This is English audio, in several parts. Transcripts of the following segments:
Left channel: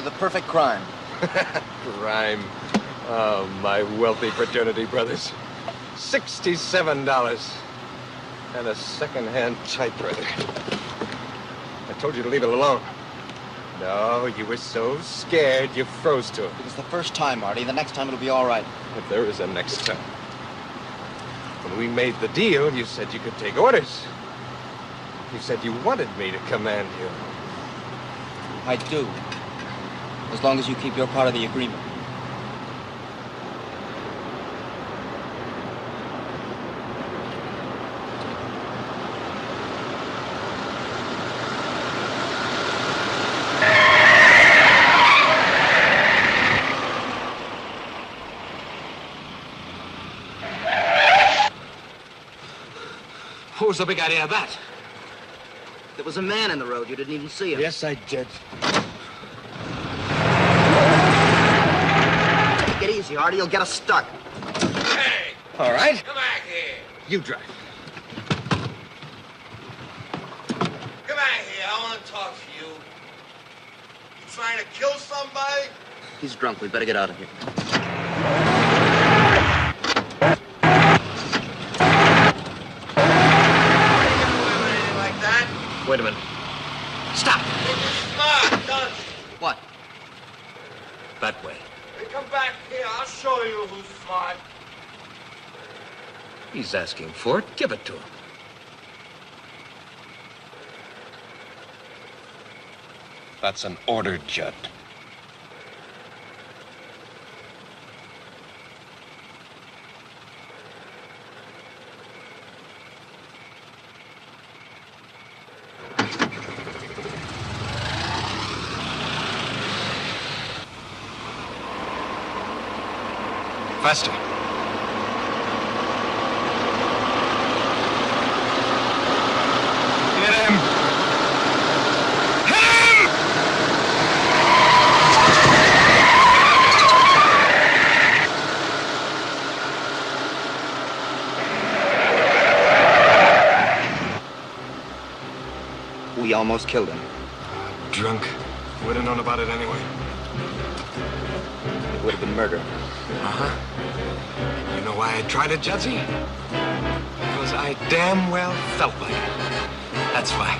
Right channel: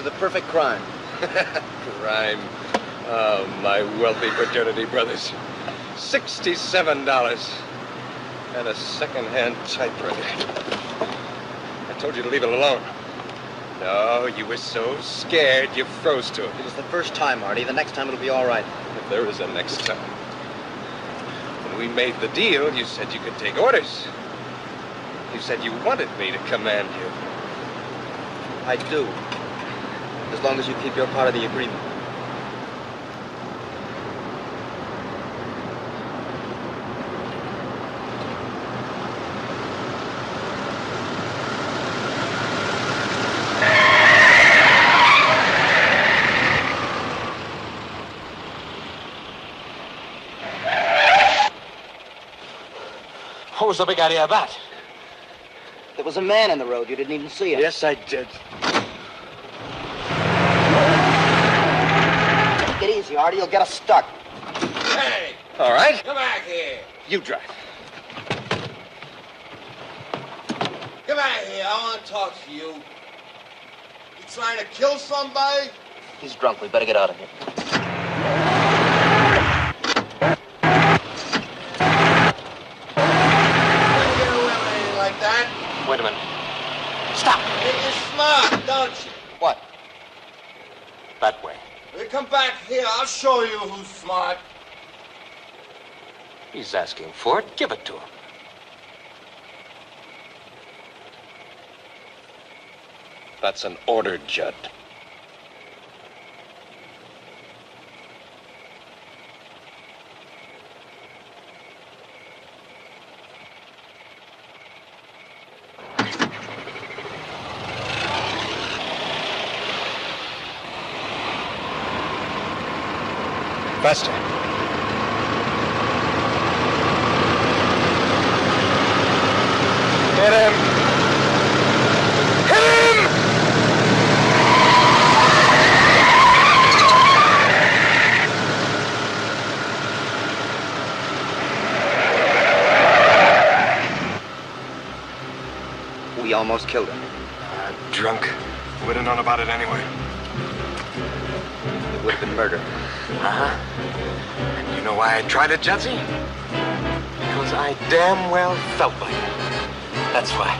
to the perfect crime. Crime. Oh, my wealthy fraternity brothers. $67. And a second-hand typewriter. I told you to leave it alone. No, you were so scared you froze to it. It was the first time, Artie. The next time it'll be all right. If there is a next time. When we made the deal, you said you could take orders. You said you wanted me to command you. I do. As long as you keep your part of the agreement. What was the big idea of that? There was a man in the road. You didn't even see him. Yes, I did. Get easy, Artie. You'll get us stuck. Hey! All right. Come back here. You drive. Come back here. I want to talk to you. You trying to kill somebody? He's drunk. We better get out of here. Wait a minute. Stop. You're smart, don't you? What? That way. You come back here. I'll show you who's smart. He's asking for it. Give it to him. That's an order, Judd. Faster. Hit him! Hit him! We almost killed him. Drunk. Would have known about it anyway. It would have been murder. Uh-huh. You know why I tried it, Judson? Because I damn well felt like it. That's why.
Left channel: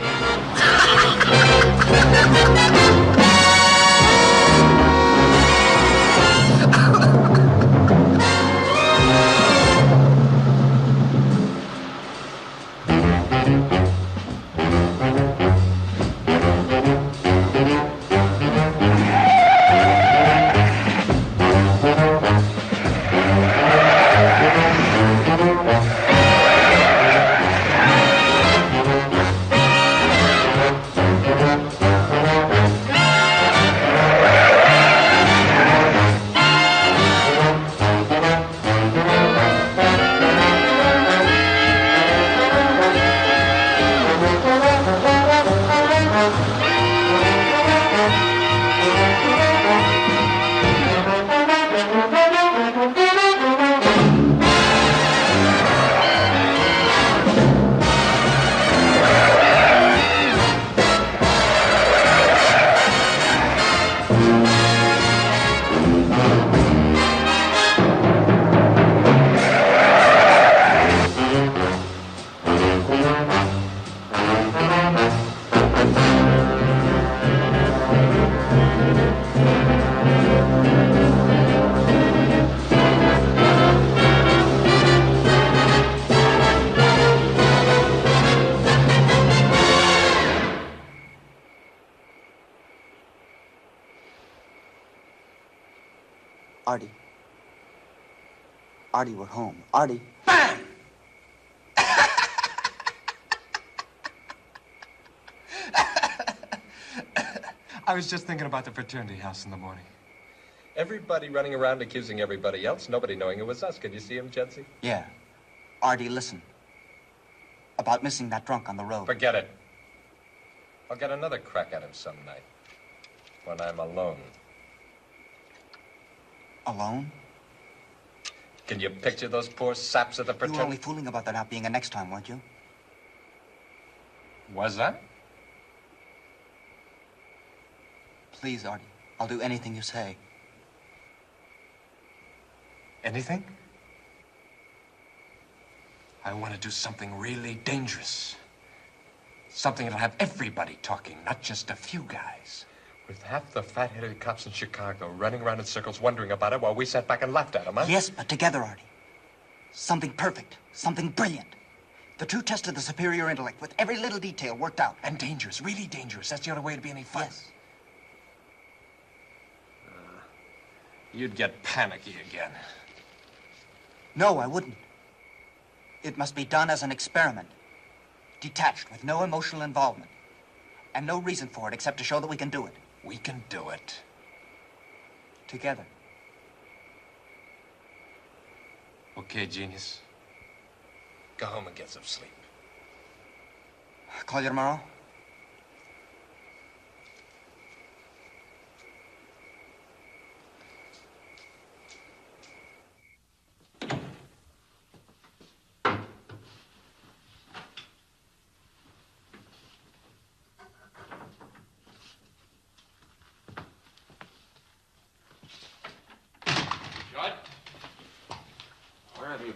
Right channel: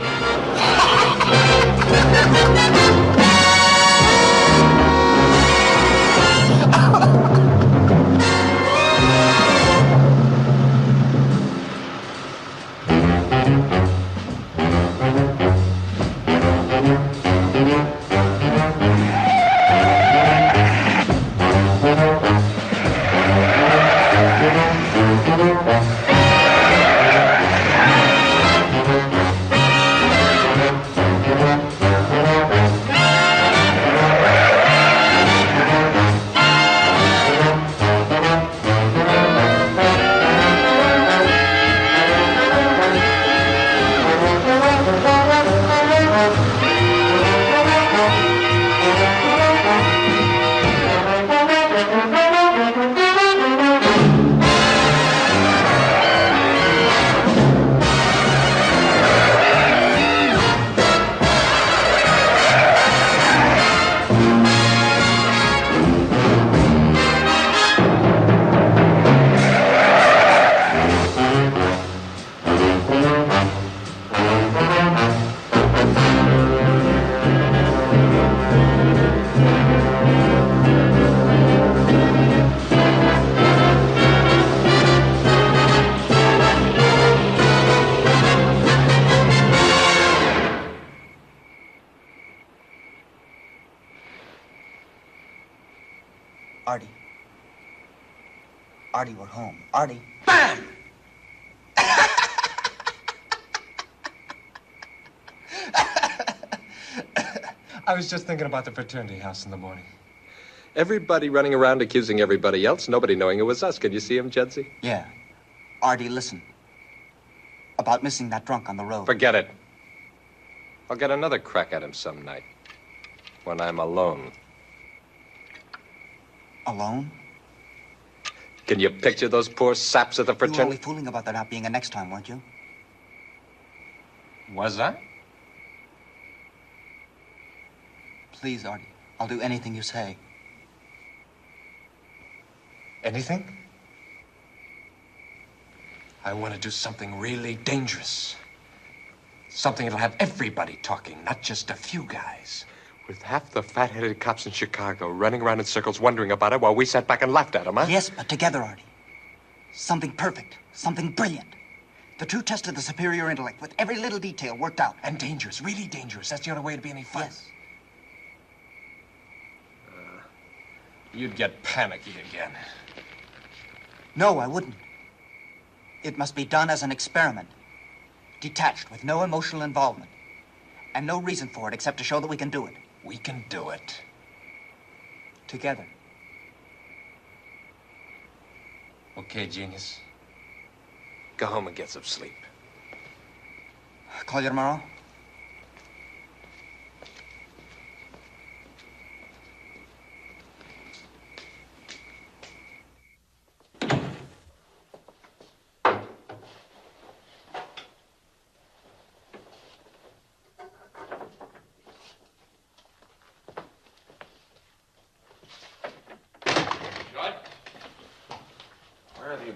Artie. Artie, we're home. Artie. Bam! I was just thinking about the fraternity house in the morning. Everybody running around accusing everybody else, nobody knowing it was us. Can you see him, Judsy? Yeah. Artie, listen. About missing that drunk on the road. Forget it. I'll get another crack at him some night. When I'm alone. Alone? Can you picture those poor saps at the You were only fraternity? fooling about there not being a next time, weren't you? Was I? Please, Artie. I'll do anything you say. Anything? I want to do something really dangerous. Something that'll have everybody talking, not just a few guys. With half the fat-headed cops in Chicago running around in circles wondering about it while we sat back and laughed at them, huh? Yes, but together, Artie. Something perfect, something brilliant. The true test of the superior intellect with every little detail worked out. And dangerous, really dangerous. That's the only way to be any fun. Yes. You'd get panicky again. No, I wouldn't. It must be done as an experiment. Detached, with no emotional involvement. And no reason for it except to show that we can do it. We can do it. Together. Okay, genius. Go home and get some sleep. Call you tomorrow?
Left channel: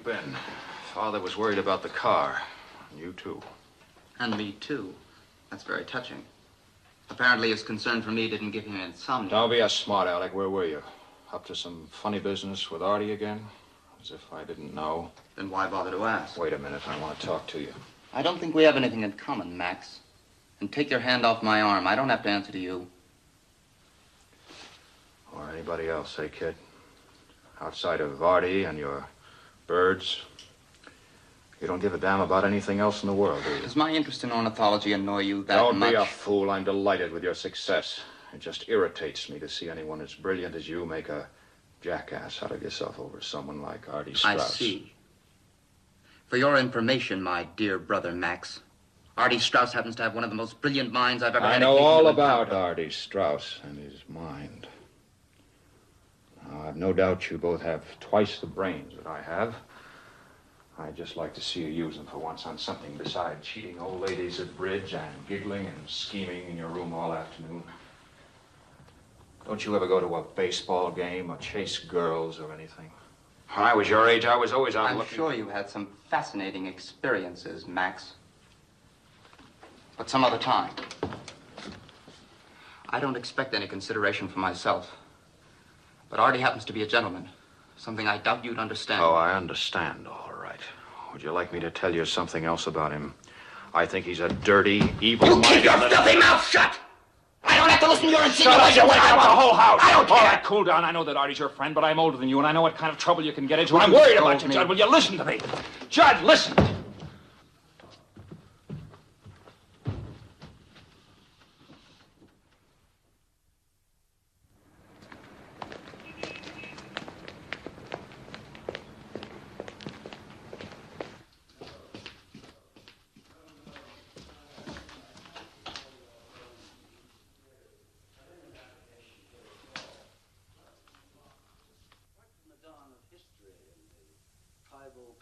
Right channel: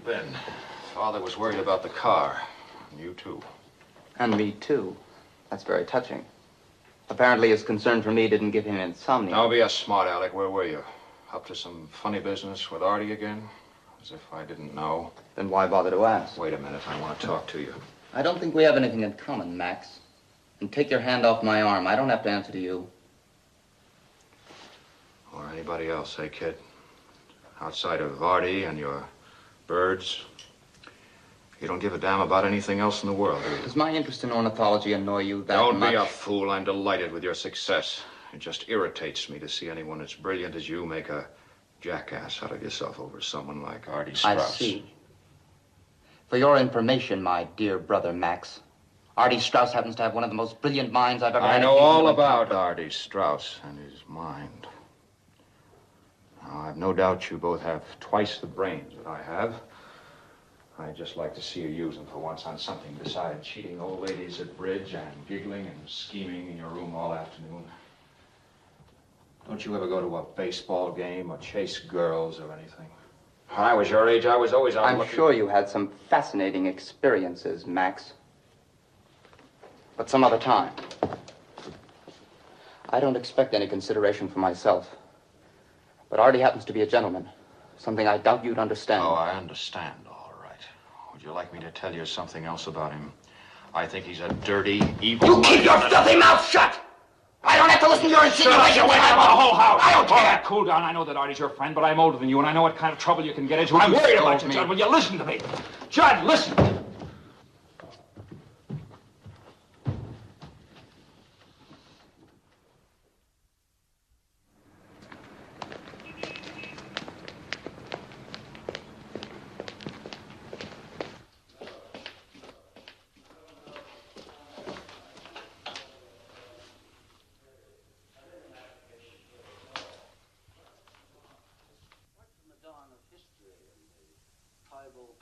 Ben, Father was worried about the car. And you, too. And me, too. That's very touching. Apparently his concern for me didn't give him insomnia. Don't be a smart aleck. Where were you? Up to some funny business with Artie again? As if I didn't know. Then why bother to ask? Wait a minute. I want to talk to you. I don't think we have anything in common, Max. And take your hand off my arm. I don't have to answer to you. Or anybody else, eh, kid? Outside of Artie and your birds, you don't give a damn about anything else in the world, do you? Does my interest in ornithology annoy you that Don't much? be a fool. I'm delighted with your success. It just irritates me to see anyone as brilliant as you make a jackass out of yourself over someone like Artie Straus. I see. For your information, my dear brother Max, Artie Straus happens to have one of the most brilliant minds I've ever had. I know all about Artie Straus and his mind. Now, I've no doubt you both have twice the brains that I have. I'd just like to see you use them for once on something besides cheating old ladies at bridge and giggling and scheming in your room all afternoon. Don't you ever go to a baseball game or chase girls or anything? When I was your age, I was always out I'm looking. sure you had some fascinating experiences, Max. But some other time. I don't expect any consideration for myself. But Artie happens to be a gentleman. Something I doubt you'd understand. Oh, I understand, all right. Would you like me to tell you something else about him? I think he's a dirty, evil... You keep your filthy mouth shut! I don't have to listen to your insinuations. Shut up, the whole house. I don't care. All right, cool down. I know that Artie's your friend, but I'm older than you, and I know what kind of trouble you can get into. I'm worried about you, Judd. Will you listen to me? Judd, listen.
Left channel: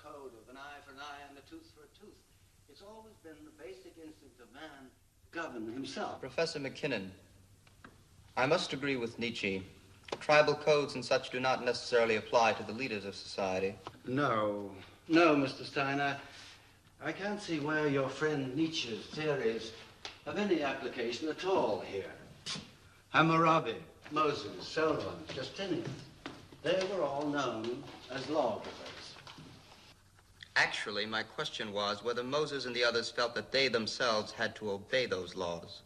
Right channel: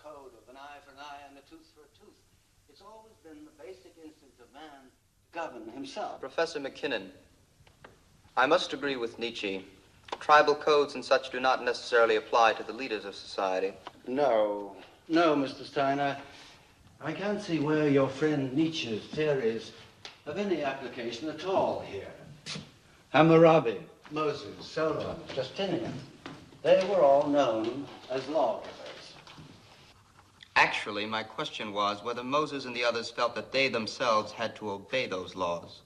Code of an eye for an eye and a tooth for a tooth. It's always been the basic instinct of man to govern himself. Professor McKinnon, I must agree with Nietzsche. Tribal codes and such do not necessarily apply to the leaders of society. No, Mr. Steiner. I can't see where your friend Nietzsche's theories have any application at all here. Hammurabi, Moses, Solon, Justinian, they were all known as lawgivers. Actually, my question was whether Moses and the others felt that they themselves had to obey those laws.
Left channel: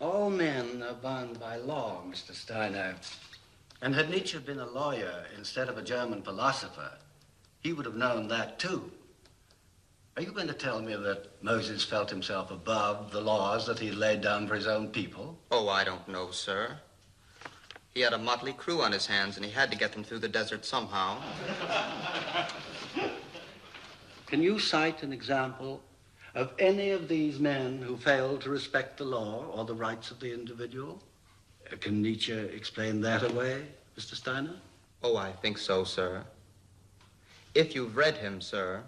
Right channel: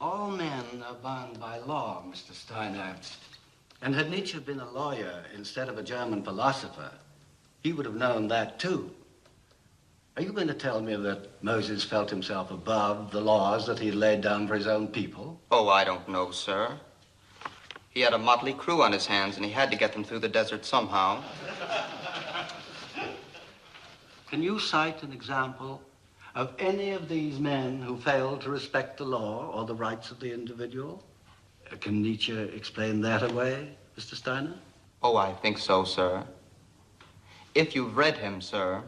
All men are bound by law, Mr. Steiner. And had Nietzsche been a lawyer instead of a German philosopher, he would have known that too. Are you going to tell me that Moses felt himself above the laws that he laid down for his own people? Oh, I don't know, sir. He had a motley crew on his hands, and he had to get them through the desert somehow. Can you cite an example of any of these men who failed to respect the law or the rights of the individual? Can Nietzsche explain that away, Mr. Steiner? Oh, I think so, sir. If you've read him, sir,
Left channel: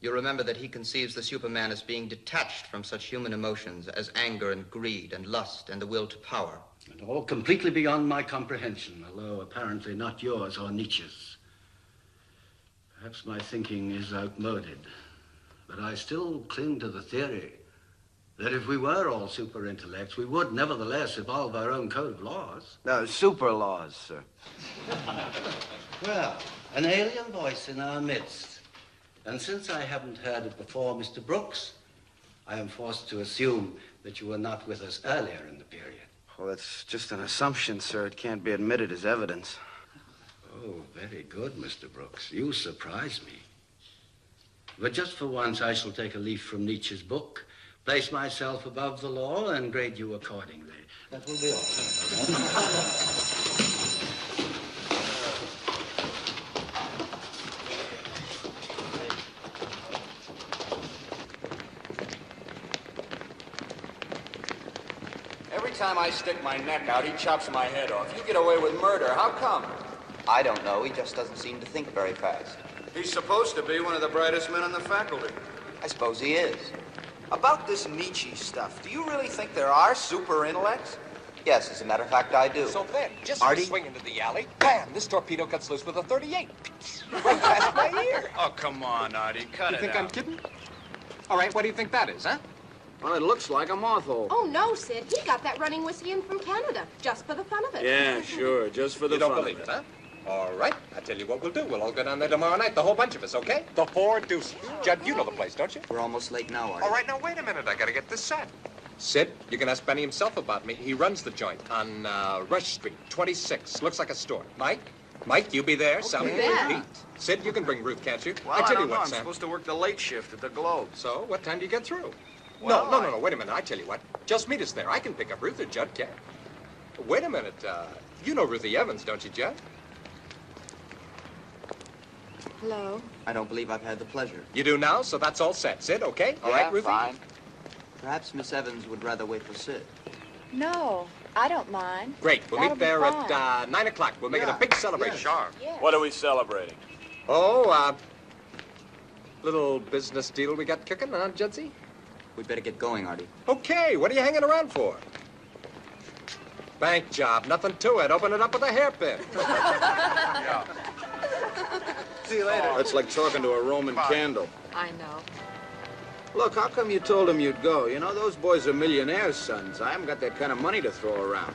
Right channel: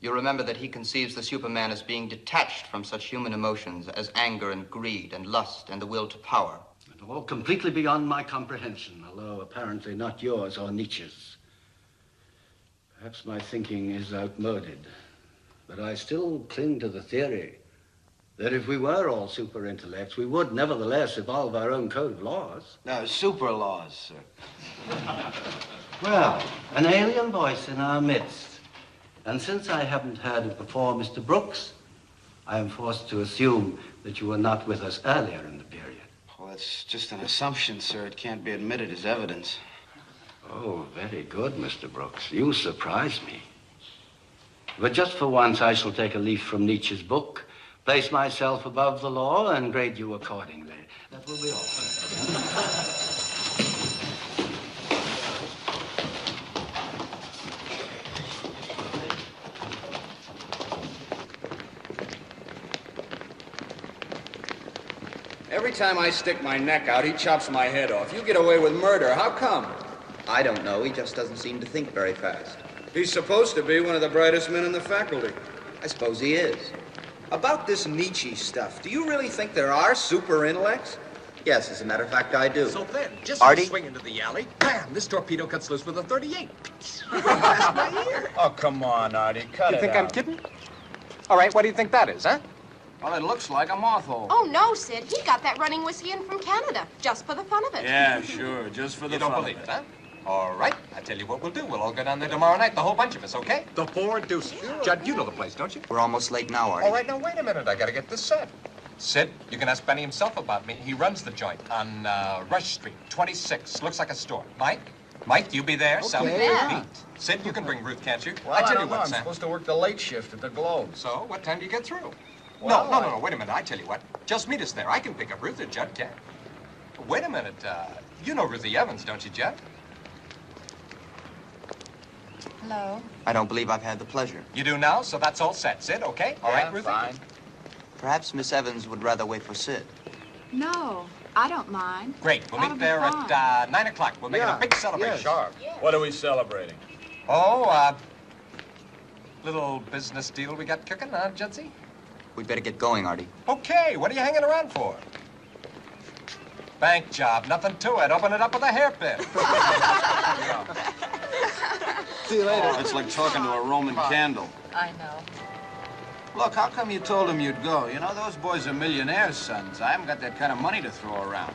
you'll remember that he conceives the Superman as being detached from such human emotions as anger and greed and lust and the will to power. And all completely beyond my comprehension, although apparently not yours or Nietzsche's. Perhaps my thinking is outmoded, but I still cling to the theory that if we were all super intellects, we would nevertheless evolve our own code of laws. No, super laws, sir. Well, an alien voice in our midst. And since I haven't heard it before, Mr. Brooks, I am forced to assume that you were not with us earlier in the period. Well, that's just an assumption, sir. It can't be admitted as evidence. Oh, very good, Mr. Brooks. You surprise me. But just for once, I shall take a leaf from Nietzsche's book, place myself above the law, and grade you accordingly. That will be all. Every time I stick my neck out, he chops my head off. You get away with murder. How come? I don't know. He just doesn't seem to think very fast. He's supposed to be one of the brightest men in the faculty. I suppose he is. About this Nietzsche stuff, do you really think there are super intellects? Yes, as a matter of fact, I do. So then, just Artie? swing into the alley, bam, this torpedo cuts loose with a 38. Past my ear. Oh, come on, Artie. Cut You it think out. I'm kidding? All right, what do you think that is, huh? Well, it looks like a moth hole. Oh, no, Sid. He got that running whiskey in from Canada, just for the fun of it. Yeah, sure, just for the You don't fun believe of it, huh? All right, I tell you what we'll do. We'll all go down there tomorrow night, the whole bunch of us, okay? The four and deuce. Judd, you know the place, don't you? We're almost late now, Artie. All right, now, wait a minute. I gotta get this set. Sid, you can ask Benny himself about me. He runs the joint on Rush Street, 26. Looks like a store. Mike, you be there. Sally, Yeah. Pete. Sid, you can bring Ruth, can't you? Well, I tell don't you know. what, I'm Sam. supposed to work the late shift at the Globe. So, what time do you get through? Well, No, wait a minute. I tell you what. Just meet us there. I can pick up Ruth or Judd can. Wait a minute. You know Ruthie Evans, don't you, Judd? Hello. I don't believe I've had the pleasure. You do now, so that's all set. Sid, okay? All right, Ruthie? Fine. Perhaps Miss Evans would rather wait for Sid. No, I don't mind. Great. We'll That'll meet be there fine. at 9 o'clock. We'll make it a big celebration. Sharp. Yes. What are we celebrating? Oh, little business deal we got cooking, huh, Judsie? We'd better get going, Artie. Okay, what are you hanging around for? Bank job, nothing to it. Open it up with a hairpin. Yeah. See you later. Oh, it's like talking to a Roman candle. I know. Look, how come you told him you'd go? You know, those boys are millionaires' sons. I haven't got that kind of money to throw around.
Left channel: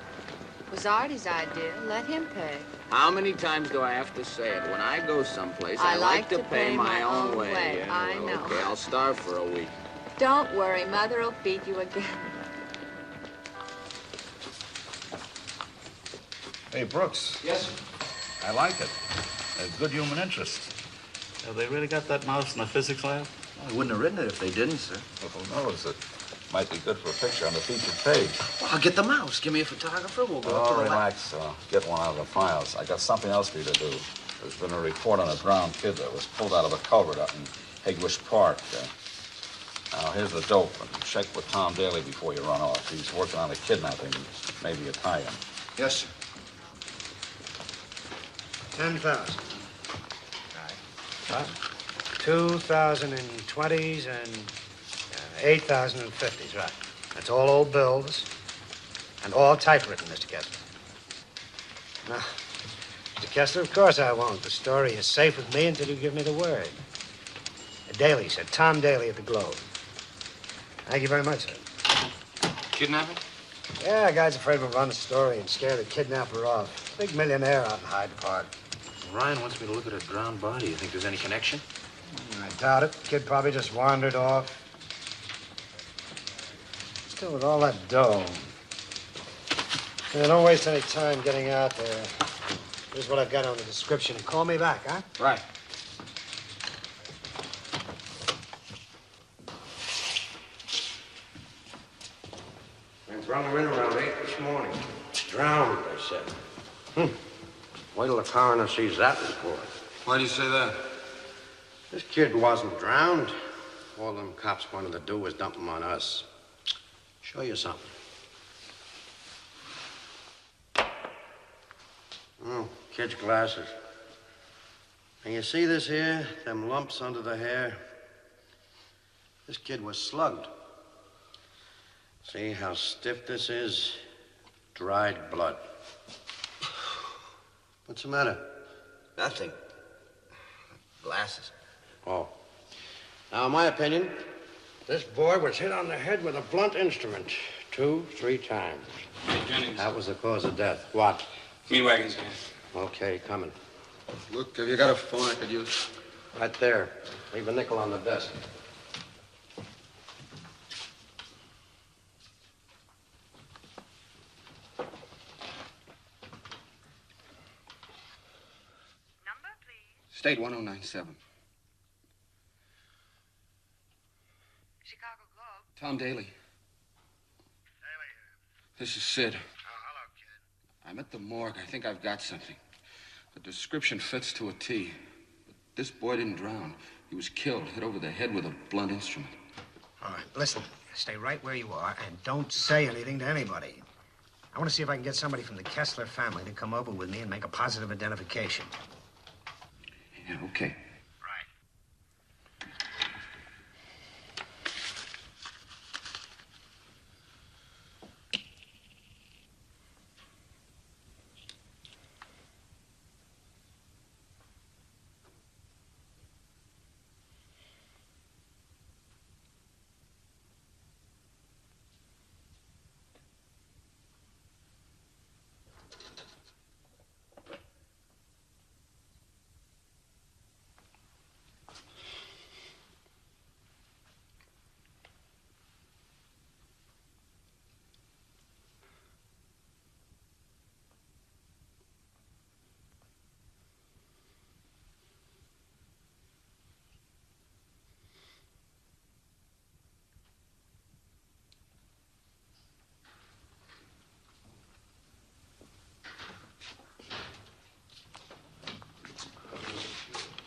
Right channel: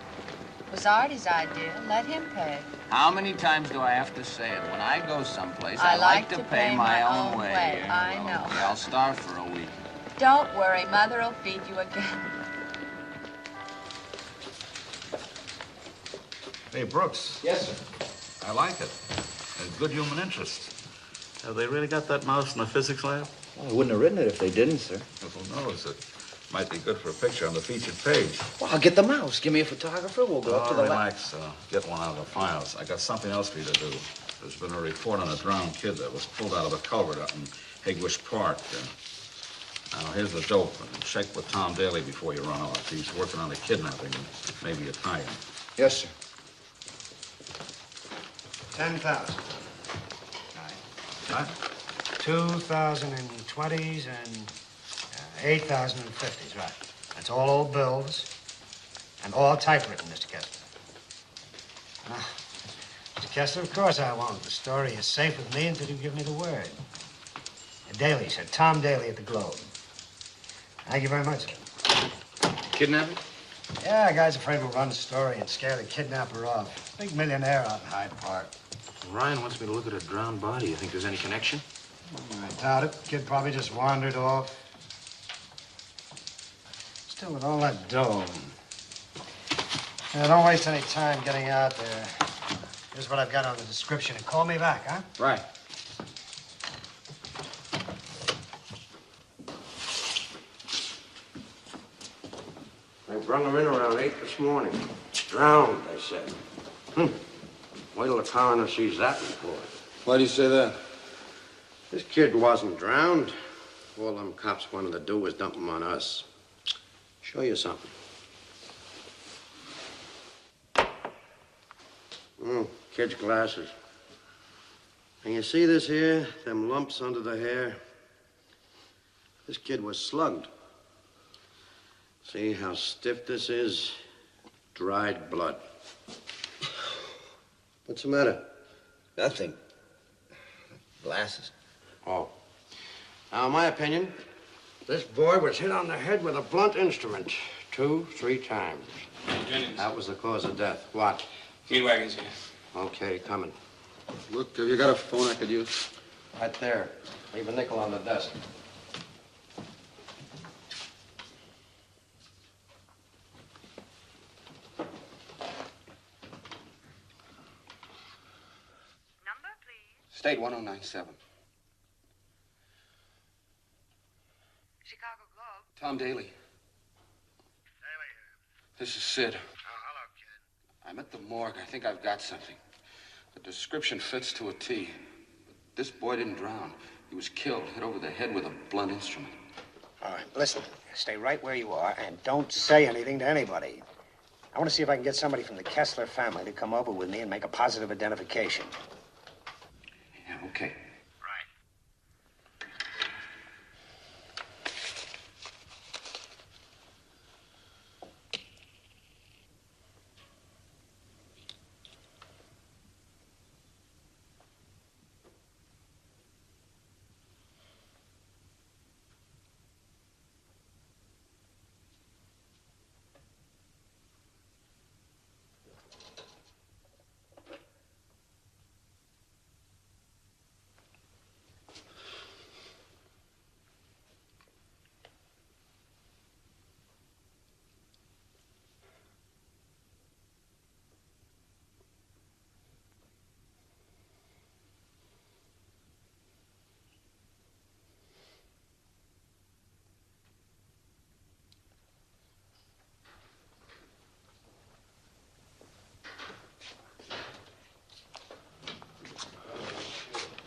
It was Artie's idea. Let him pay. How many times do I have to say it? When I go someplace, I I like to to pay pay my my own own way. way. Yeah, I well, know. Okay, I'll starve for a week. Don't worry. Mother'll feed you again. Hey, Brooks. Yes, sir. I like it. There's good human interest. Have they really got that mouse in the physics lab? I wouldn't have written it if they didn't, sir. Well, who knows? It might be good for a picture on the featured page. Well, I'll get the mouse. Give me a photographer. We'll go up to the lab. Relax. Get one out of the files. I got something else for you to do. There's been a report on a drowned kid that was pulled out of a culvert out in 𝙁𝙤𝙡𝙈 Park. Now, here's the dope. And check with Tom Daly before you run off. He's working on a kidnapping, maybe a tie-in. Yes, sir. 10,000. Right. What? 2,020s and 8,050s, right. That's all old bills and all typewritten, Mr. Kessler. Now, Mr. Kessler, of course I won't. The story is safe with me until you give me the word. Daly, sir. Tom Daly at the Globe. Thank you very much, sir. Kidnapping? Yeah, a guy's afraid we'll run the story and scare the kidnapper off. Big millionaire out in Hyde Park. Ryan wants me to look at a drowned body. You think there's any connection? I doubt it. Kid probably just wandered off. Still, with all that dough. Yeah, don't waste any time getting out there. Here's what I've got on the description, and call me back, huh? Right. They brought him in around 8 this morning. Drowned, they said. Wait till the coroner sees that report. Why do you say that? This kid wasn't drowned. All them cops wanted to do was dump him on us. Show you something. Oh, kid's glasses. And you see this here? Them lumps under the hair? This kid was slugged. See how stiff this is? Dried blood. What's the matter? Nothing. Glasses. Oh. Now, in my opinion, this boy was hit on the head with a blunt instrument 2, 3 times. Hey, Jennings. That was the cause of death. What? Meat wagon's here. Okay, coming. Look, have you got a phone I could use? Right there. Leave a nickel on the desk. State 1097. Chicago Globe. Tom Daly. This is Sid. Hello, kid. I'm at the morgue. I think I've got something. The description fits to a T. This boy didn't drown. He was killed, hit over the head with a blunt instrument. All right, listen. Stay right where you are and don't say anything to anybody. I want to see if I can get somebody from the Kessler family to come over with me and make a positive identification. Yeah, okay.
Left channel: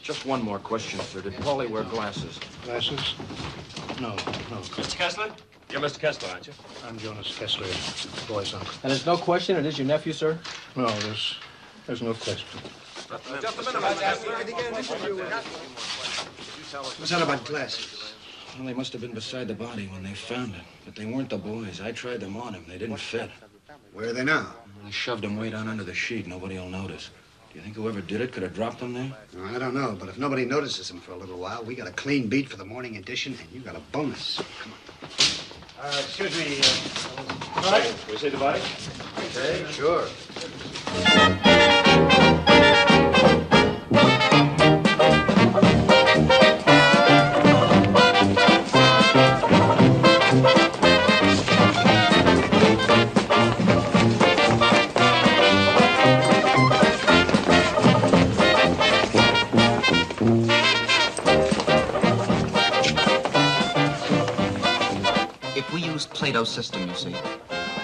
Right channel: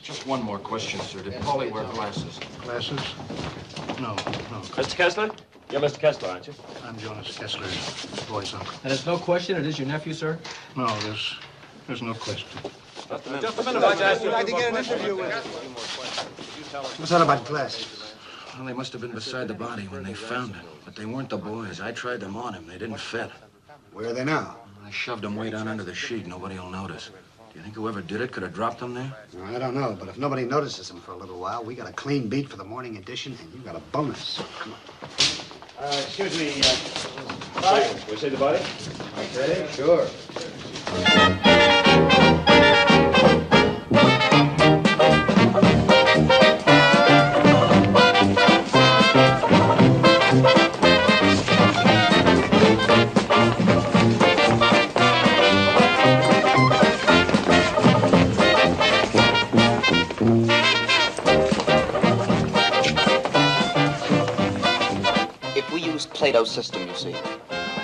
Just one more question, sir. Did Paulie wear glasses? Glasses? No. Mr. Kessler? You're Mr. Kessler, aren't you? I'm Jonas Kessler, boy's uncle. And there's no question it is your nephew, sir? No, there's no question. Just a minute, I'd like to get an interview with you. What's that about glasses? Well, they must have been beside the body when they found it. But they weren't the boys. I tried them on him. They didn't fit. Where are they now? I shoved them way down under the sheet. Nobody will notice. Do you think whoever did it could have dropped them there? No, I don't know, but if nobody notices them for a little while, we got a clean beat for the morning edition, and you got a bonus. Come on. Excuse me, Body? Will you see the body? Okay, sure. Plato's system, you see.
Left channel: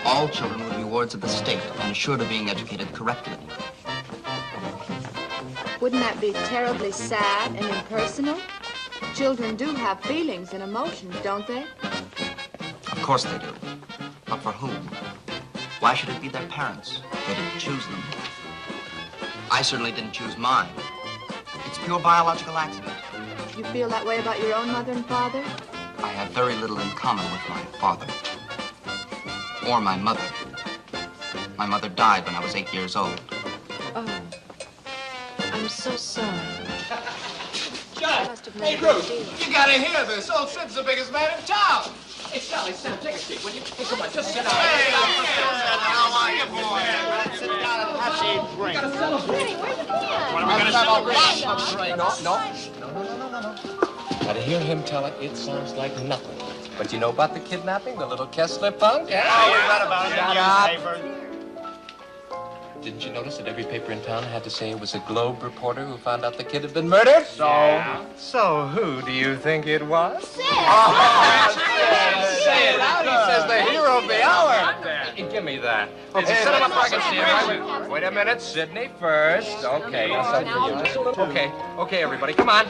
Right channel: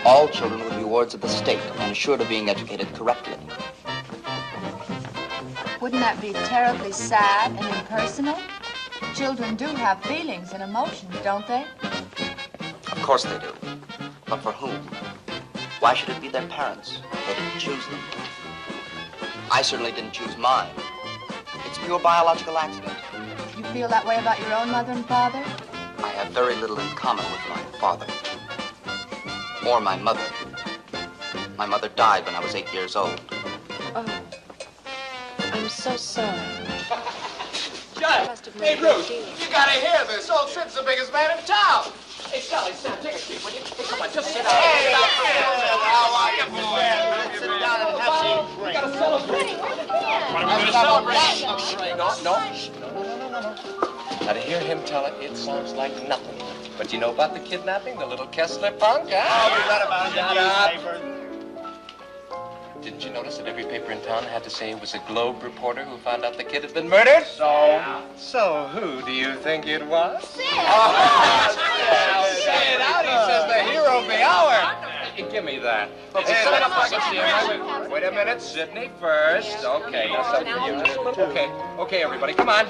All children would be wards of the state and assured of being educated correctly. Wouldn't that be terribly sad and impersonal? Children do have feelings and emotions, don't they? Of course they do. But for whom? Why should it be their parents? They didn't choose them. I certainly didn't choose mine. It's pure biological accident. You feel that way about your own mother and father? I have very little in common with my father. Or my mother. My mother died when I was 8 years old. Oh, I'm so sorry. Judd, hey, Bruce, you gotta hear this. Old Sid's the biggest man in town. Hey, Sally, Sam, take a seat, will you? Hey, come on, just sit down. Hey, how are you, boy? Sit down and have some drink. We gotta celebrate. Now, to hear him tell it, it sounds like nothing. But you know about the kidnapping, the little Kessler punk, huh? Oh, we read about it in the newspaper. Didn't you notice that every paper in town had to say it was a Globe reporter who found out the kid had been murdered? So who do you think it was? Sid! Sid, out, he says the hero of the hour. Give me that. Okay, sit him up where I can see him. Wait a minute, Sidney first. Okay, now something for you. Just a little. Okay, everybody, come on.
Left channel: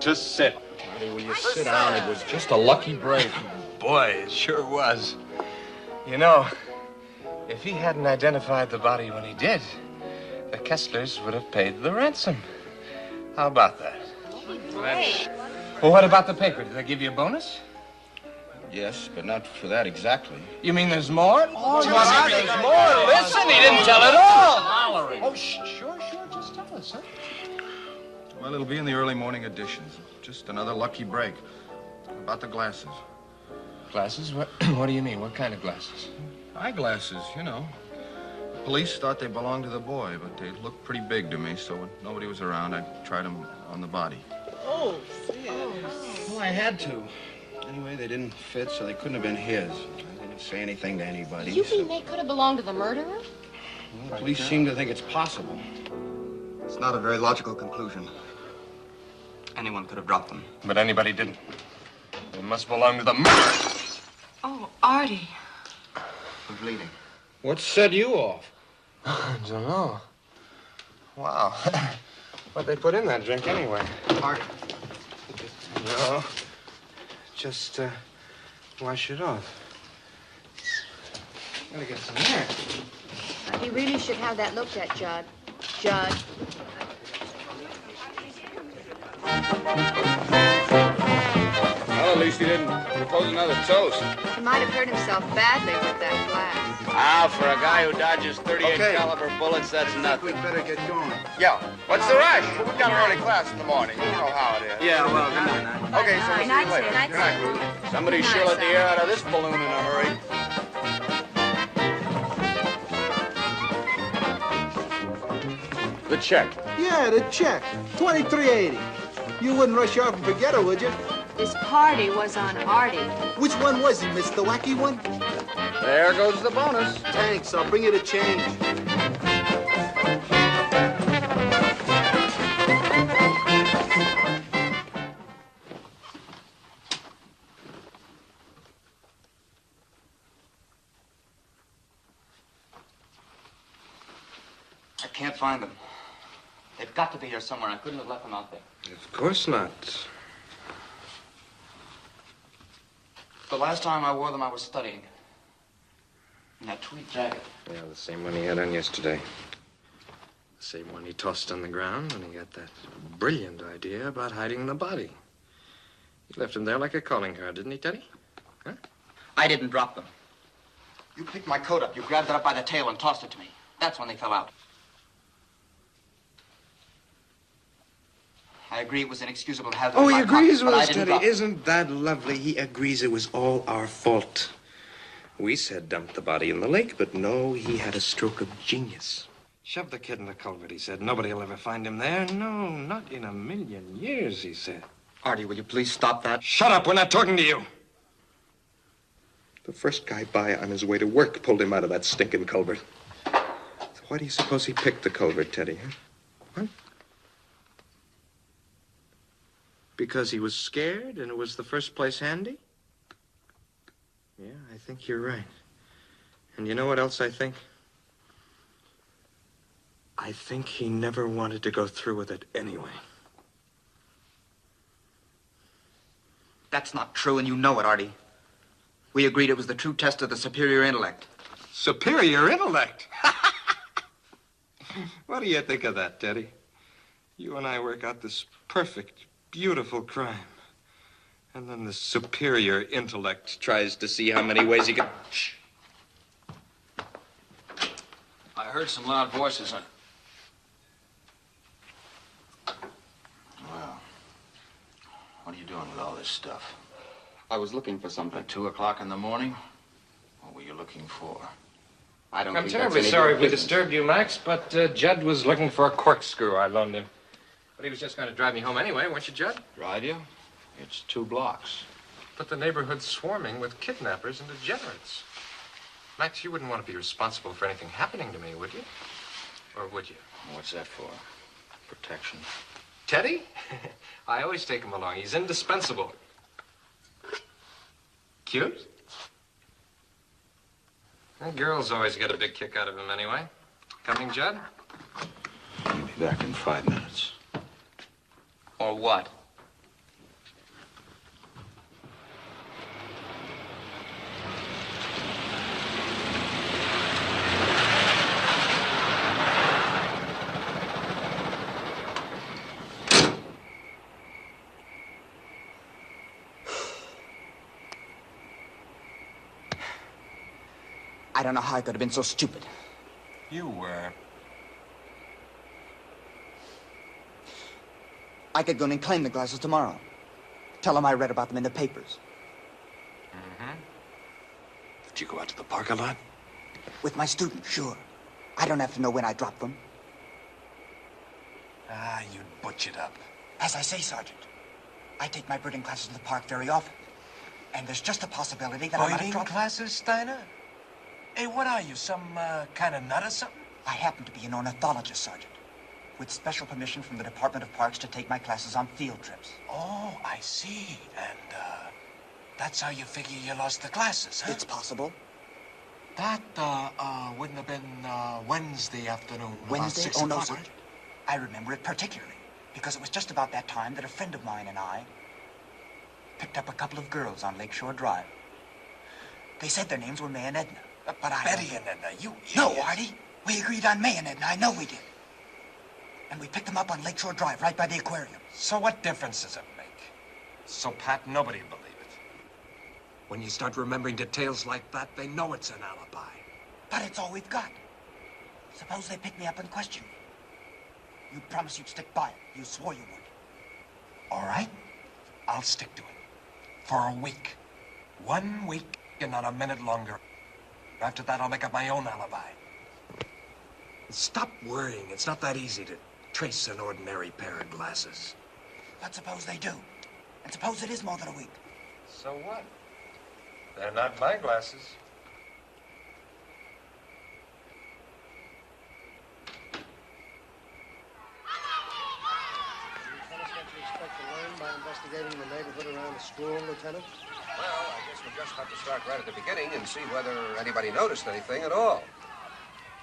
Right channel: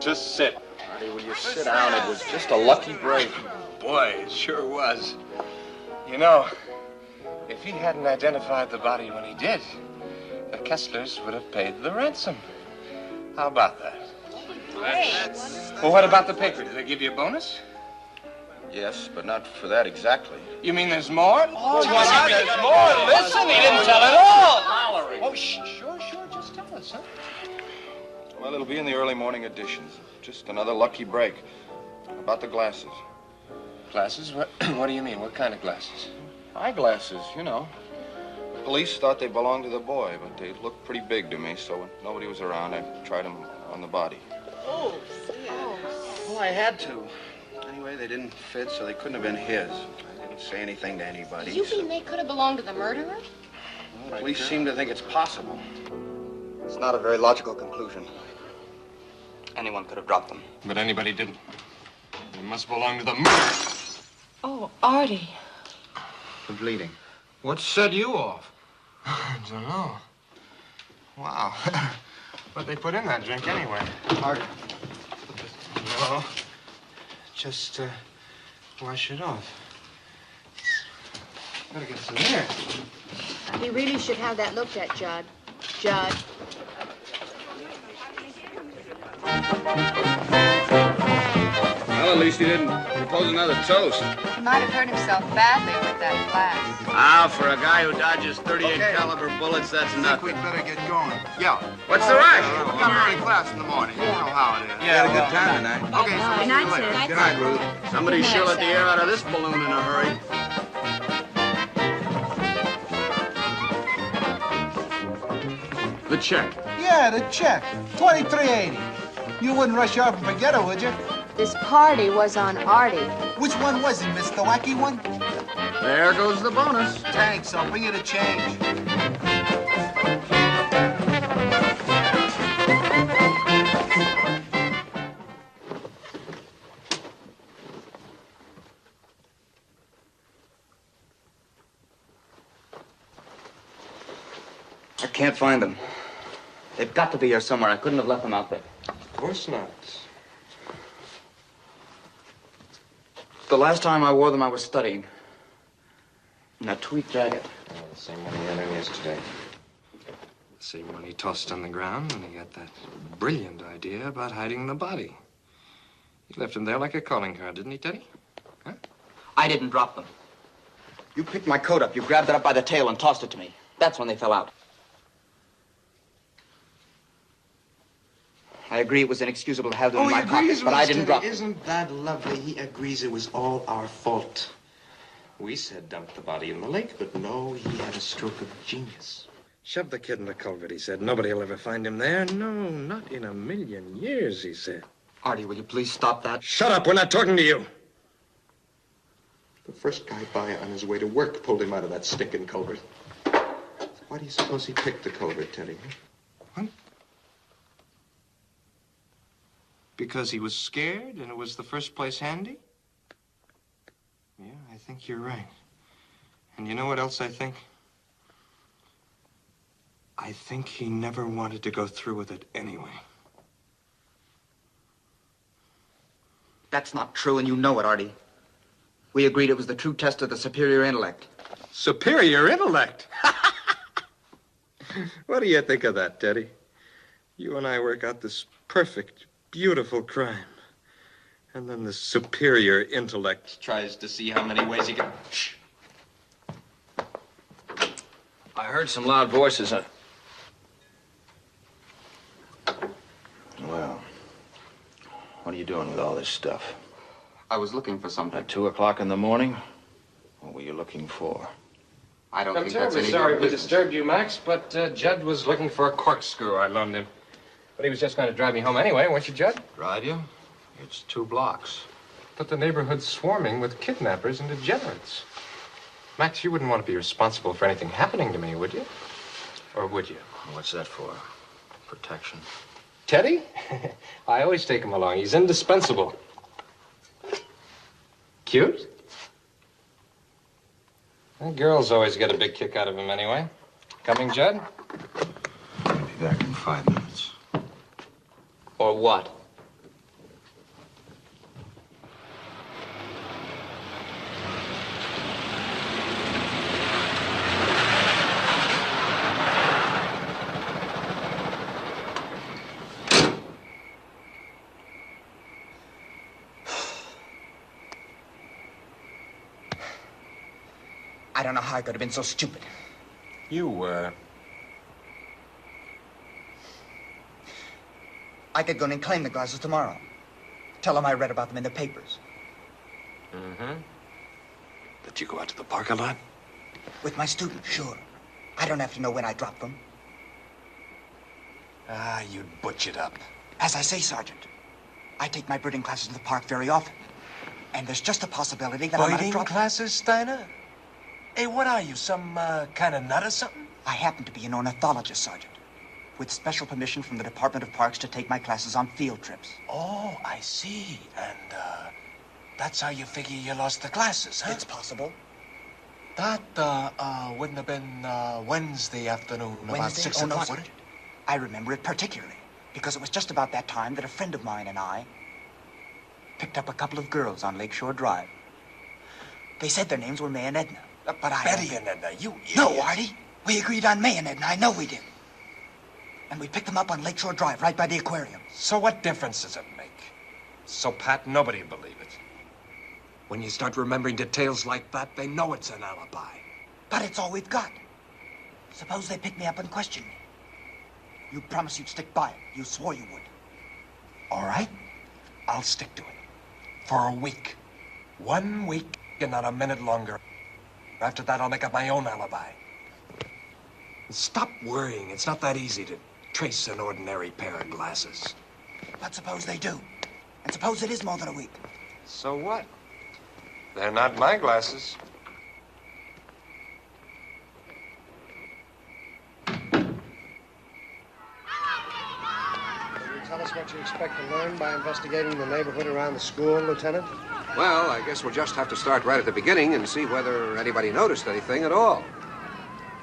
Just sit. Honey, will you sit down? It was just a lucky break. Boy, it sure was. You know, if he hadn't identified the body when he did, the Kesslers would have paid the ransom. How about that? Great. Well, what about the paper? Did they give you a bonus? Yes, but not for that exactly. You mean there's more? Oh, there's more. Listen, he didn't tell it all. Oh, sure. Just tell us, huh? Well, it'll be in the early morning editions. Just another lucky break. About the glasses. Glasses? What do you mean? What kind of glasses? Eyeglasses, you know. The police thought they belonged to the boy, but they looked pretty big to me, so when nobody was around, I tried them on the body. Oh, Well, I had to. Anyway, they didn't fit, so they couldn't have been his. I didn't say anything to anybody. You mean they could have belonged to the murderer? Well, the police seem to think it's possible. It's not a very logical conclusion. Anyone could have dropped them. But anybody didn't. They must belong to the murderer. Oh, Artie. I'm bleeding. What set you off? I don't know. Wow. What'd they put in that drink anyway? Artie. No. Just, wash it off. Gotta get some air. He really should have that looked at, Judd. Judd. Well, at least he didn't propose another toast. He might have hurt himself badly with that glass. Ah, for a guy who dodges 38 caliber bullets, that's nothing. We'd better get going. Yeah. What's the rush? We've got an early class in the morning. You know how it is. Yeah, well, Okay, so Good night, sir. Good night, Ruth. somebody sure let the air out of this balloon in a hurry. The check. Yeah, the check. $23.80. You wouldn't rush off and forget it, would you? This party was on Artie. Which one was it, Miss? The wacky one? There goes the bonus. Thanks. I'll bring you the change. I can't find them. They've got to be here somewhere. I couldn't have left them out there. Of course not. The last time I wore them, I was studying. In that tweed jacket. Yeah, the same one he had on yesterday. The same one he tossed on the ground when he got that brilliant idea about hiding the body. He left him there like a calling card, didn't he, Teddy? Huh? I didn't drop them. You picked my coat up. You grabbed it up by the tail and tossed it to me. That's when they fell out. I agree it was inexcusable to have them in my pocket, but I didn't drop them. Isn't that lovely? He agrees it was all our fault. We said dump the body in the lake, but no, he had a stroke of genius. Shove the kid in the culvert, he said. Nobody will ever find him there. No, not in a million years, he said. Artie, will you please stop that? Shut up, we're not talking to you. The first guy by on his way to work pulled him out of that stinking culvert. So why do you suppose he picked the culvert, Teddy? Huh? What? Because he was scared and it was the first place handy? Yeah, I think you're right. And you know what else I think? I think he never wanted to go through with it anyway. That's not true, and you know it, Artie. We agreed it was the true test of the superior intellect. Superior intellect? What do you think of that, Teddy? You and I work out this perfect, beautiful crime. And then the superior intellect tries to see how many ways he can... Shh. I heard some loud voices. Well, what are you doing with all this stuff? I was looking for something. At 2 o'clock in the morning? What were you looking for? I don't I'm think that's terribly any sorry good we business. disturbed you, Max, but Judd was looking for a corkscrew I loaned him. But he was just going to drive me home anyway, weren't you, Judd? Drive you? It's 2 blocks. But the neighborhood's swarming with kidnappers and degenerates. Max, you wouldn't want to be responsible for anything happening to me, would you? Or would you? What's that for? Protection. Teddy? I always take him along. He's indispensable. Cute? The girls always get a big kick out of him anyway. Coming, Judd? I'll be back in 5 minutes. Or what? I don't know how I could have been so stupid. You were. I could go in and claim the glasses tomorrow. Tell them I read about them in the papers. Mm-hmm. Did you go out to the park a lot? With my students, sure. I don't have to know when I dropped them. Ah, you'd butch it up. As I say, Sergeant, I take my birding classes to the park very often. And there's just a possibility that I might have Birding dropped classes, Steiner? Hey, what are you, some kind of nut or something? I happen to be an ornithologist, Sergeant, with special permission from the Department of Parks to take my classes on field trips. Oh, I see. And, that's how you figure you lost the glasses, huh? It's possible. That, wouldn't have been, Wednesday afternoon, about Wednesday? 6 Oh, no, o'clock, would Sergeant. it? I remember it particularly, because it was just about that time that a friend of mine and I picked up a couple of girls on Lakeshore Drive. They said their names were May and Edna, but I... Betty and Edna, you idiot. No, Artie. We agreed on May and Edna. I know we did. And we picked them up on Lakeshore Drive, right by the aquarium. So what difference does it make? So pat, nobody will believe it. When you start remembering details like that, they know it's an alibi. But it's all we've got. Suppose they pick me up and question me. You promised you'd stick by it. You swore you would. All right. I'll stick to it. For a week. 1 week and not a minute longer. After that, I'll make up my own alibi. Stop worrying. It's not that easy to trace an ordinary pair of glasses. But suppose they do. And suppose it is more than a week. So what? They're not my glasses. Tell us what you expect to learn by investigating the neighborhood around the school, Lieutenant? Well, I guess we'll just have to start right at the beginning and see whether anybody noticed anything at all.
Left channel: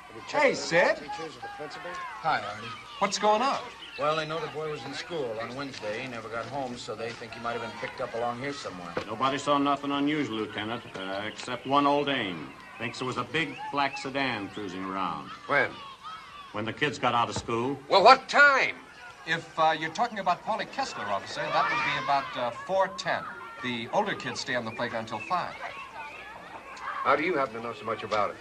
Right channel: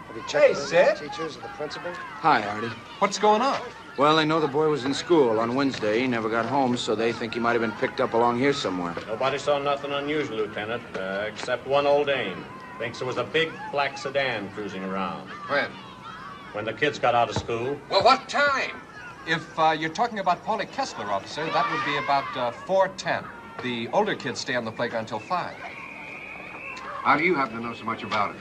Have you checked Hey, with Sid. the teachers or the principal? Hi, Artie. What's going on? Well, they know the boy was in school on Wednesday. He never got home, so they think he might have been picked up along here somewhere. Nobody saw nothing unusual, Lieutenant, except one old dame. Thinks there was a big black sedan cruising around. When? When the kids got out of school. Well, what time? If you're talking about Paulie Kessler, officer, that would be about 4:10. The older kids stay on the playground until 5. How do you happen to know so much about it?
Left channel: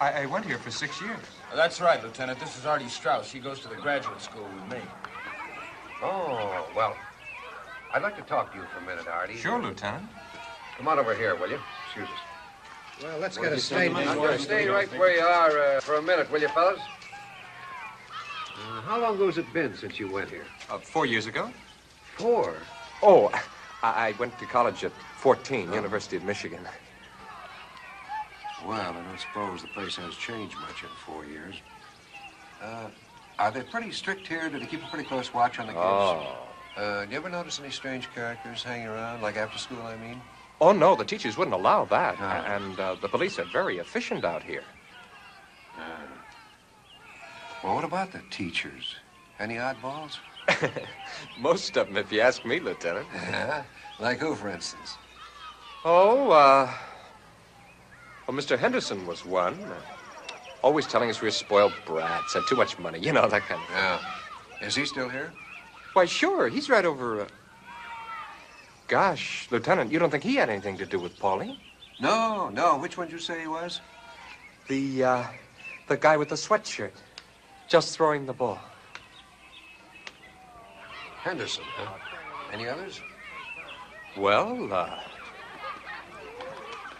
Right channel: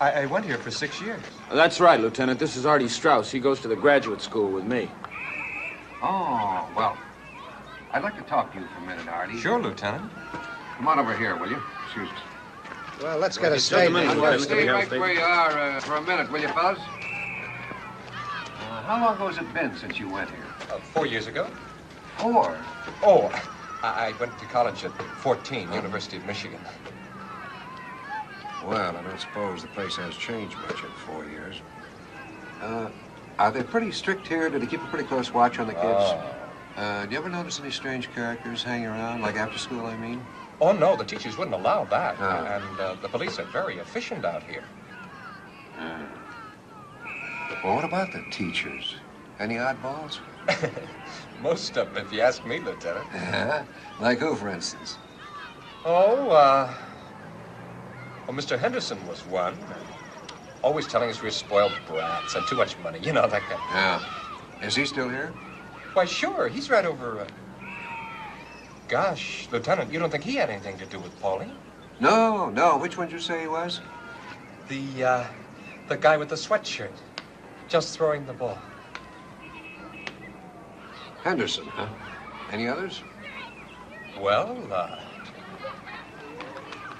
I went here for 6 years. That's right, Lieutenant. This is Artie Straus. He goes to the graduate school with me. Oh, well, I'd like to talk to you for a minute, Artie. Sure, Lieutenant. Come on over here, will you? Excuse us. Well, let's get a statement. Stay right where you are for a minute, will you, fellas? How long ago has it been since you went here? 4 years ago. 4? Oh, I went to college at 14, University of Michigan. Well, I don't suppose the place has changed much in 4 years. Are they pretty strict here? Do they keep a pretty close watch on the kids? Oh. Do you ever notice any strange characters hanging around, like after school, I mean? Oh, no, the teachers wouldn't allow that. And the police are very efficient out here. Well, what about the teachers? Any oddballs? Most of them, if you ask me, Lieutenant. Like who, for instance? Oh, well, Mr. Henderson was one. Always telling us we're spoiled brats and too much money. You know, that kind of thing. Yeah. Is he still here? Why, sure. He's right over... Gosh, Lieutenant, you don't think he had anything to do with Paulie? No, no. Which one did you say he was? The guy with the sweatshirt. Just throwing the ball. Henderson, huh? Any others? Well,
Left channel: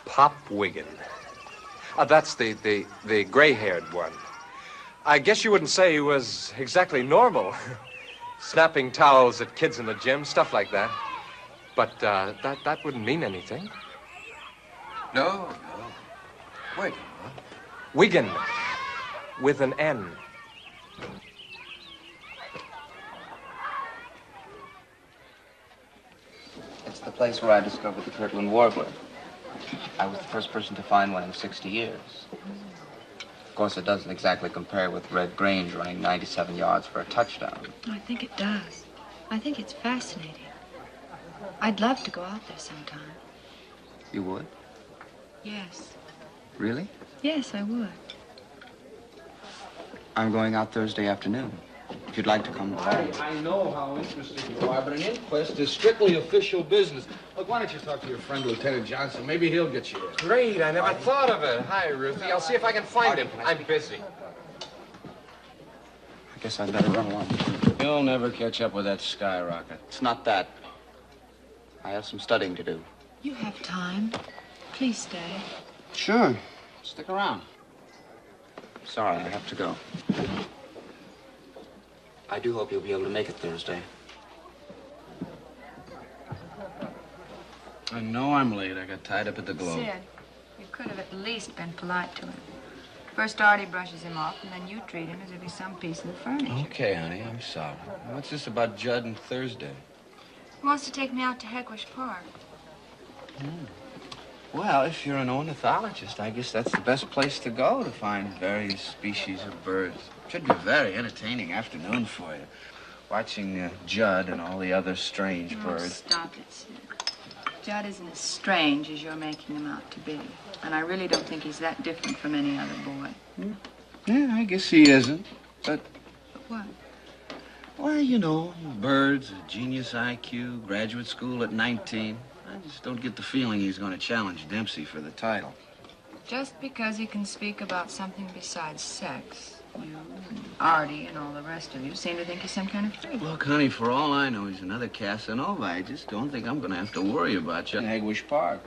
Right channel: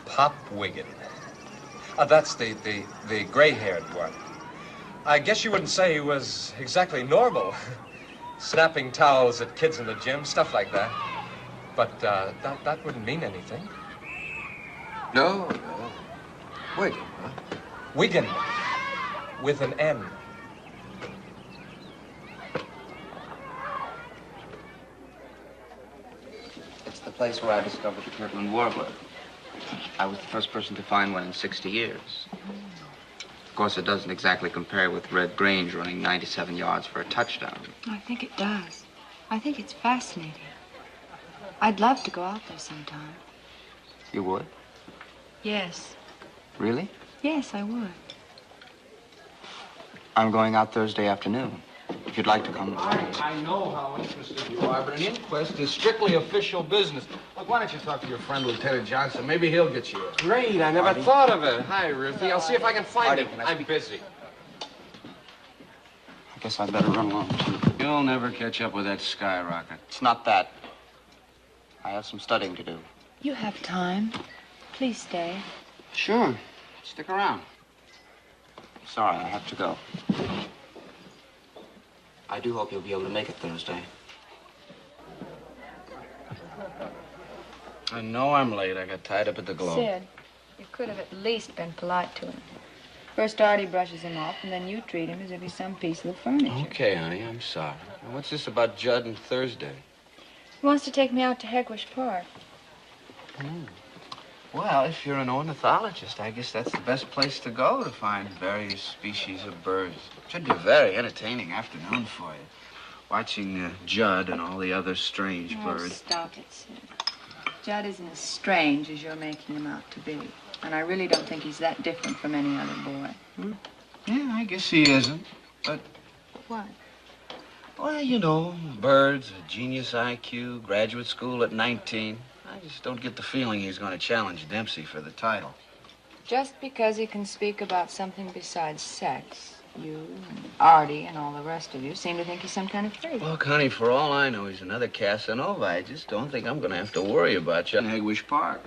Pop Wiggin. That's the gray-haired one. I guess you wouldn't say he was exactly normal. Snapping towels at kids in the gym, stuff like that. But that wouldn't mean anything. No, no. Wiggin, huh? Wiggin, with an N. It's the place where I discovered the Kirtland warbler. I was the first person to find one in 60 years. Of course, it doesn't exactly compare with Red Grange running 97 yards for a touchdown. I think it does. I think it's fascinating. I'd love to go out there sometime. You would? Yes. Really? Yes, I would. I'm going out Thursday afternoon. if you'd like to come. I know how interested you are, but an inquest is strictly official business. Look, why don't you talk to your friend, Lieutenant Johnson? Maybe he'll get you a... Great, I never thought of it. Hi, Ruthie. I'll see if I can find him. I'm busy. I guess I'd better run along. You'll never catch up with that skyrocket. It's not that. I have some studying to do. You have time. Please stay. Sure. Stick around. Sorry, I have to go. I do hope you'll be able to make it Thursday. I know I'm late. I got tied up at the Globe. Sid, you could have at least been polite to him. First Artie brushes him off, and then you treat him as if he's some piece of the furniture. Okay, honey, I'm sorry. What's this about Judd and Thursday? He wants to take me out to 𝙁𝙪𝙡 Park. Well, if you're an ornithologist, I guess that's the best place to go to find various species of birds. Should be a very entertaining afternoon for you. Watching Judd and all the other strange birds. Stop it, Sid. Judd isn't as strange as you're making him out to be. And I really don't think he's that different from any other boy. Yeah, I guess he isn't. But what? Well, you know, birds, a genius IQ, graduate school at 19. I just don't get the feeling he's going to challenge Dempsey for the title. Just because he can speak about something besides sex, you and Artie and all the rest of you seem to think he's some kind of freak. Look, honey, for all I know, he's another Casanova. I just don't think I'm going to have to worry about you in 𝙁𝙪𝙡 Park.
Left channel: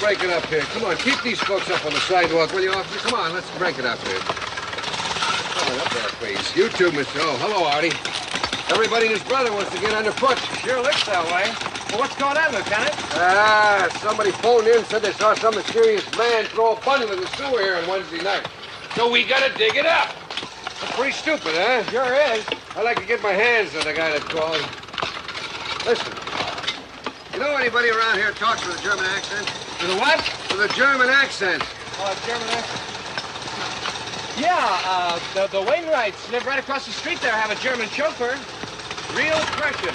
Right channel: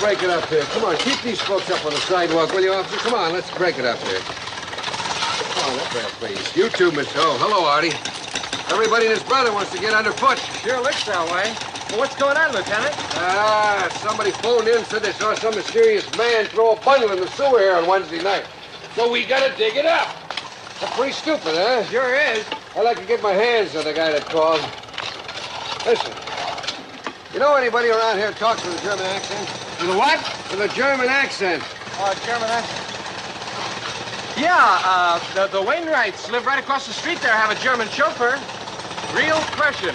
Break it up here. Come on, keep these folks up on the sidewalk, will you, officer? Come on, let's break it up here. Come on, up there, please. You too, Miss O. Hello, Artie. Everybody and his brother wants to get underfoot. Sure looks that way. Well, what's going on, Lieutenant? Somebody phoned in and said they saw some mysterious man throw a bundle in the sewer here on Wednesday night. So we gotta dig it up. That's pretty stupid, huh? Sure is. I'd like to get my hands on the guy that called. Listen, you know anybody around here talks with a German accent? With a what? With a German accent. German accent? Yeah, the Wainwrights live right across the street there, have a German chauffeur. Real Prussian.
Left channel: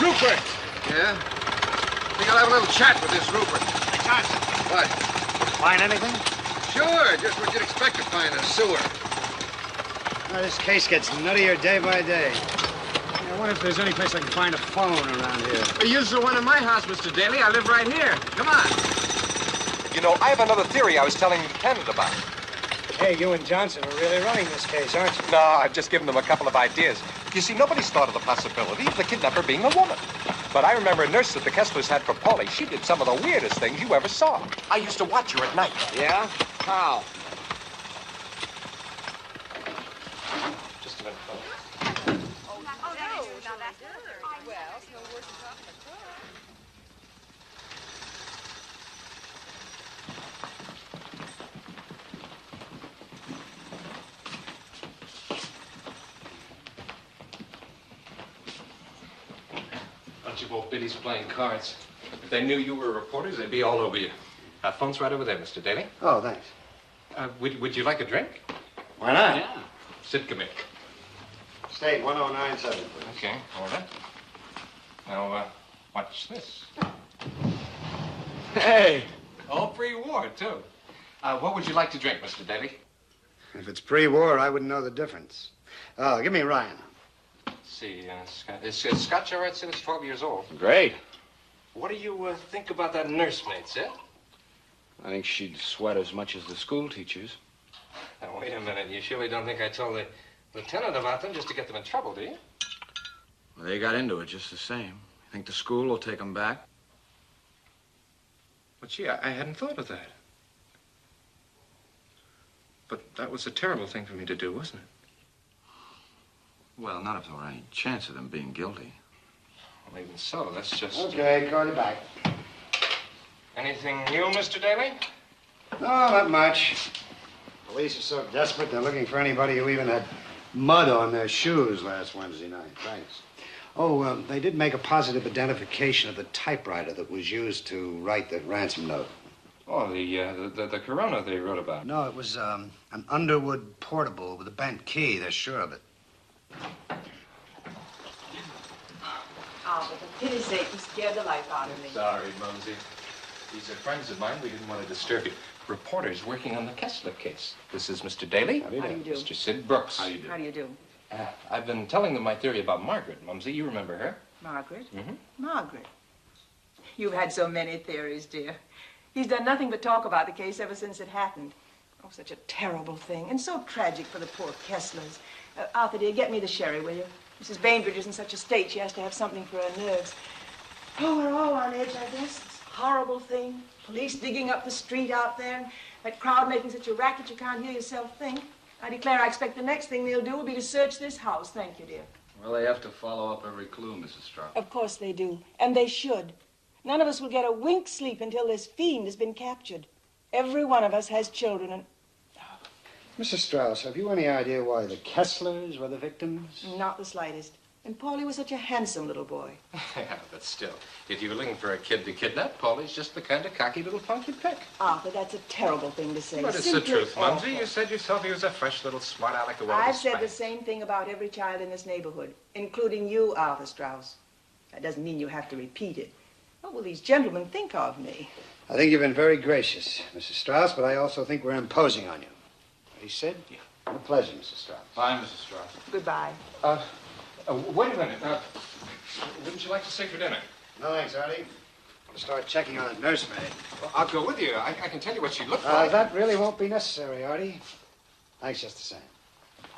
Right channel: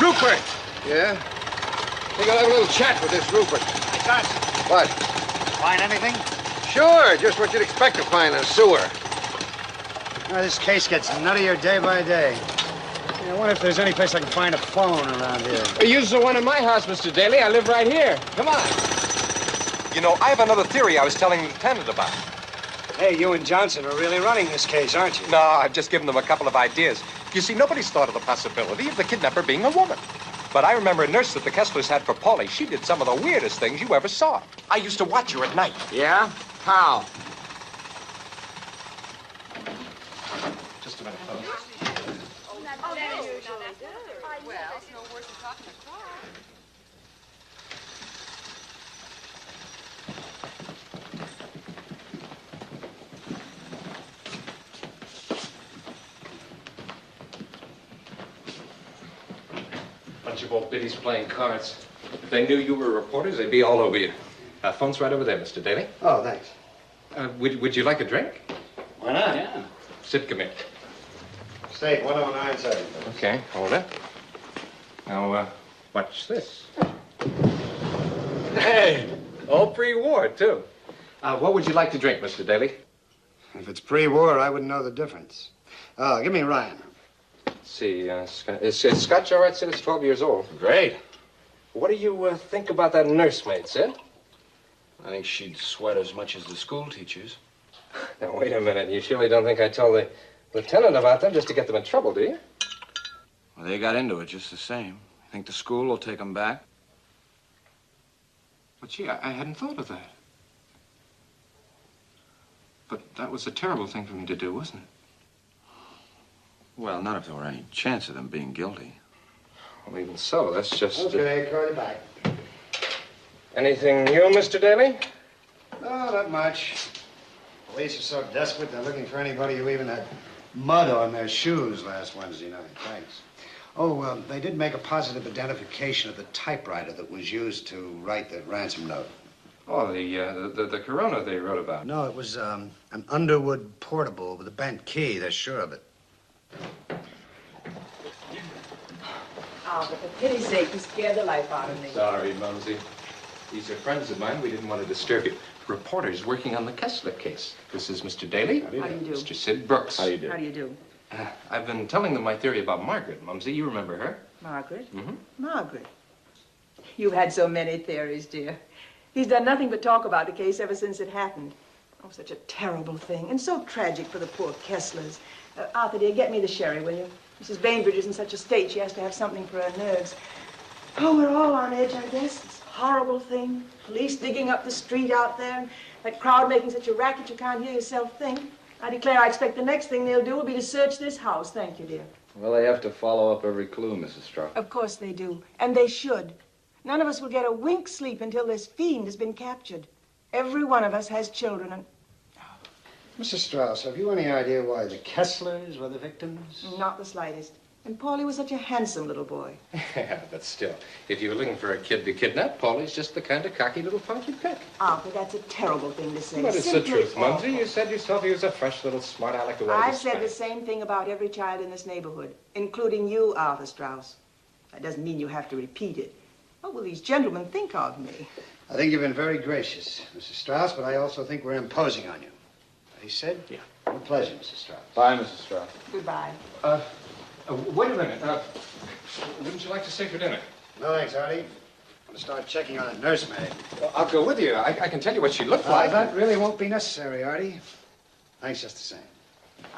Rupert. Yeah? I think I'll have a little chat with this Rupert. Hey, Johnson. What? Find anything? Sure, just what you'd expect to find in a sewer. This case gets nuttier day by day. I wonder if there's any place I can find a phone around here. Use the one in my house, Mr. Daly. I live right here. Come on. You know, I have another theory I was telling the lieutenant about. Hey, you and Johnson are really running this case, aren't you? No, I've just given them a couple of ideas. You see, nobody's thought of the possibility of the kidnapper being a woman. But I remember a nurse that the Kesslers had for Polly. She did some of the weirdest things you ever saw. I used to watch her at night. Yeah? How? Just a minute, folks. Bunch of old biddies playing cards. If they knew you were reporters, they'd be all over you. Phone's right over there, Mr. Daly. Oh, thanks. Would you like a drink? Why not? Yeah. Sid, come here. State 1097. Okay, hold it. Now, watch this. Hey, all pre-war, too. What would you like to drink, Mr. Daly? If it's pre-war, I wouldn't know the difference. Oh, give me Ryan. Let's see, is Scotch all right, Sid? It's 12 years old. Great. What do you think about that nursemaid, Sid? I think she'd sweat as much as the school teachers. Now, wait a minute. You surely don't think I told the lieutenant about them just to get them in trouble, do you? Well, they got into it just the same. You think the school will take them back? But, gee, I hadn't thought of that. But that was a terrible thing for me to do, wasn't it? Well, not if there were any chance of them being guilty. Well, even so, that's just... Okay, call you back. Anything new, Mr. Daly? Oh, not much. Police are so desperate, they're looking for anybody who even had mud on their shoes last Wednesday night. Thanks. Oh, they did make a positive identification of the typewriter that was used to write the ransom note. Oh, the Corona they wrote about. No, it was an Underwood portable with a bent key. They're sure of it. Oh, but for pity's sake, you scared the life out of me. Sorry, Mumsy. These are friends of mine. We didn't want to disturb you. Reporters working on the Kessler case. This is Mr. Daly. How do you do? Mr. Sid Brooks. How do you do? How do you do? I've been telling them my theory about Margaret, Mumsy. You remember her? Margaret? Mm-hmm. Margaret. You've had so many theories, dear. He's done nothing but talk about the case ever since it happened. Oh, such a terrible thing, and so tragic for the poor Kesslers. Arthur, dear, get me the sherry, will you? Mrs. Bainbridge is in such a state, she has to have something for her nerves. Oh, we're all on edge, I guess. This horrible thing. Police digging up the street out there, and that crowd making such a racket you can't hear yourself think. I declare I expect the next thing they'll do will be to search this house. Thank you, dear. Well, they have to follow up every clue, Mrs. Strauss. Of course they do, and they should. None of us will get a wink's sleep until this fiend has been captured. Every one of us has children, and... Mrs. Strauss, have you any idea why the Kesslers were the victims? Not the slightest. And Paulie was such a handsome little boy. Yeah, but still, if you were looking for a kid to kidnap, Paulie's just the kind of cocky little punk you'd pick. Arthur, that's a terrible thing to say. But it's the Simply truth, awful. Mumsy. You said yourself he was a fresh little smart aleck who wanted to I've said spank. the same thing about every child in this neighborhood, including you, Arthur Straus. That doesn't mean you have to repeat it. What will these gentlemen think of me? I think you've been very gracious, Mrs. Strauss, but I also think we're imposing on you. He said? Yeah. A pleasure, Mrs. Strauss. Bye, Mrs. Strauss. Goodbye. Wait a minute. Wouldn't you like to stay for dinner? No, thanks, Artie. I'm going to start checking on that nursemaid. Well, I'll go with you. I can tell you what she looked like. That really won't be necessary, Artie. Thanks just the same.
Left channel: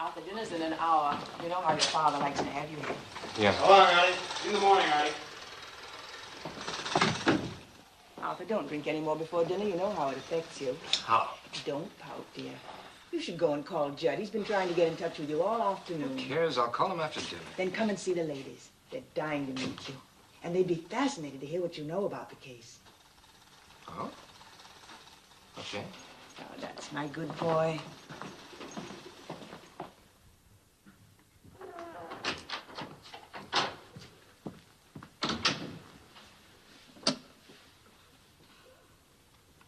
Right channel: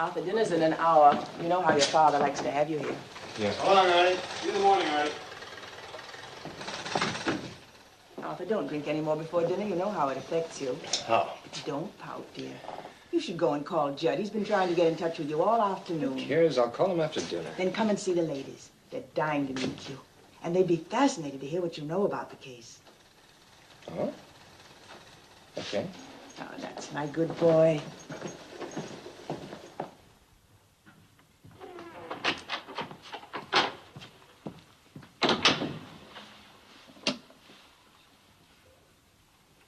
Arthur, dinner's in an hour. You know how your father likes to have you here. Yes. So long, Artie. See you in the morning, Artie. Arthur, don't drink any more before dinner. You know how it affects you. How? Don't pout, dear. You should go and call Judd. He's been trying to get in touch with you all afternoon. Who cares? I'll call him after dinner. Then come and see the ladies. They're dying to meet you. And they'd be fascinated to hear what you know about the case. Oh? Okay. Oh, that's my good boy.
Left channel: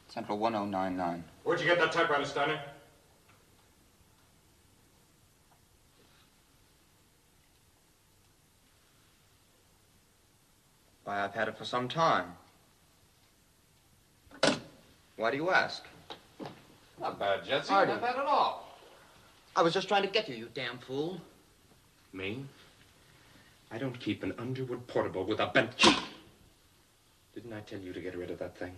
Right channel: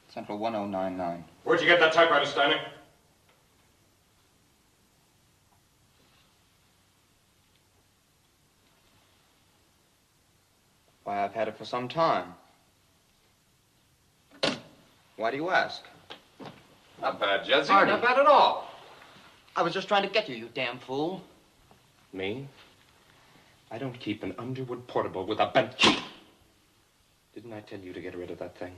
Central 1099. Where'd you get that typewriter, Steiner? Why, I've had it for some time. Why do you ask? Not bad, Judson. Artie. Not bad at all. I was just trying to get you, you damn fool. Me? I don't keep an Underwood portable with a bent key. Didn't I tell you to get rid of that thing?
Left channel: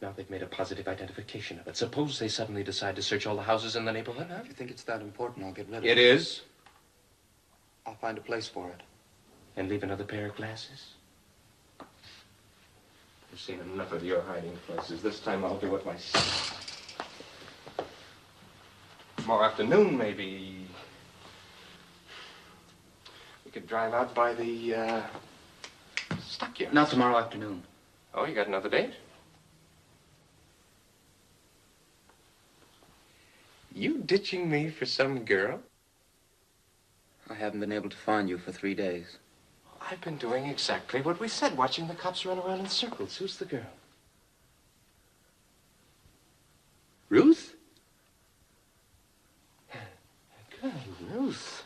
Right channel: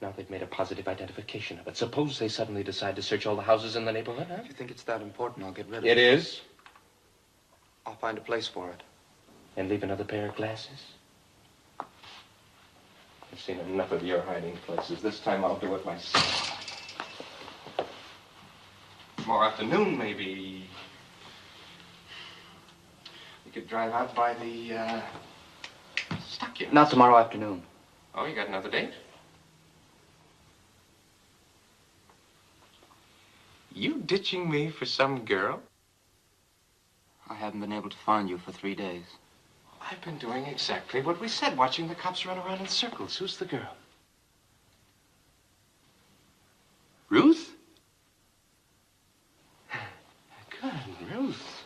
Now they've made a positive identification of it. Suppose they suddenly decide to search all the houses in the neighborhood, huh? If you think it's that important, I'll get rid of It is? I'll find a place for it. And leave another pair of glasses? I've seen enough of your hiding places. This time I'll do it myself. Tomorrow afternoon, maybe. We could drive out by the, stockyards. Not tomorrow afternoon. Oh, you got another date? You ditching me for some girl? I haven't been able to find you for 3 days. I've been doing exactly what we said, watching the cops run around in circles. Who's the girl? Ruth? Good, Ruth.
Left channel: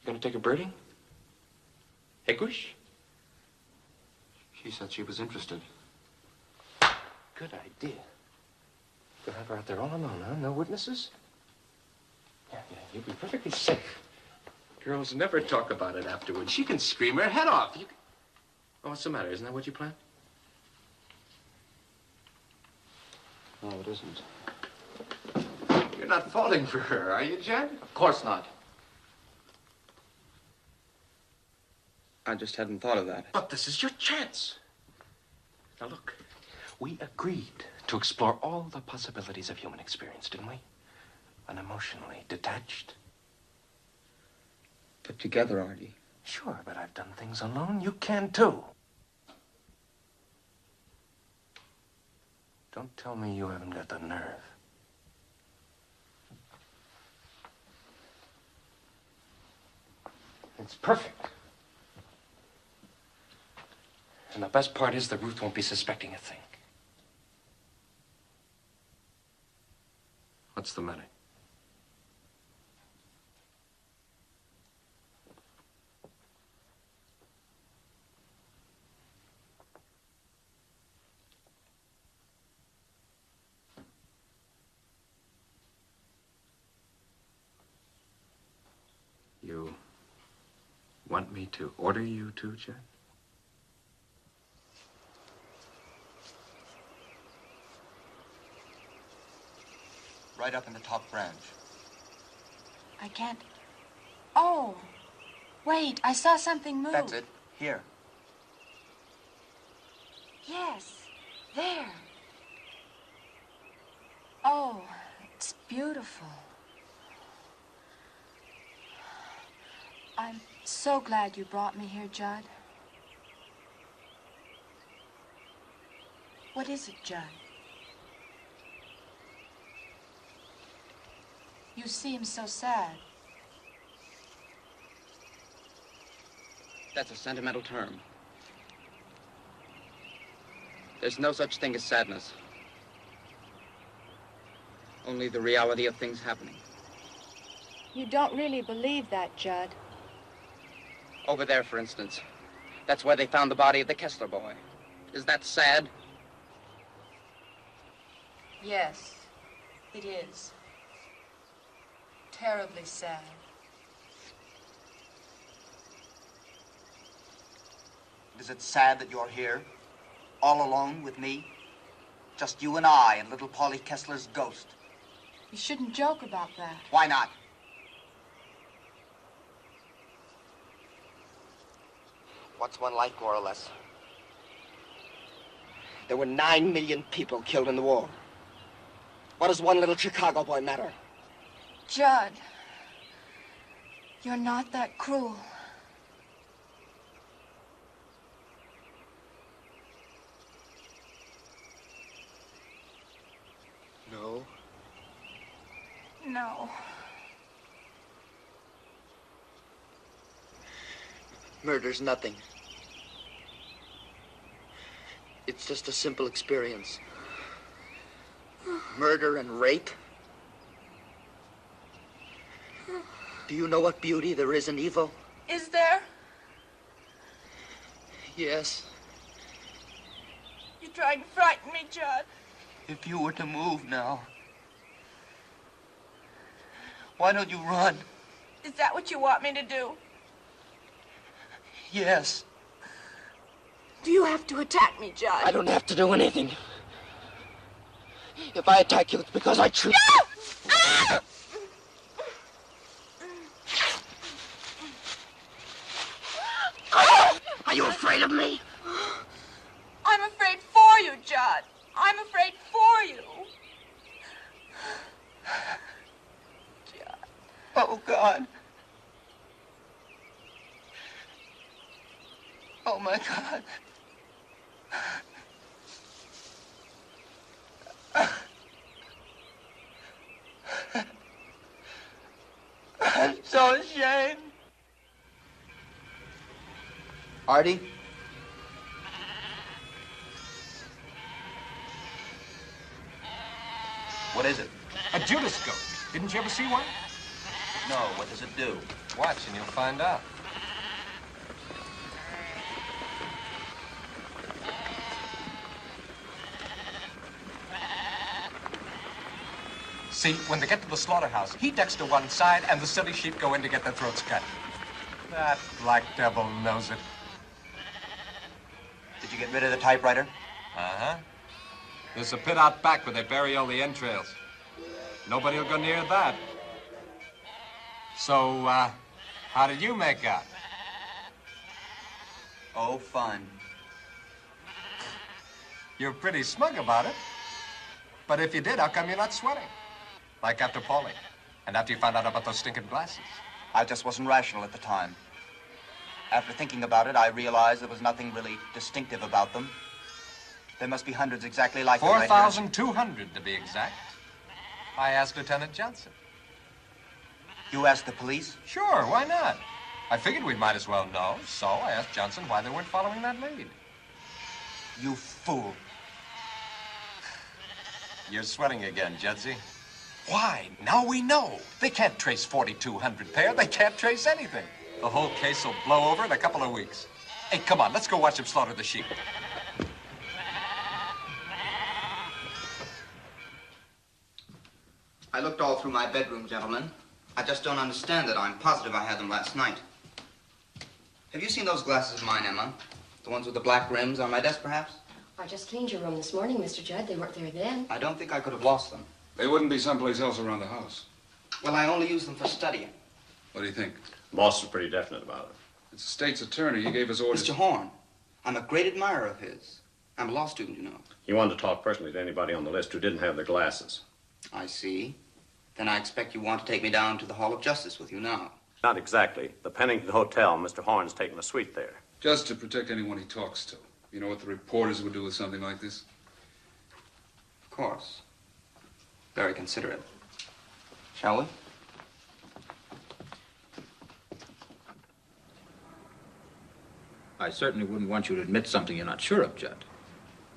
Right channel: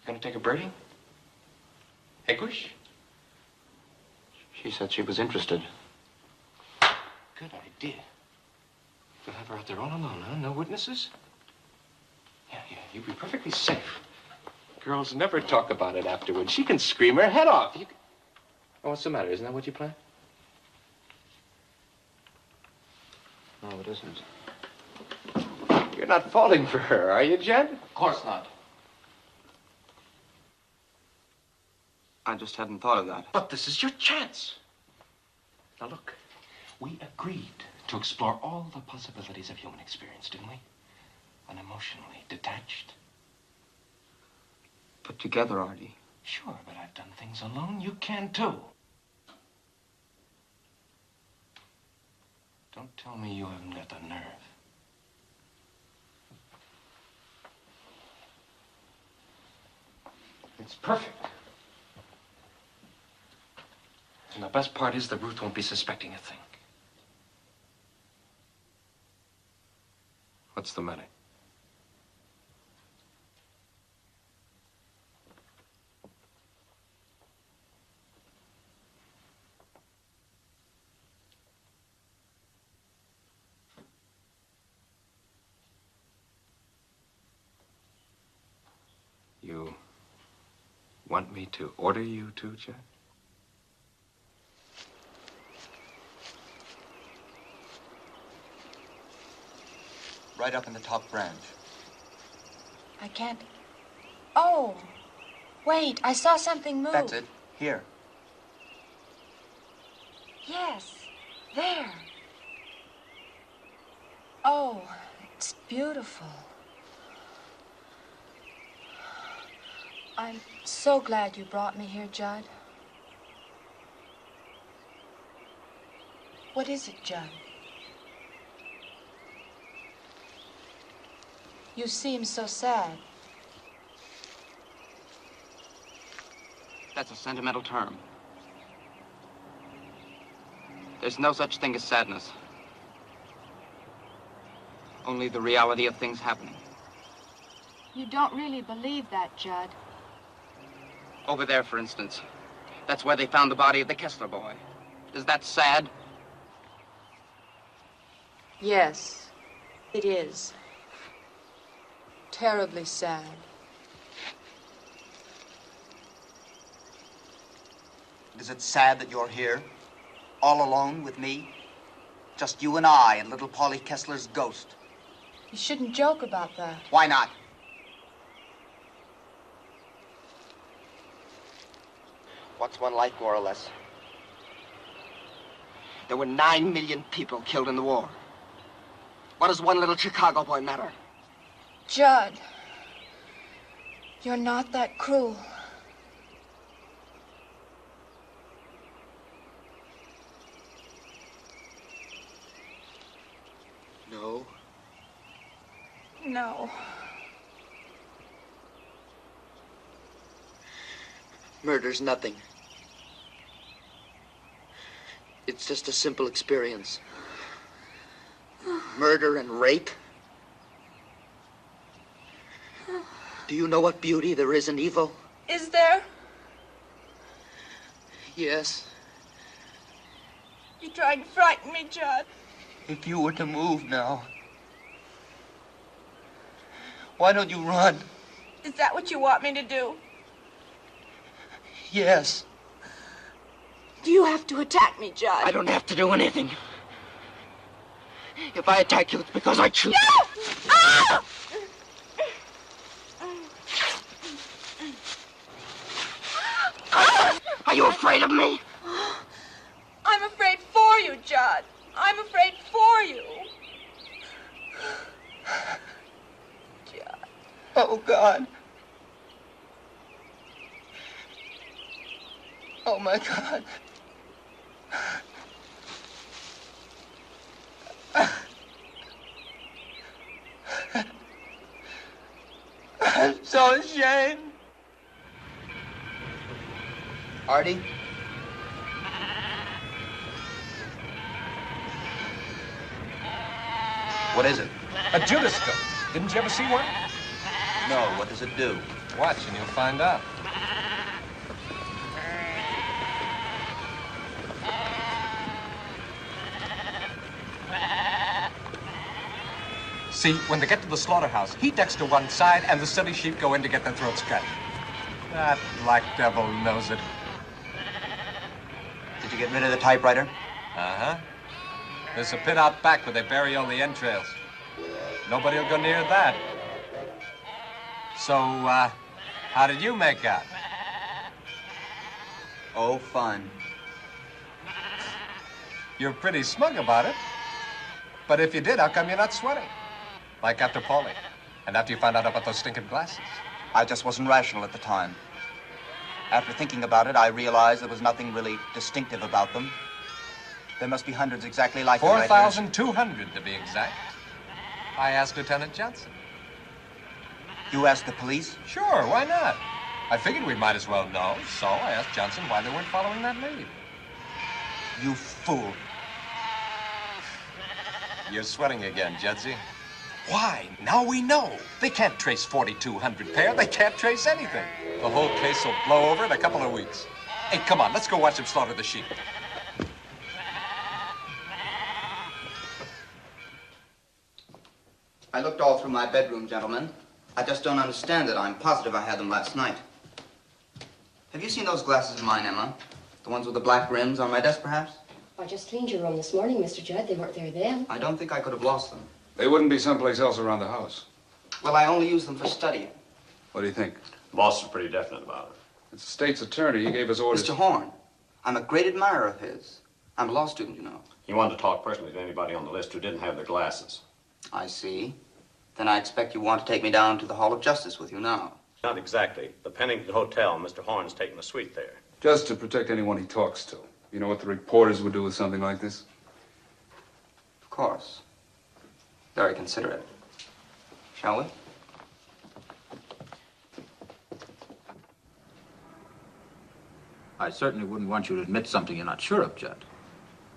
You gonna take a birdie? Egwish? She said she was interested. Good idea. You'll have her out there all alone, huh? No witnesses? Yeah, you'll be perfectly safe. Girls never talk about it afterwards. She can scream her head off. Oh, what's the matter? Isn't that what you planned? No, it isn't. You're not falling for her, are you, Jed? Of course not. I just hadn't thought of that. But this is your chance. Now, look. We agreed to explore all the possibilities of human experience, didn't we? Unemotionally detached. Put together, Artie. Sure, but I've done things alone. You can, too. Don't tell me you haven't got the nerve. It's perfect. And the best part is that Ruth won't be suspecting a thing. What's the matter? You want me to order you to, Judd? Right up in the top branch. I can't. Oh, wait, I saw something move. That's it. Here. Yes, there. Oh, it's beautiful. I'm so glad you brought me here, Judd. What is it, Judd? You seem so sad. That's a sentimental term. There's no such thing as sadness. Only the reality of things happening. You don't really believe that, Judd. Over there, for instance. That's where they found the body of the Kessler boy. Is that sad? Yes, it is. Terribly sad. Is it sad that you're here, all alone with me? Just you and I and little Polly Kessler's ghost. You shouldn't joke about that. Why not? What's one life, more or less? There were 9 million people killed in the war. What does one little Chicago boy matter? Judd, you're not that cruel. No. No. Murder's nothing. It's just a simple experience. Murder and rape. Do you know what beauty there is in evil? Is there? Yes. You're trying to frighten me, Judd. If you were to move now, why don't you run? Is that what you want me to do? Yes. Do you have to attack me, Judd? I don't have to do anything. If I attack you, it's because I choose. No! Ah! Are you afraid of me? I'm afraid for you, Judd. I'm afraid for you. Judd. Oh, God. Oh, my God. I'm so ashamed. Artie? What is it? A Judascope. Didn't you ever see one? No, what does it do? Watch and you'll find out. See, when they get to the slaughterhouse, he ducks to one side and the silly sheep go in to get their throats cut. That black devil knows it. Did you get rid of the typewriter? Uh-huh. There's a pit out back where they bury all the entrails. Nobody will go near that. So, how did you make out? Oh, fun. You're pretty smug about it. But if you did, how come you're not sweating? Like after Paulie, and after you found out about those stinking glasses. I just wasn't rational at the time. After thinking about it, I realized there was nothing really distinctive about them. There must be hundreds exactly like it right here. 4,200 to be exact. I asked Lieutenant Johnson. You asked the police? Sure, why not? I figured we might as well know, so I asked Johnson why they weren't following that lead. You fool. You're sweating again, Judsie. Why? Now we know. They can't trace 4,200 pair. They can't trace anything. The whole case will blow over in a couple of weeks. Hey, come on, let's go watch them slaughter the sheep. I looked all through my bedroom, gentlemen. I just don't understand it. I'm positive I had them last night. Have you seen those glasses of mine, Emma? The ones with the black rims on my desk, perhaps? I just cleaned your room this morning, Mr. Judd. They weren't there then. I don't think I could have lost them. They wouldn't be someplace else around the house. Well, I only use them for studying. What do you think? Boss is pretty definite about it. It's the state's attorney. He gave us orders. Mr. Horn, I'm a great admirer of his. I'm a law student, you know. You wanted to talk personally to anybody on the list who didn't have their glasses. I see. Then I expect you want to take me down to the Hall of Justice with you now. Not exactly. The Pennington Hotel, Mr. Horn's taking a suite there. Just to protect anyone he talks to. You know what the reporters would do with something like this? Of course. Very considerate. Shall we? I certainly wouldn't want you to admit something you're not sure of, Judd.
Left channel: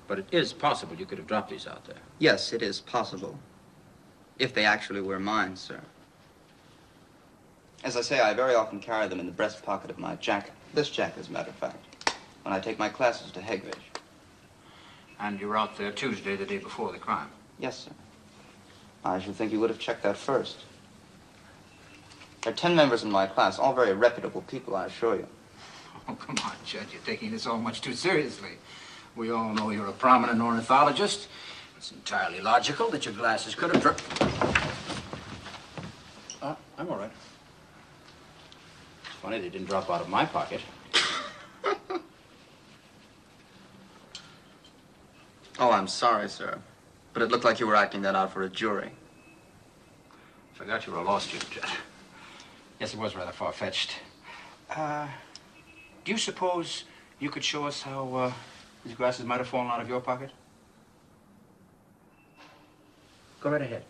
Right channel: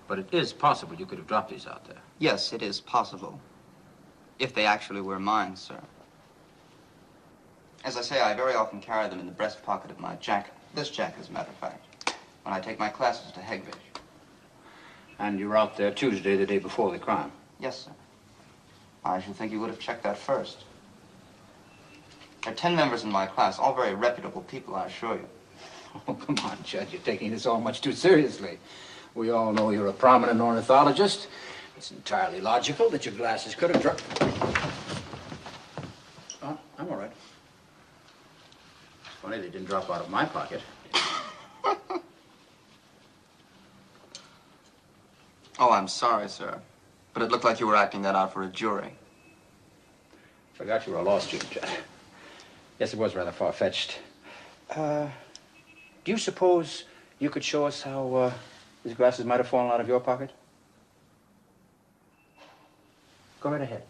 But it is possible you could have dropped these out there. Yes, it is possible. If they actually were mine, sir. As I say, I very often carry them in the breast pocket of my jacket. This jacket, as a matter of fact. When I take my classes to 𝙁𝙤𝙩𝙚𝙨. And you were out there Tuesday, the day before the crime? Yes, sir. I should think you would have checked that first. There are 10 members in my class, all very reputable people, I assure you. Oh, come on, Judd. You're taking this all much too seriously. We all know you're a prominent ornithologist. It's entirely logical that your glasses could have dropped. I'm all right. It's funny they didn't drop out of my pocket. Oh, I'm sorry, sir. But it looked like you were acting that out for a jury. Forgot you were a law student, Judd. Yes, it was rather far-fetched. Do you suppose you could show us how these glasses might have fallen out of your pocket? Go right ahead.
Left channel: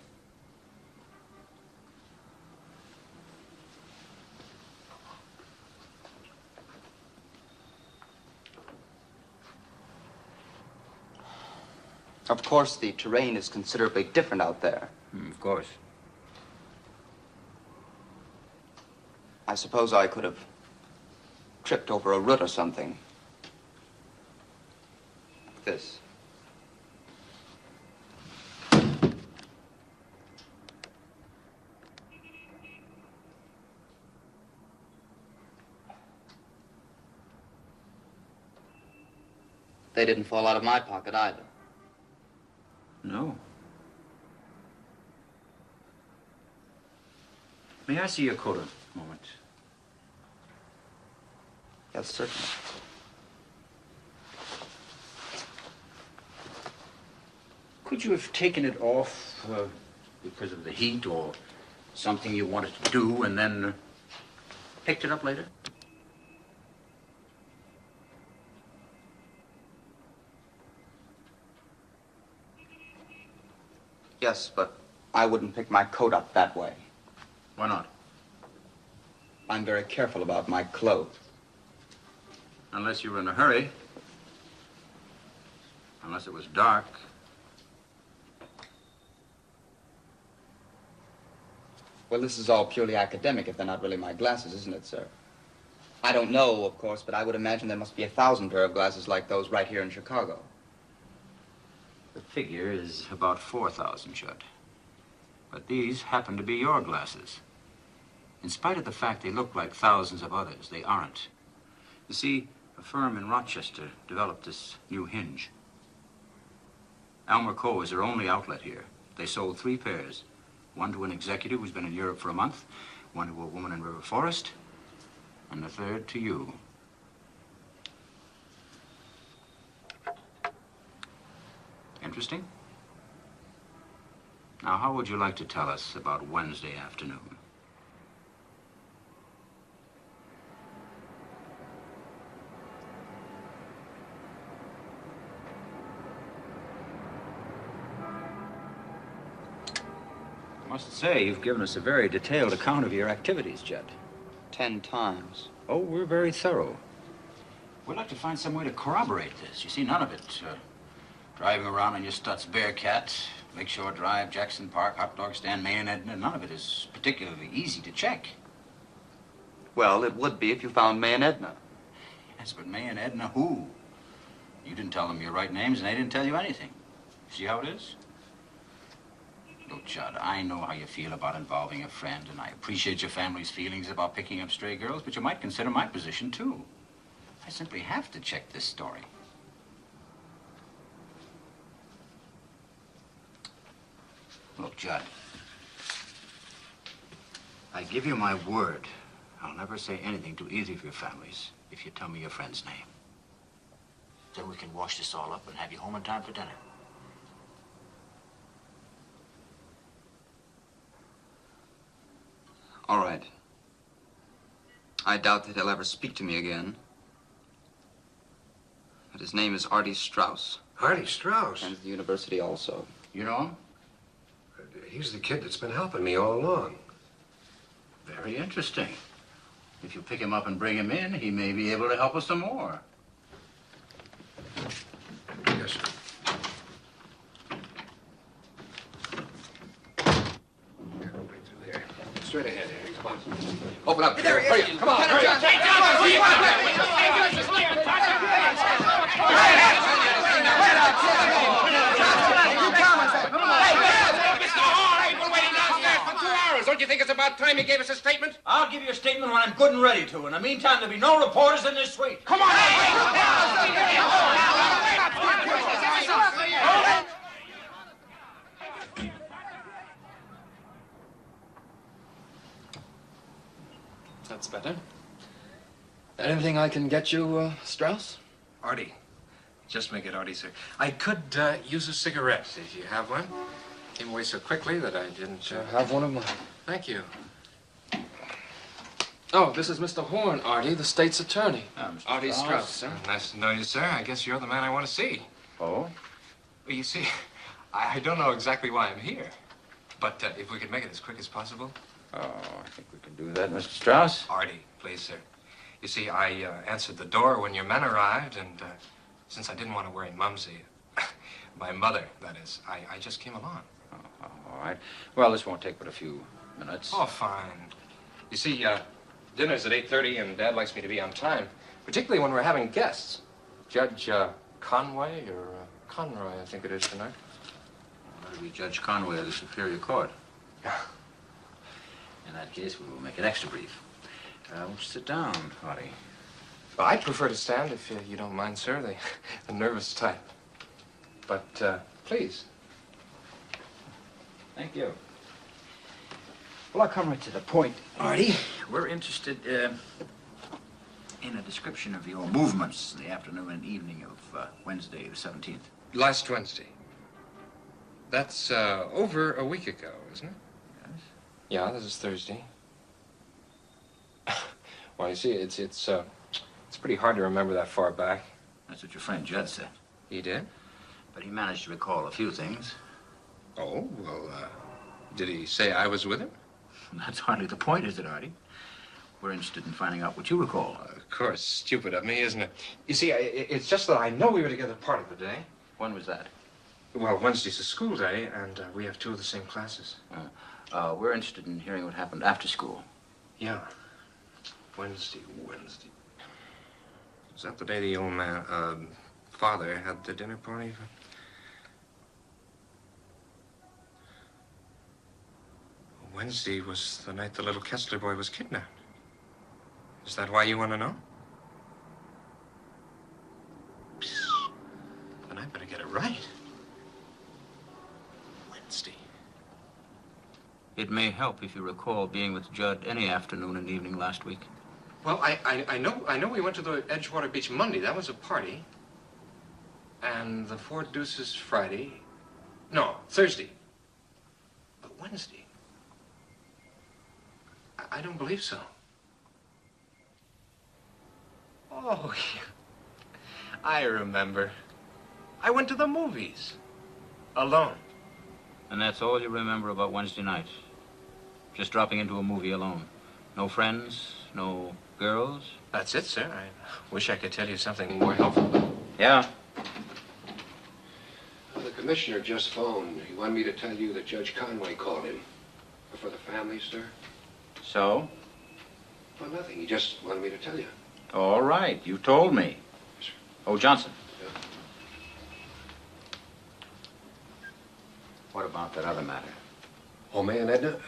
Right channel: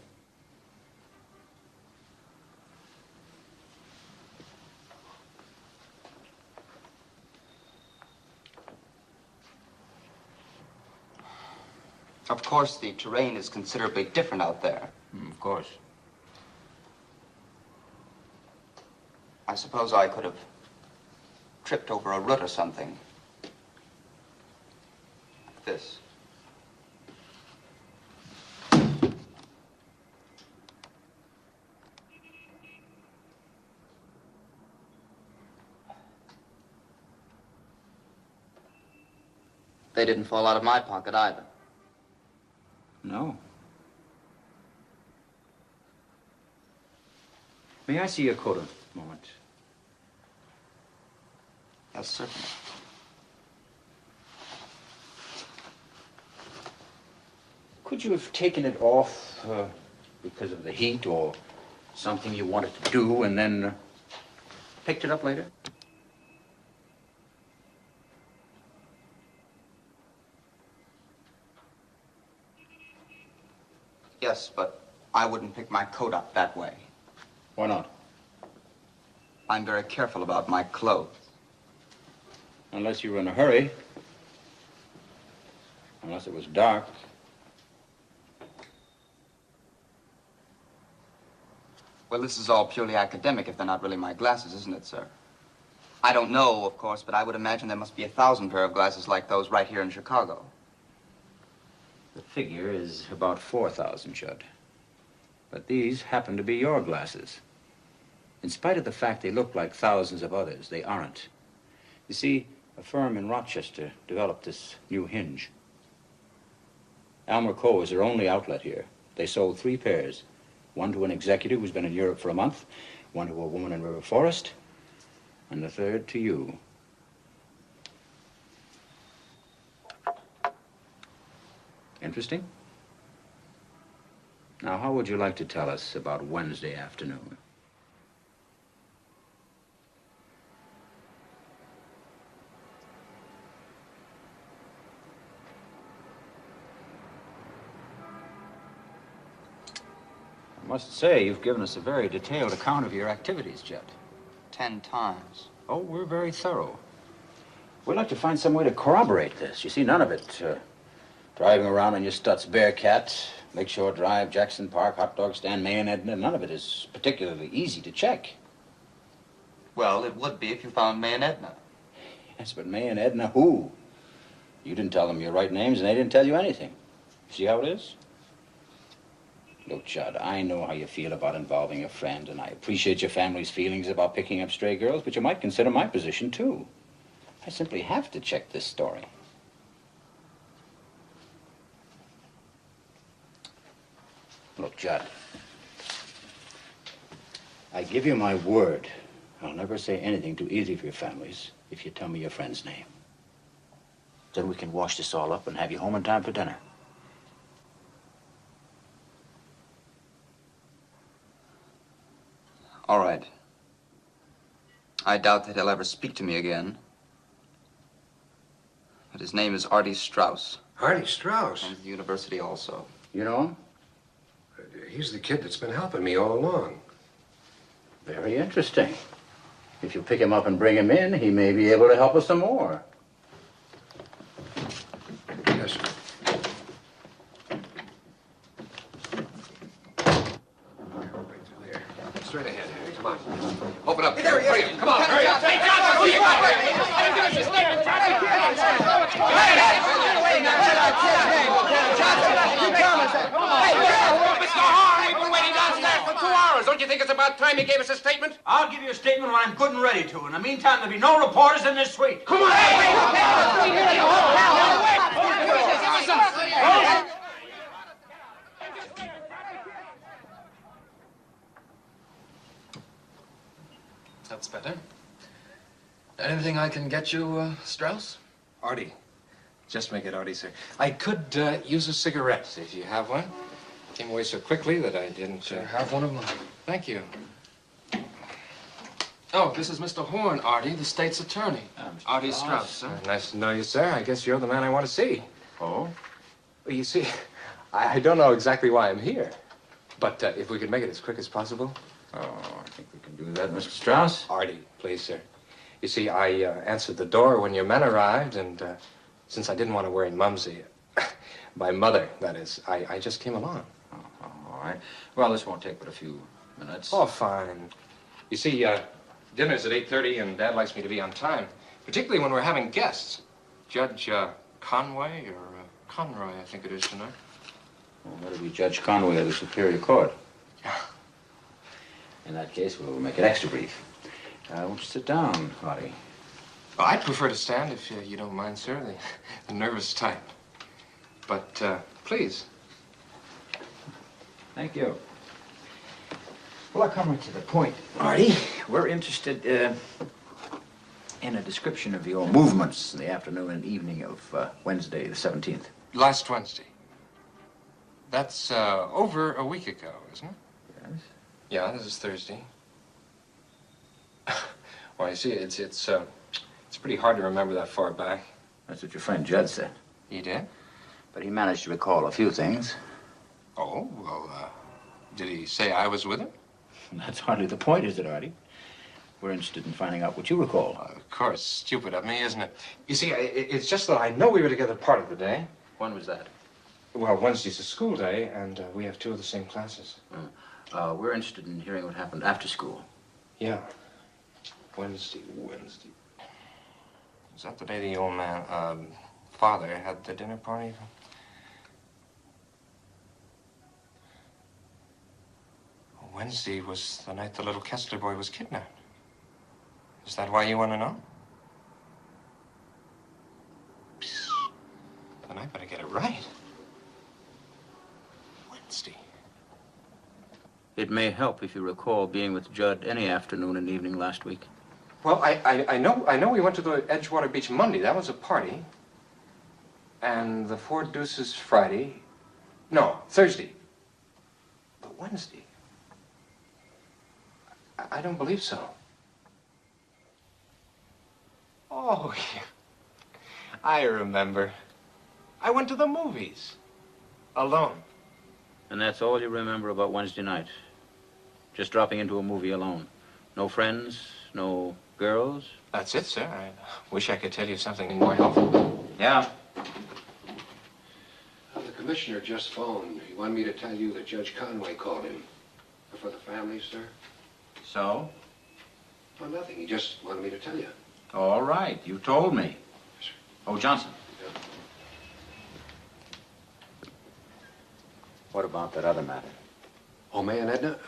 Of course, the terrain is considerably different out there. Of course. I suppose I could have tripped over a root or something. Like this. They didn't fall out of my pocket either. No. May I see your coat a moment? Yes, certainly. Could you have taken it off because of the heat or something you wanted to do and then picked it up later? Yes, but I wouldn't pick my coat up that way. Why not? I'm very careful about my clothes. Unless you were in a hurry. Unless it was dark. Well, this is all purely academic if they're not really my glasses, isn't it, sir? I don't know, of course, but I would imagine there must be 1,000 pair of glasses like those right here in Chicago. The figure is about 4,000, Judd. But these happen to be your glasses. In spite of the fact they look like thousands of others, they aren't. You see, a firm in Rochester developed this new hinge. Elmer Coe is their only outlet here. They sold 3 pairs. One to an executive who's been in Europe for a month, one to a woman in River Forest, and the third to you. Interesting? Now, how would you like to tell us about Wednesday afternoon? I must say, you've given us a very detailed account of your activities, Judd. 10 times. Oh, we're very thorough. We'd like to find some way to corroborate this. You see, none of it, driving around in your Stutz Bearcat, Lakeshore Drive, Jackson Park, hot dog stand, May and Edna, none of it is particularly easy to check. Well, it would be if you found May and Edna. Yes, but May and Edna who? You didn't tell them your right names, and they didn't tell you anything. See how it is? Look, Judd, I know how you feel about involving a friend, and I appreciate your family's feelings about picking up stray girls, but you might consider my position, too. I simply have to check this story. Look, Judd, I give you my word. I'll never say anything to either of your families if you tell me your friend's name. Then we can wash this all up and have you home in time for dinner. All right. I doubt that he'll ever speak to me again. But his name is Artie Straus. Artie Straus? From the university also. You know him? He's the kid that's been helping me all along. Very interesting. If you pick him up and bring him in, he may be able to help us some more. Yes, sir. Right through there. Straight ahead. Come on. Open up. There he is. Come on. Hurry up. Don't you think it's about time you gave us a statement? I'll give you a statement when I'm good and ready to. In the meantime, there'll be no reporters in this suite. Come on! That's better. Anything I can get you, Strauss? Artie. Just make it Artie, sir. I could use a cigarette if you have one. Came away so quickly that I didn't have one of mine. Thank you. Oh, this is Mr. Horn, Artie, the state's attorney. Artie Straus, sir. Nice to know you, sir. I guess you're the man I want to see. Oh? Well, you see, I don't know exactly why I'm here. But if we could make it as quick as possible. Oh, I think we can do that, Mr. Strauss. Artie, please, sir. You see, I answered the door when your men arrived, and since I didn't want to worry Mumsy, my mother, that is, I just came along. Oh, all right. Well, this won't take but a few minutes. Oh, fine. You see, dinner's at 8:30, and Dad likes me to be on time, particularly when we're having guests. Judge Conway, or Conroy, I think it is tonight. Well, that'll be Judge Conway of the Superior Court. In that case, we'll make it extra brief. Won't you sit down, Artie? Well, I'd prefer to stand if you don't mind, sir. The nervous type. But, please. Thank you. Well, I'll come right to the point, Artie. We're interested in a description of your movements in the afternoon and evening of Wednesday, the 17th. Last Wednesday. That's over a week ago, isn't it? Yes. Yeah, this is Thursday. Well, you see, it's pretty hard to remember that far back. That's what your friend Judd said. He did? But he managed to recall a few things. Oh, well, did he say I was with him? That's hardly the point, is it, Artie? We're interested in finding out what you recall. Of course, stupid of me, isn't it? You see, it's just that I know we were together part of the day. When was that? Well, Wednesday's a school day, and we have two of the same classes. We're interested in hearing what happened after school. Yeah. Wednesday. Was that the day the old man, father had the dinner party? Wednesday was the night the little Kessler boy was kidnapped. Is that why you want to know? Then I better get it right. Wednesday. It may help if you recall being with Judd any afternoon and evening last week. Well, I know we went to the Edgewater Beach Monday. That was a party. And the Four Deuces Friday. No, Thursday. But Wednesday. I don't believe so. Oh, I remember. I went to the movies. Alone. And that's all you remember about Wednesday night? Just dropping into a movie alone? No friends? No girls? That's it, sir. I wish I could tell you something more helpful. Yeah? The commissioner just phoned. He wanted me to tell you that Judge Conway called him. For the family, sir. So? Well, nothing. He just wanted me to tell you. All right. You told me. Oh, Johnson. Yeah. What about that other matter? Oh, May and Edna?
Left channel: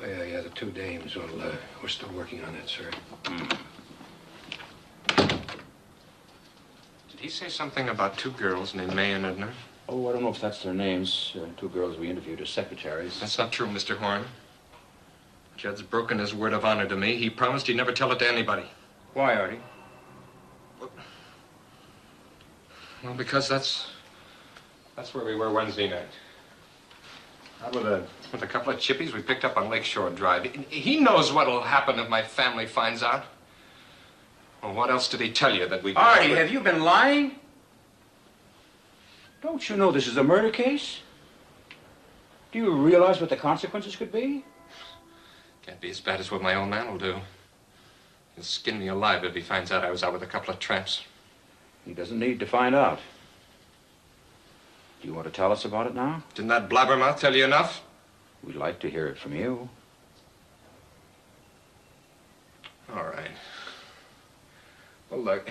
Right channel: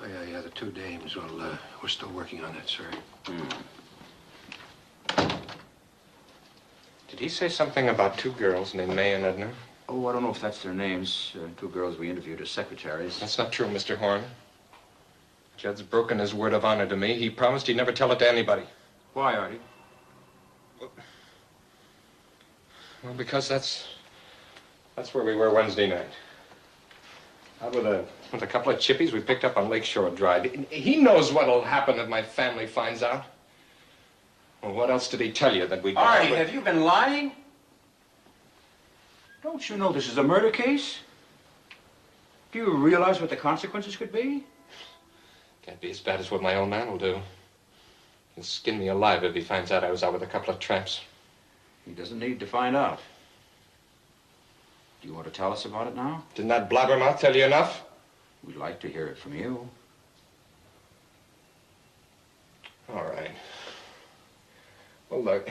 Oh, yeah, the two dames. Well, we're still working on it, sir. Did he say something about two girls named May and Edna? Oh, I don't know if that's their names. Two girls we interviewed as secretaries. That's not true, Mr. Horn. Judd's broken his word of honor to me. He promised he'd never tell it to anybody. Why, Artie? Well, because that's where we were Wednesday night. Out with a couple of chippies we picked up on Lakeshore Drive. He knows what'll happen if my family finds out. Well, what else did he tell you that we... Artie, have you been lying? Don't you know this is a murder case? Do you realize what the consequences could be? Can't be as bad as what my old man will do. He'll skin me alive if he finds out I was out with a couple of tramps. He doesn't need to find out. Do you want to tell us about it now? Didn't that blabbermouth tell you enough? We'd like to hear it from you. All right. Well, look,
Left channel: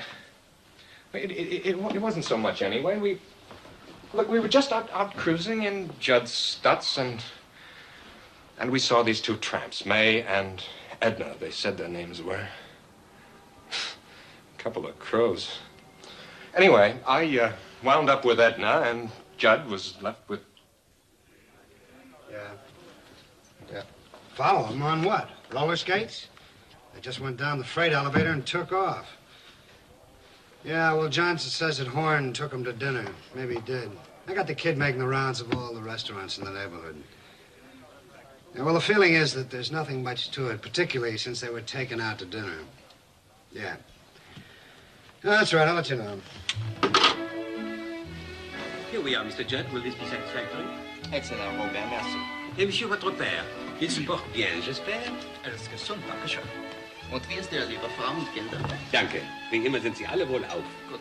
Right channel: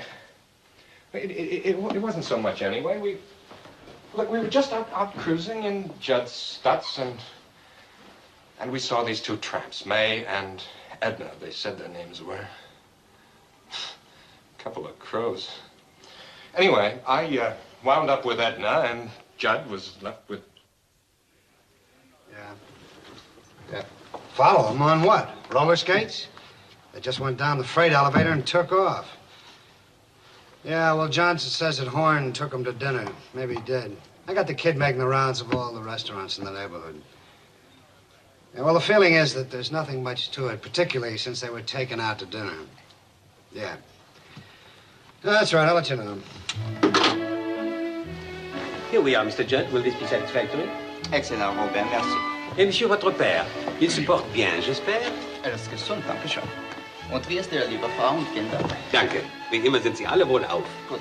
it wasn't so much anyway. We were just out cruising in Judd Stutz, and we saw these two tramps, May and Edna, they said their names were. Couple of crows. Anyway, I wound up with Edna, and Judd was left with... Yeah. Follow them on what? Roller skates? They just went down the freight elevator and took off. Yeah, well, Johnson says that Horn took him to dinner. Maybe he did. I got the kid making the rounds of all the restaurants in the neighborhood. Yeah, well, the feeling is that there's nothing much to it, particularly since they were taken out to dinner. Yeah. No, that's right, I'll let you know. Here we are, Mr. Judd. Will this be satisfactory? Excellent, mon père, merci. Et monsieur, votre père, il se porte bien, j'espère? Es gesund, danke schön. Und wie ist Ihre liebe Frau und Kinder? Danke. Wie immer sind Sie alle wohlauf. Gut.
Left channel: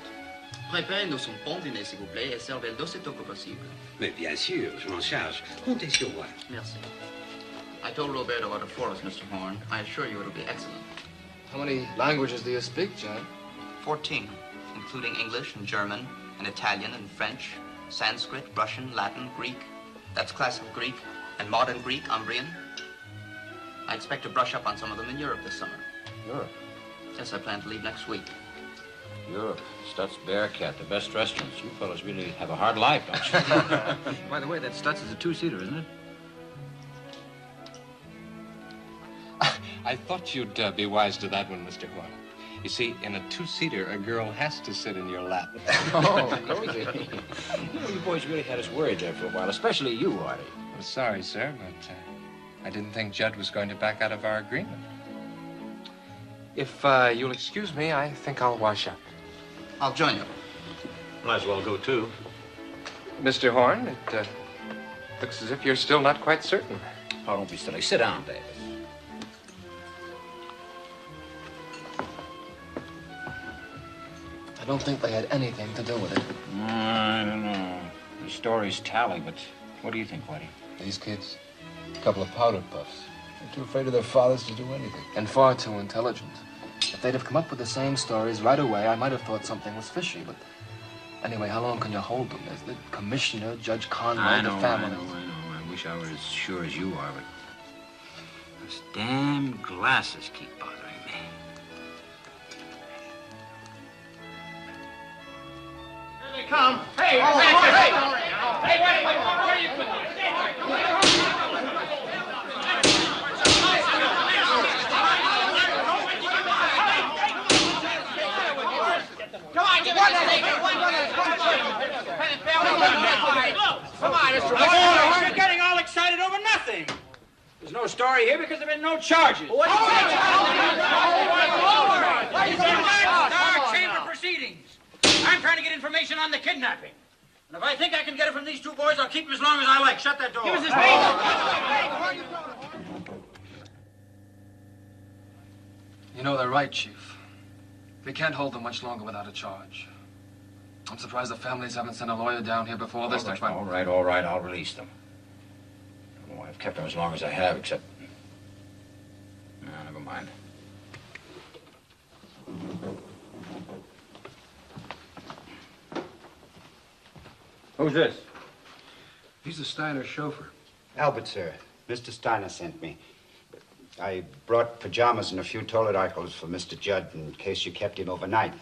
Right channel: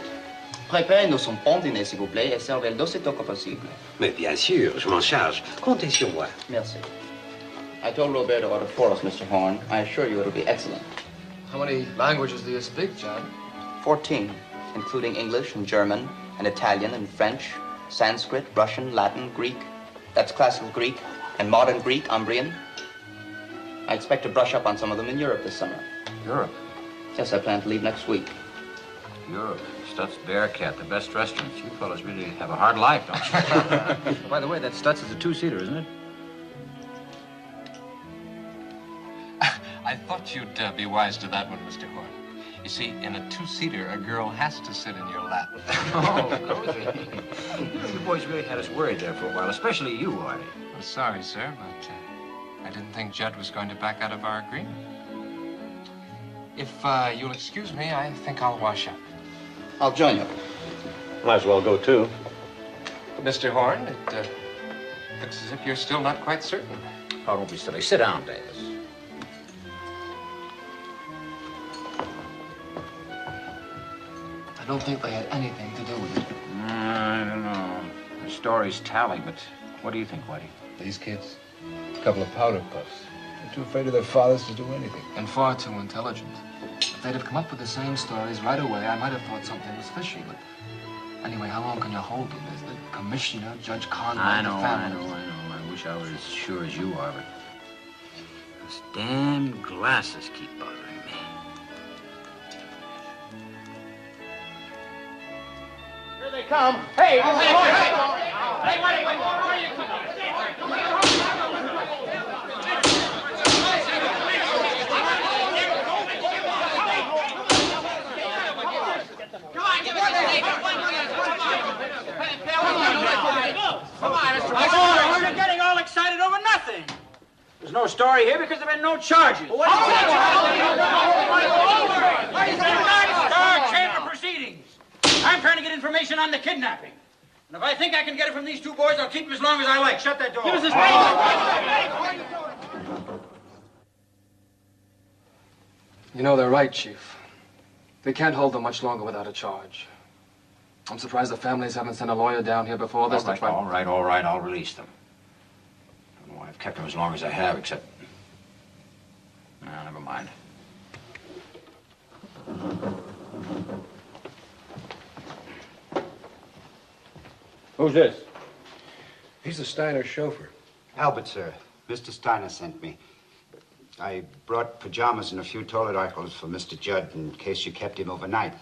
Préparez-nous un bon dîner, s'il vous plaît, et servez-le d'aussitôt que possible. Mais bien sûr, je m'en charge. Comptez sur moi. Merci. I told Robert to order for us, Mr. Horn. I assure you it'll be excellent. How many languages do you speak, Judd? 14, including English and German and Italian and French, Sanskrit, Russian, Latin, Greek. That's classical Greek and modern Greek, Umbrian. I expect to brush up on some of them in Europe this summer. Europe? Yes, I plan to leave next week. Europe. Stutz Bearcat, the best restaurants. You fellas really have a hard life, don't you? By the way, that Stutz is a two-seater, isn't it? I thought you'd be wise to that one, Mr. Horn. You see, in a two-seater, a girl has to sit in your lap. Oh, cozy. You boys really had us worried there for a while, especially you, Artie. I'm sorry, sir, but I didn't think Judd was going to back out of our agreement. If you'll excuse me, I think I'll wash up. I'll join you. Might as well go, too. Mr. Horn, it looks as if you're still not quite certain. Oh, don't be silly. Sit down, Davis. I don't think they had anything to do with it. I don't know. The stories tally, but what do you think, Whitey? These kids, a couple of powder puffs. They're too afraid of their fathers to do anything. And far too intelligent. If they'd have come up with the same stories right away, I might have thought something was fishy, but... Anyway, how long can you hold them? There's the commissioner, Judge Conway, I know. the family. I wish I was as sure as you are, but... Those damn glasses keep bothering me. Here they come. Hey, hey, wait, where are you going? Come on, Mr. Boy, you're getting all excited over nothing. There's no story here because there have been no charges. What? Start chamber proceedings. I'm trying to get information on the kidnapping. And if I think I can get it from these two boys, I'll keep him as long as I like. Shut that door. Give us his You know, they're right, Chief. They can't hold them much longer without a charge. I'm surprised the families haven't sent a lawyer down here before this to try... All right, I'll release them. I don't know why I've kept them as long as I have, except... No, never mind. Who's this? He's the Steiner chauffeur. Albert, sir. Mr. Steiner sent me. I brought pajamas and a few toilet articles for Mr. Judd in case you kept him overnight.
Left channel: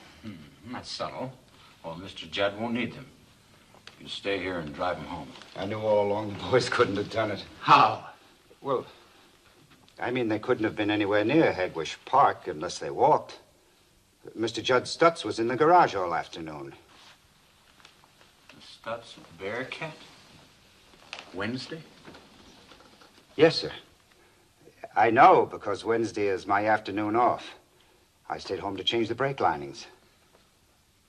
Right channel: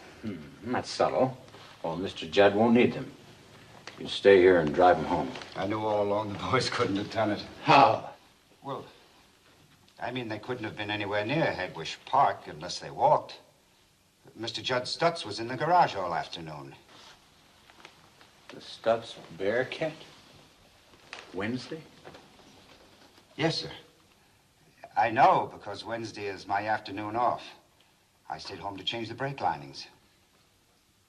That's subtle. Well, Mr. Judd won't need them. You stay here and drive him home. I knew all along the boys couldn't have done it. How? Well, I mean, they couldn't have been anywhere near 𝙁𝙤𝙡𝙈 Park unless they walked. Mr. Judd Stutz was in the garage all afternoon. The Stutz Bearcat? Wednesday? Yes, sir. I know, because Wednesday is my afternoon off. I stayed home to change the brake linings.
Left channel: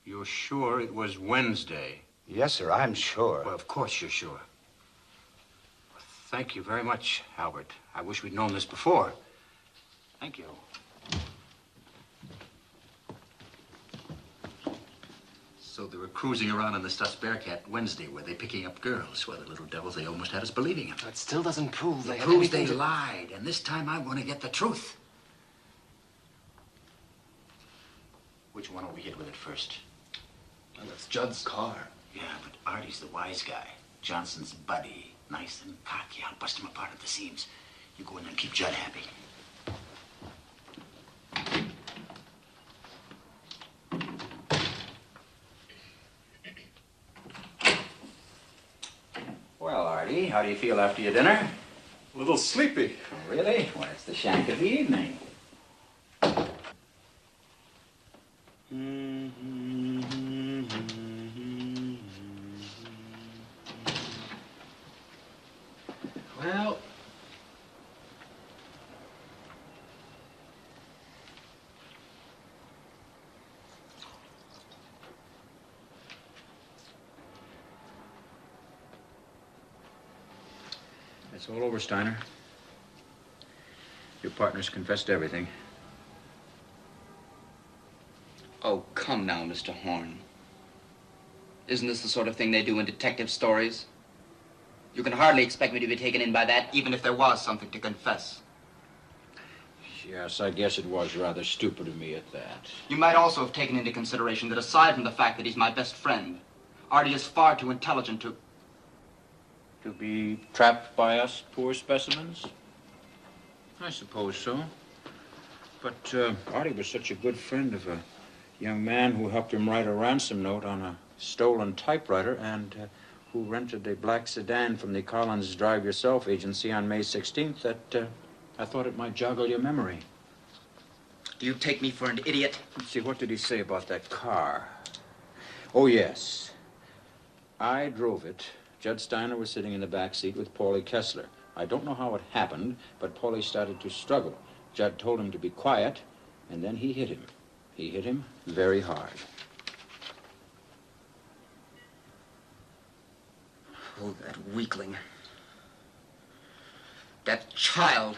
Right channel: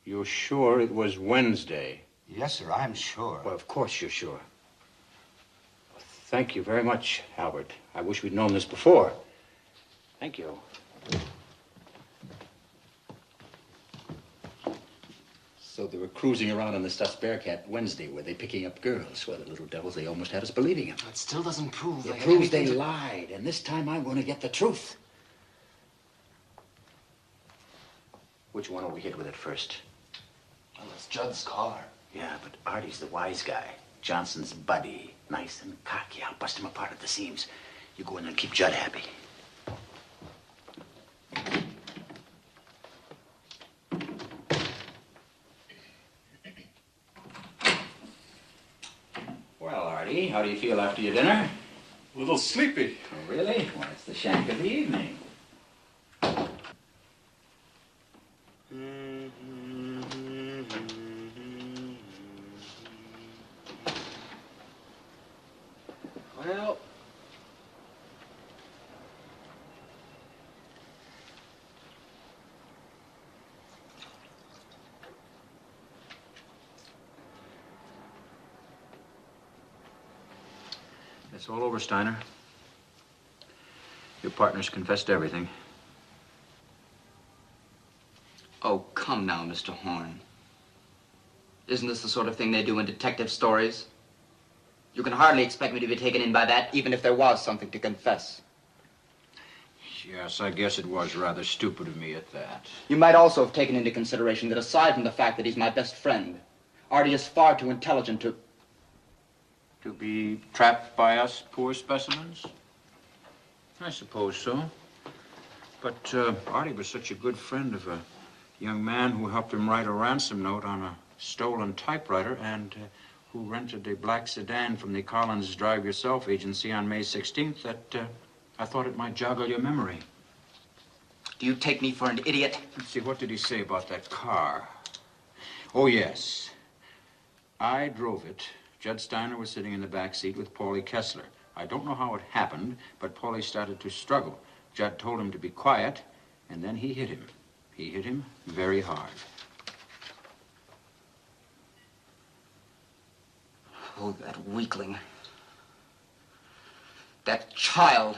You're sure it was Wednesday? Yes, sir, I'm sure. Well, of course you're sure. Thank you very much, Albert. I wish we'd known this before. Thank you. So they were cruising around in the Stutz Bearcat Wednesday. Were they picking up girls? Well, the little devils, they almost had us believing it. That still doesn't prove It proves they lied, and this time I'm going to get the truth. Which one will we hit with it first? Well, it's Judd's car. Yeah, but Artie's the wise guy. Johnson's buddy. Nice and cocky. I'll bust him apart at the seams. You go in there and keep Judd happy. Well, Artie, how do you feel after your dinner? A little sleepy. Oh, really? Well, it's the shank of the evening. Well... It's all over, Steiner. Your partner's confessed everything. Oh, come now, Mr. Horn. Isn't this the sort of thing they do in detective stories? You can hardly expect me to be taken in by that, even if there was something to confess. Yes, I guess it was rather stupid of me at that. You might also have taken into consideration that aside from the fact that he's my best friend, Artie is far too intelligent to... To be trapped by us poor specimens? I suppose so. But Artie was such a good friend of a young man who helped him write a ransom note on a stolen typewriter and who rented a black sedan from the Collins Drive Yourself agency on May 16th that I thought it might joggle your memory. Do you take me for an idiot? Let's see, what did he say about that car? Oh, yes. I drove it. Judd Steiner was sitting in the back seat with Paulie Kessler. I don't know how it happened, but Paulie started to struggle. Judd told him to be quiet, and then he hit him. He hit him very hard. Oh, that weakling. That child.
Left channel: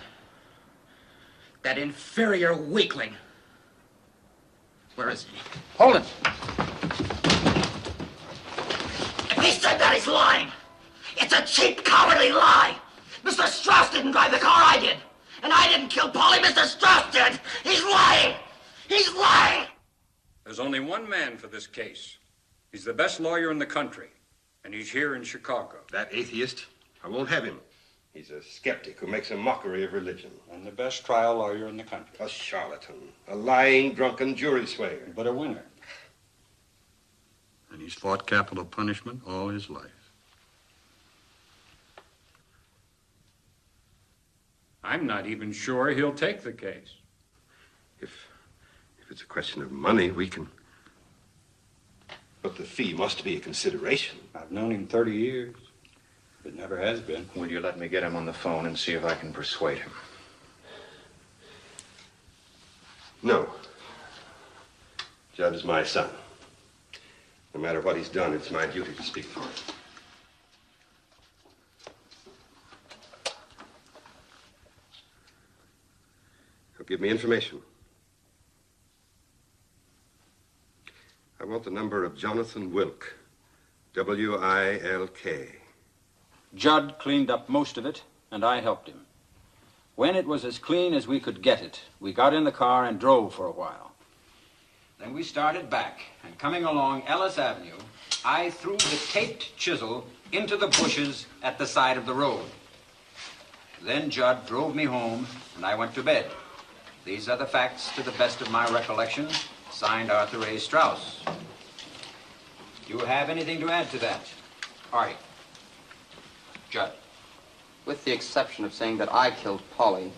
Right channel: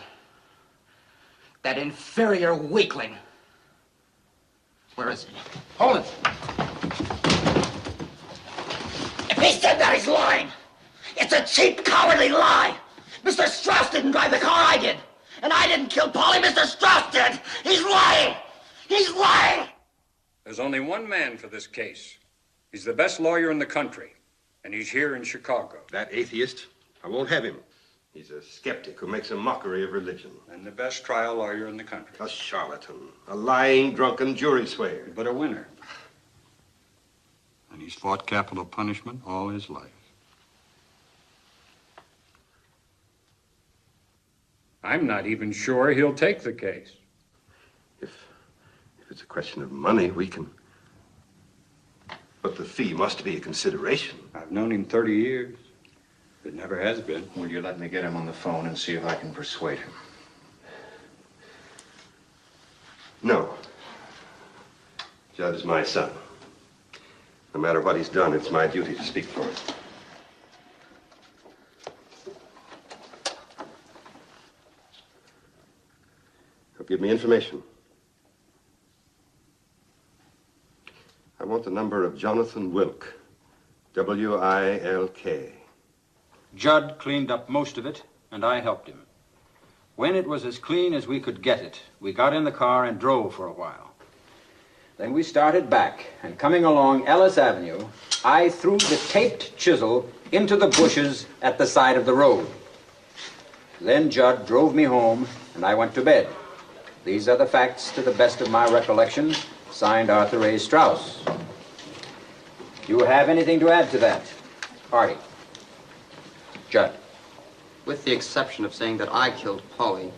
That inferior weakling. Where is he? Hold it! If he said that, he's lying. It's a cheap, cowardly lie. Mr. Strauss didn't drive the car, I did. And I didn't kill Paulie, Mr. Strauss did. He's lying. He's lying. There's only one man for this case. He's the best lawyer in the country, and he's here in Chicago. That atheist, I won't have him. He's a skeptic who makes a mockery of religion. And the best trial lawyer in the country. A charlatan, a lying, drunken jury swayer. But a winner. And he's fought capital punishment all his life. I'm not even sure he'll take the case. If it's a question of money, we can... But the fee must be a consideration. I've known him 30 years. It never has been. Will you let me get him on the phone and see if I can persuade him? No. Judd is my son. No matter what he's done, it's my duty to speak for him. He'll give me information. I want the number of Jonathan Wilk. W-I-L-K. Judd cleaned up most of it, and I helped him. When it was as clean as we could get it, we got in the car and drove for a while. Then we started back, and coming along Ellis Avenue, I threw the taped chisel into the bushes at the side of the road. Then Judd drove me home, and I went to bed. These are the facts to the best of my recollection. Signed, Artie Straus. Do you have anything to add to that? Artie. Judd. With the exception of saying that I killed Polly,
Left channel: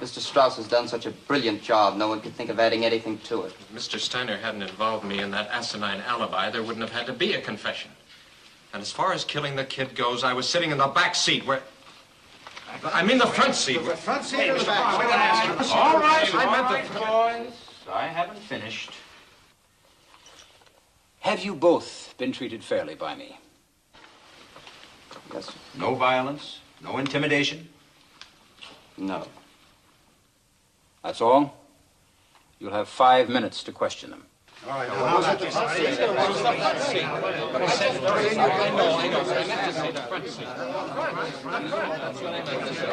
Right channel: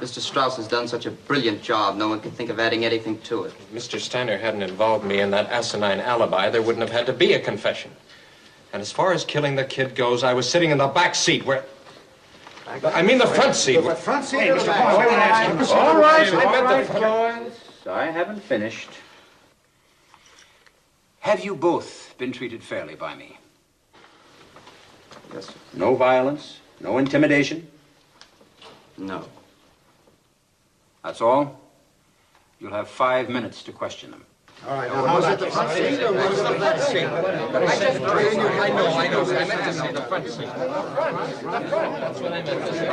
Mr. Straus has done such a brilliant job, no one can think of adding anything to it. If Mr. Steiner hadn't involved me in that asinine alibi, there wouldn't have had to be a confession. And as far as killing the kid goes, I was sitting in the back seat where... I mean the front seat. The front seat or the back seat? All right, boys. I haven't finished. Have you both been treated fairly by me? Yes, sir. No violence? No intimidation? No. That's all? You'll have 5 minutes to question them. All right, now, was it the front seat or was it the back seat? I know. I meant to say the front seat. That's what I meant to say.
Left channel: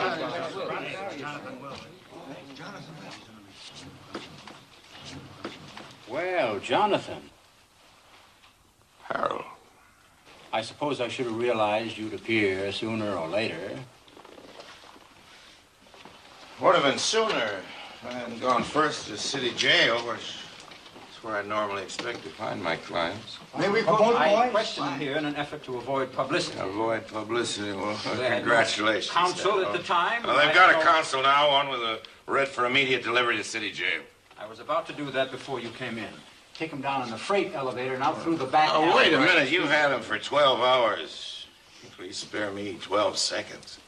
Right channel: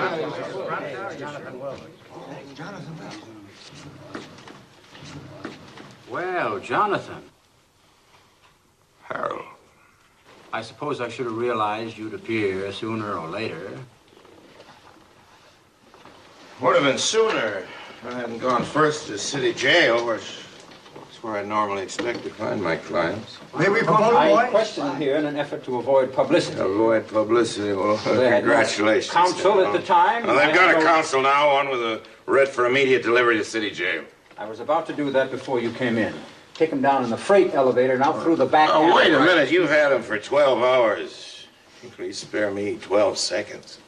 Jonathan Wells. Jonathan Wells. Well, Jonathan. Harold. I suppose I should have realized you'd appear sooner or later. Would have been sooner if I hadn't gone first to the city jail, which is where I normally expect to find my clients. May we promote I questioned here in an effort to avoid publicity. Avoid publicity? Well, They had no congratulations. counsel at the time. Well, they've got a counsel now, one with a writ for immediate delivery to city jail. I was about to do that before you came in. Take him down in the freight elevator and out through the back. Oh, wait a alley. minute. You've had him for 12 hours. Please spare me 12 seconds.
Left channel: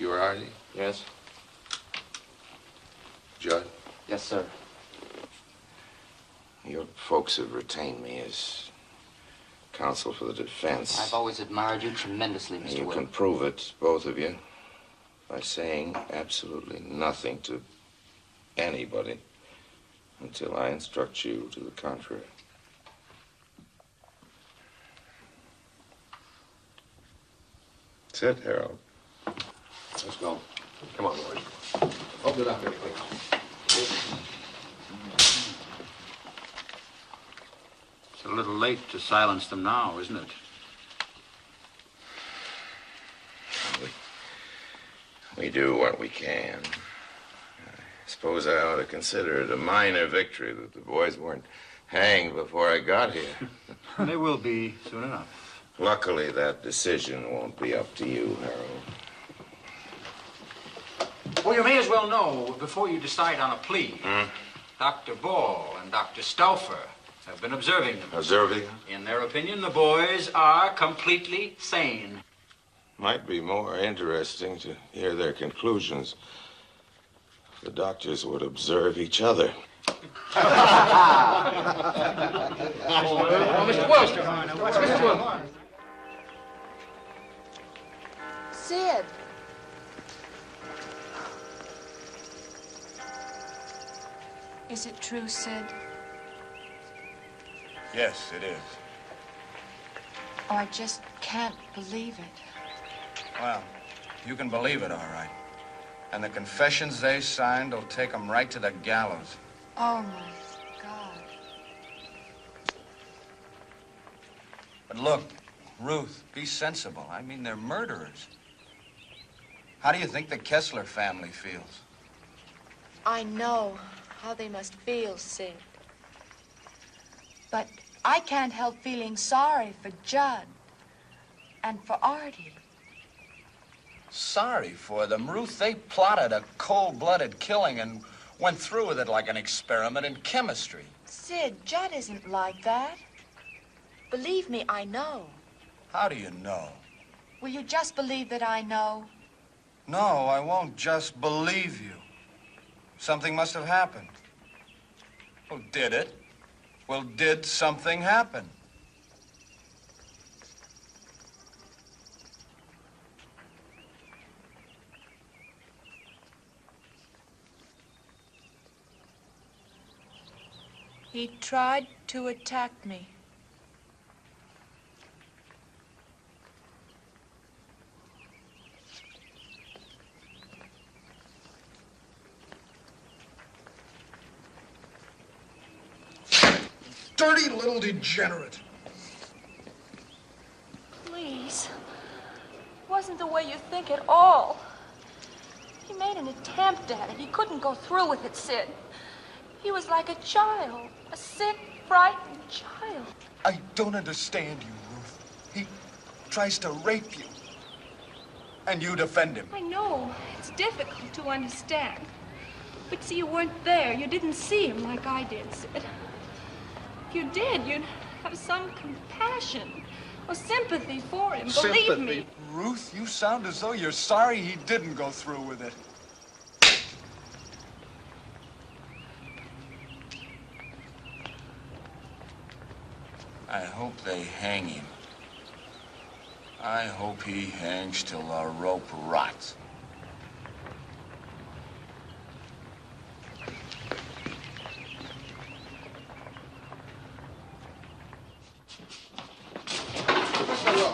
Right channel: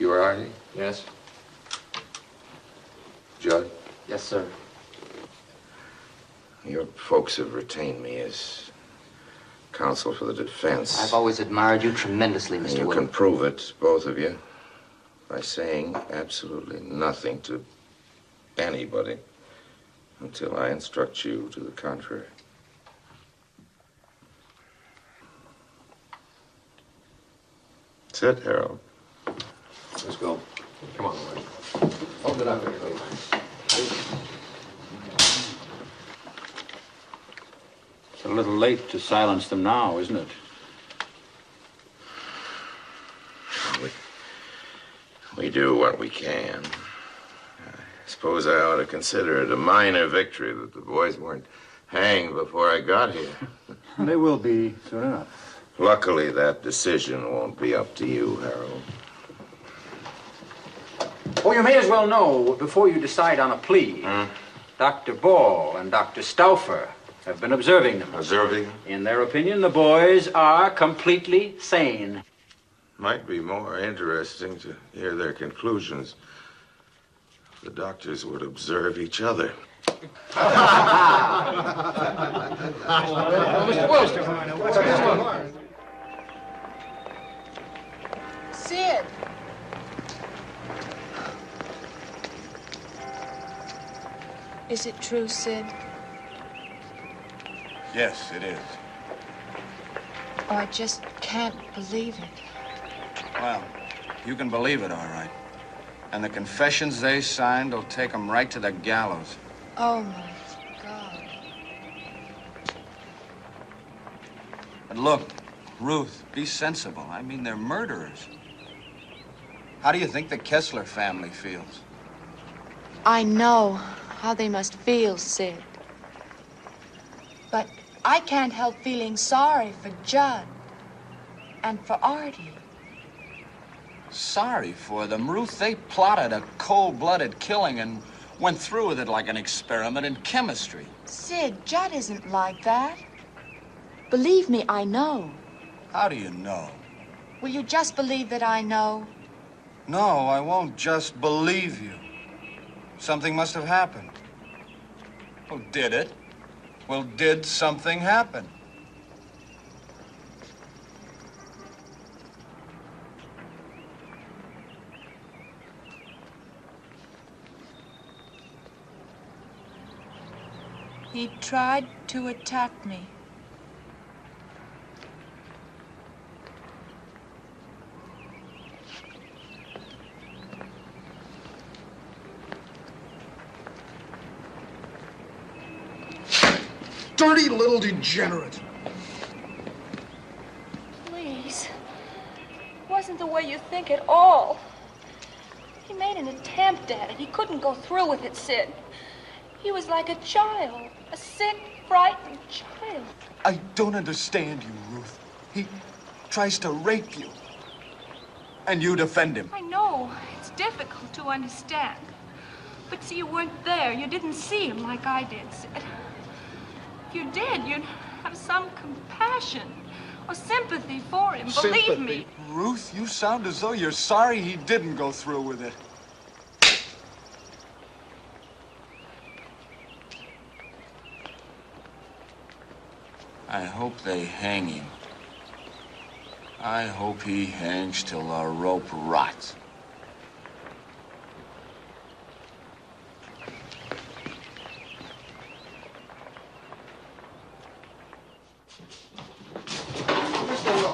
You are Artie? Yes. Judd? Yes, sir. Your folks have retained me as counsel for the defense. I've always admired you tremendously, Mr. You Will. can prove it, both of you, by saying absolutely nothing to anybody until I instruct you to the contrary. That's it, Harold. Let's go. Come on, boy. Hold it up, please. It's a little late to silence them now, isn't it? We do what we can. I suppose I ought to consider it a minor victory that the boys weren't hanged before I got here. They will be soon enough. Luckily, that decision won't be up to you, Harold. Oh, you may as well know, before you decide on a plea, Dr. Ball and Dr. Stauffer have been observing them. Observing? In their opinion, the boys are completely sane. Might be more interesting to hear their conclusions. The doctors would observe each other. Mr. Wells. Sid. Is it true, Sid? Yes, it is. Oh, I just can't believe it. Well, you can believe it, all right. And the confessions they signed will take them right to the gallows. Oh, my God. But look, Ruth, be sensible. I mean, they're murderers. How do you think the Kessler family feels? I know how they must feel, Sid. But I can't help feeling sorry for Judd and for Artie. Sorry for them, Ruth. They plotted a cold-blooded killing and went through with it like an experiment in chemistry. Sid, Judd isn't like that. Believe me, I know. How do you know? Will you just believe that I know? No, I won't just believe you. Something must have happened. Well, did it? Well, did something happen? He tried to attack me. Dirty little degenerate. Please. It wasn't the way you think at all. He made an attempt at it. He couldn't go through with it, Sid. He was like a child, a sick, frightened child. I don't understand you, Ruth. He tries to rape you. And you defend him. I know. It's difficult to understand. But see, you weren't there. You didn't see him like I did, Sid. If you did, you'd have some compassion or sympathy for him. Believe me. Ruth, you sound as though you're sorry he didn't go through with it. I hope they hang him. I hope he hangs till the rope rots.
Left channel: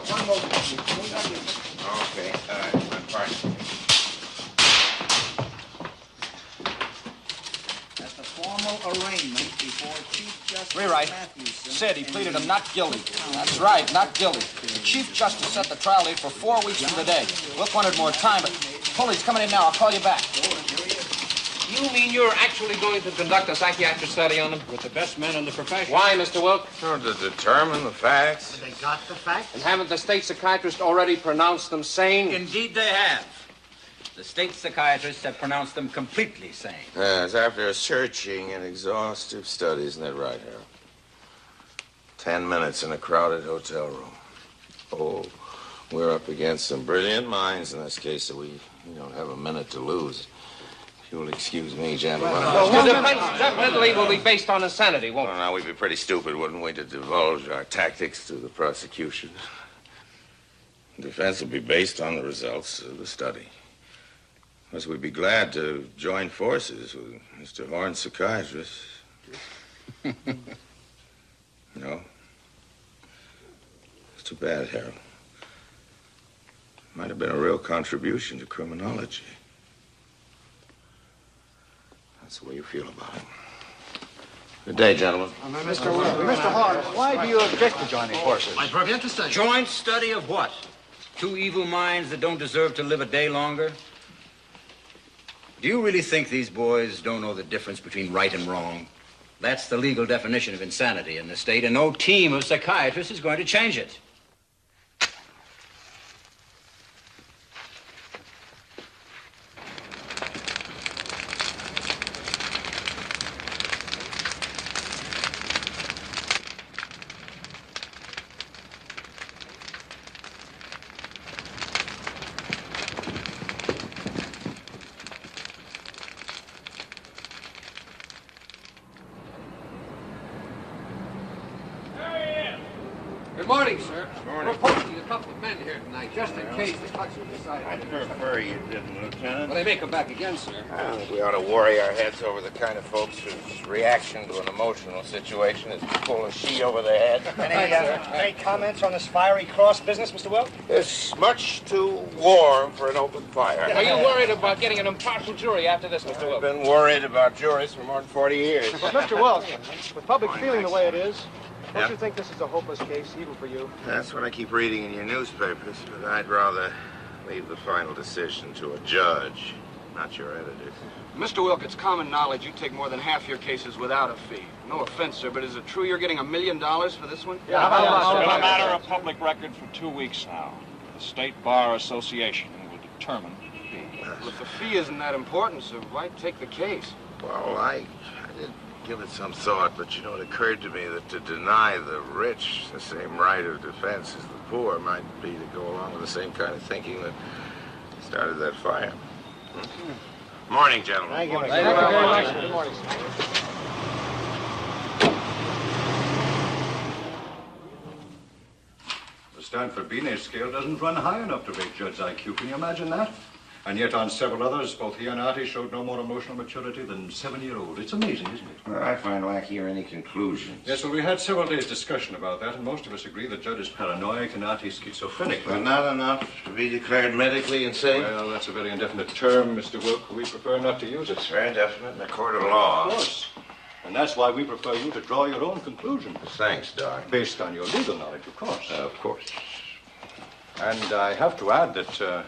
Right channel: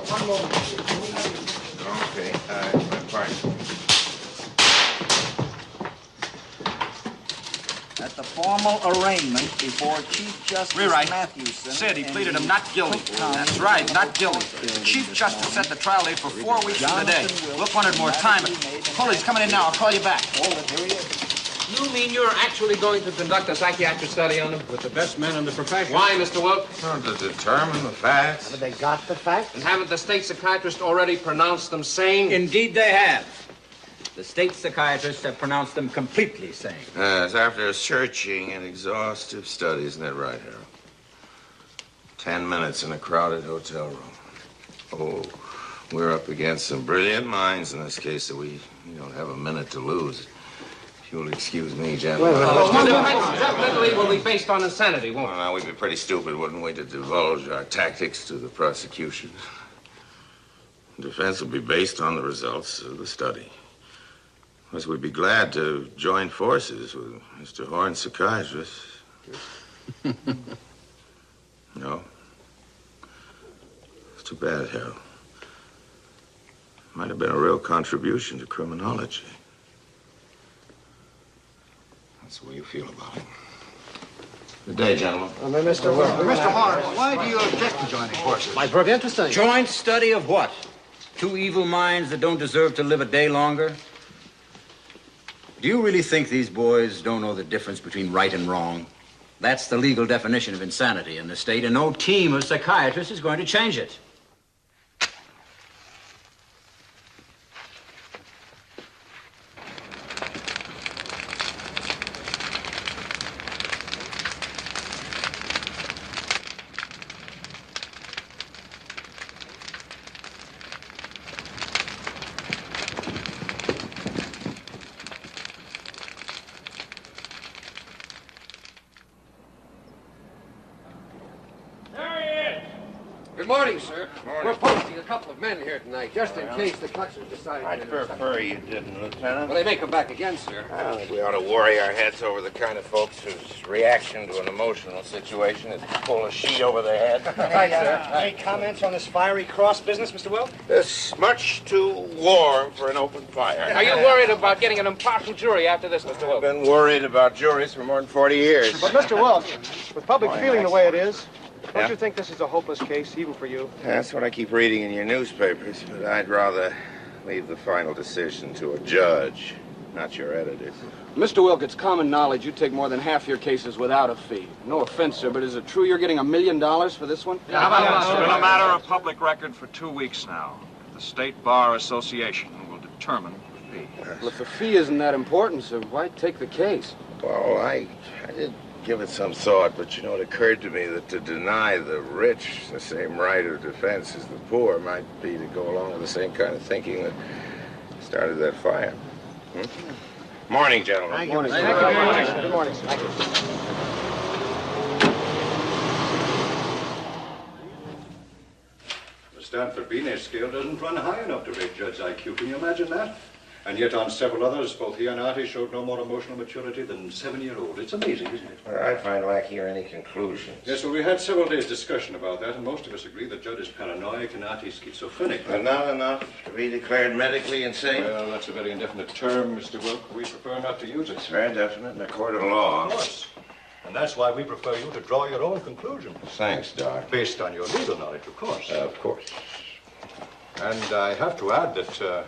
One moment, please. Okay, I'm fine. At the formal arraignment before Chief Justice Rewrite. Matthewson... Said he pleaded him not guilty. That's right, not guilty. Chief Justice set the trial date for 4 weeks from today. Look, wanted more time, but Pulley's coming in now. I'll call you back. You mean you're actually going to conduct a psychiatric study on them? With the best men in the profession. Why, Mr. Wilk? To determine the facts. But they got the facts? And haven't the state psychiatrists already pronounced them sane? Indeed they have. The state psychiatrists have pronounced them completely sane. Yes, after searching and exhaustive study, isn't that right, Harold? 10 minutes in a crowded hotel room. Oh, we're up against some brilliant minds in this case, so we don't have a minute to lose. If you'll excuse me, gentlemen. Definitely will be based on insanity, won't it? Well, now, we'd be pretty stupid, wouldn't we, to divulge our tactics to the prosecution. The defense will be based on the results of the study. Plus, we'd be glad to join forces with Mr. Horn's psychiatrist. No? It's too bad, Harold. Might have been a real contribution to criminology. That's the way you feel about it. Good day, gentlemen. Mr. Horn, why do you object to joining forces? My very interesting. Joint study of what? Two evil minds that don't deserve to live a day longer? Do you really think these boys don't know the difference between right and wrong? That's the legal definition of insanity in the state, and no team of psychiatrists is going to change it. Good morning, sir. We're posting a couple of men here tonight, just in case the Cluxers decide... I'd prefer you didn't, Lieutenant. Well, they may come back again, sir. I don't think we ought to worry our heads over the kind of folks whose reaction to an emotional situation is to pull a sheet over their head. Any comments on this fiery cross business, Mr. Wilk? It's much too warm for an open fire. Are you worried about getting an impartial jury after this, Mr. Wilk? I've been worried about juries for more than 40 years. But, Mr. Wilk, with public feeling the way it is, Yeah? don't you think this is a hopeless case, even for you? That's what I keep reading in your newspapers, but I'd rather leave the final decision to a judge, not your editors. Mr. Wilk, it's common knowledge you take more than half your cases without a fee. No offense, sir, but is it true you're getting $1 million for this one? It's been a matter of public record for 2 weeks now. The State Bar Association will determine the fee. Well, if the fee isn't that important, sir, why take the case? Well, I did give it some thought, but it occurred to me that to deny the rich the same right of defense as the poor might be to go along with the same kind of thinking that started that fire. Morning, gentlemen. Thank you very much. Good morning, sir. Stanford Binet scale doesn't run high enough to rate Judd's IQ. Can you imagine that? And yet on several others, both he and Artie showed no more emotional maturity than 7-year-old. It's amazing, isn't it? Well, I find lack here any conclusions. Yes, well, we had several days' discussion about that, and most of us agree that Judd is paranoid and Artie schizophrenic. But not enough to be declared medically insane? Well, that's a very indefinite term, Mr. Wilk. We prefer not to use it. It's very definite in a court of law. Of course. And that's why we prefer you to draw your own conclusions. Thanks, Doc. Based on your legal knowledge, of course. Of course. And I have to add that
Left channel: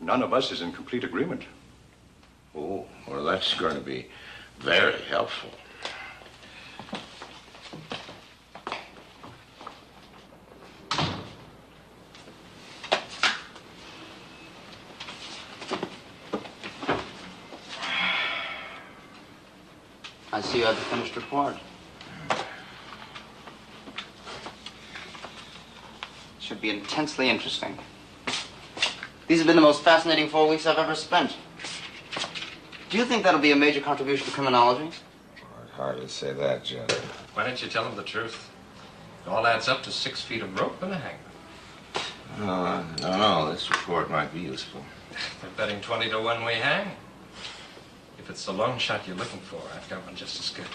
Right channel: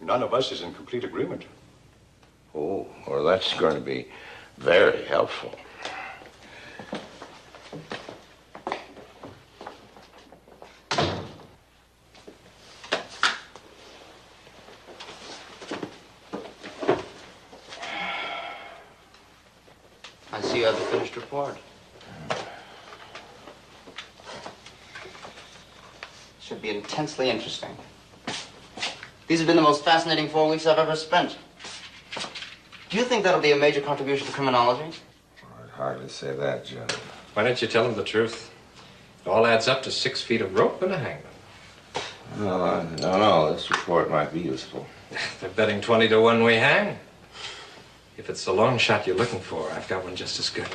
none of us is in complete agreement. Oh, well, that's going to be very helpful. I see you have the finished report. Should be intensely interesting. These have been the most fascinating 4 weeks I've ever spent. Do you think that'll be a major contribution to criminology? I'd hardly say that, John. Why don't you tell him the truth? It all adds up to 6 feet of rope and a hangman. No, this report might be useful. They're betting 20 to 1 we hang. If it's the long shot you're looking for, I've got one just as good.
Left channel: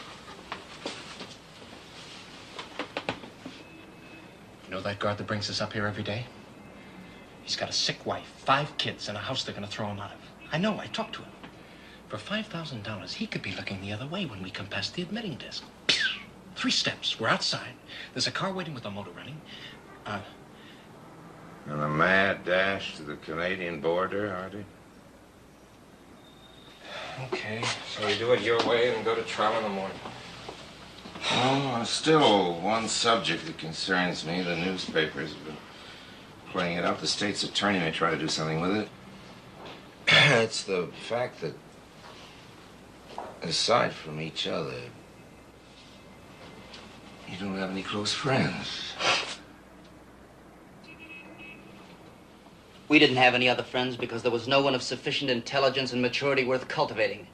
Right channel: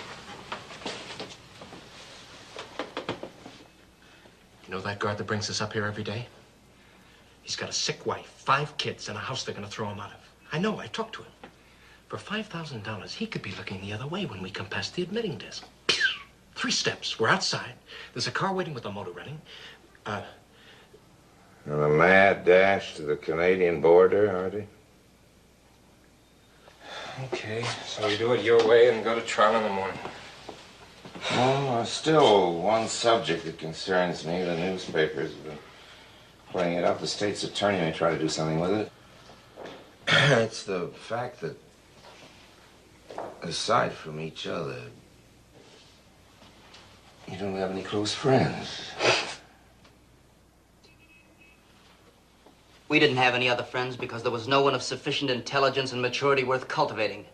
You know that guard that brings us up here every day? He's got a sick wife, 5 kids, and a house they're going to throw him out of. I know, I talked to him. For $5,000, he could be looking the other way when we come past the admitting desk. 3 steps, we're outside. There's a car waiting with a motor running. And a mad dash to the Canadian border, Artie? Okay, so we do it your way and go to trial in the morning. Oh, still one subject that concerns me. The newspapers have been playing it up. The state's attorney may try to do something with it. It's the fact that, aside from each other, you don't have any close friends. We didn't have any other friends because there was no one of sufficient intelligence and maturity worth cultivating.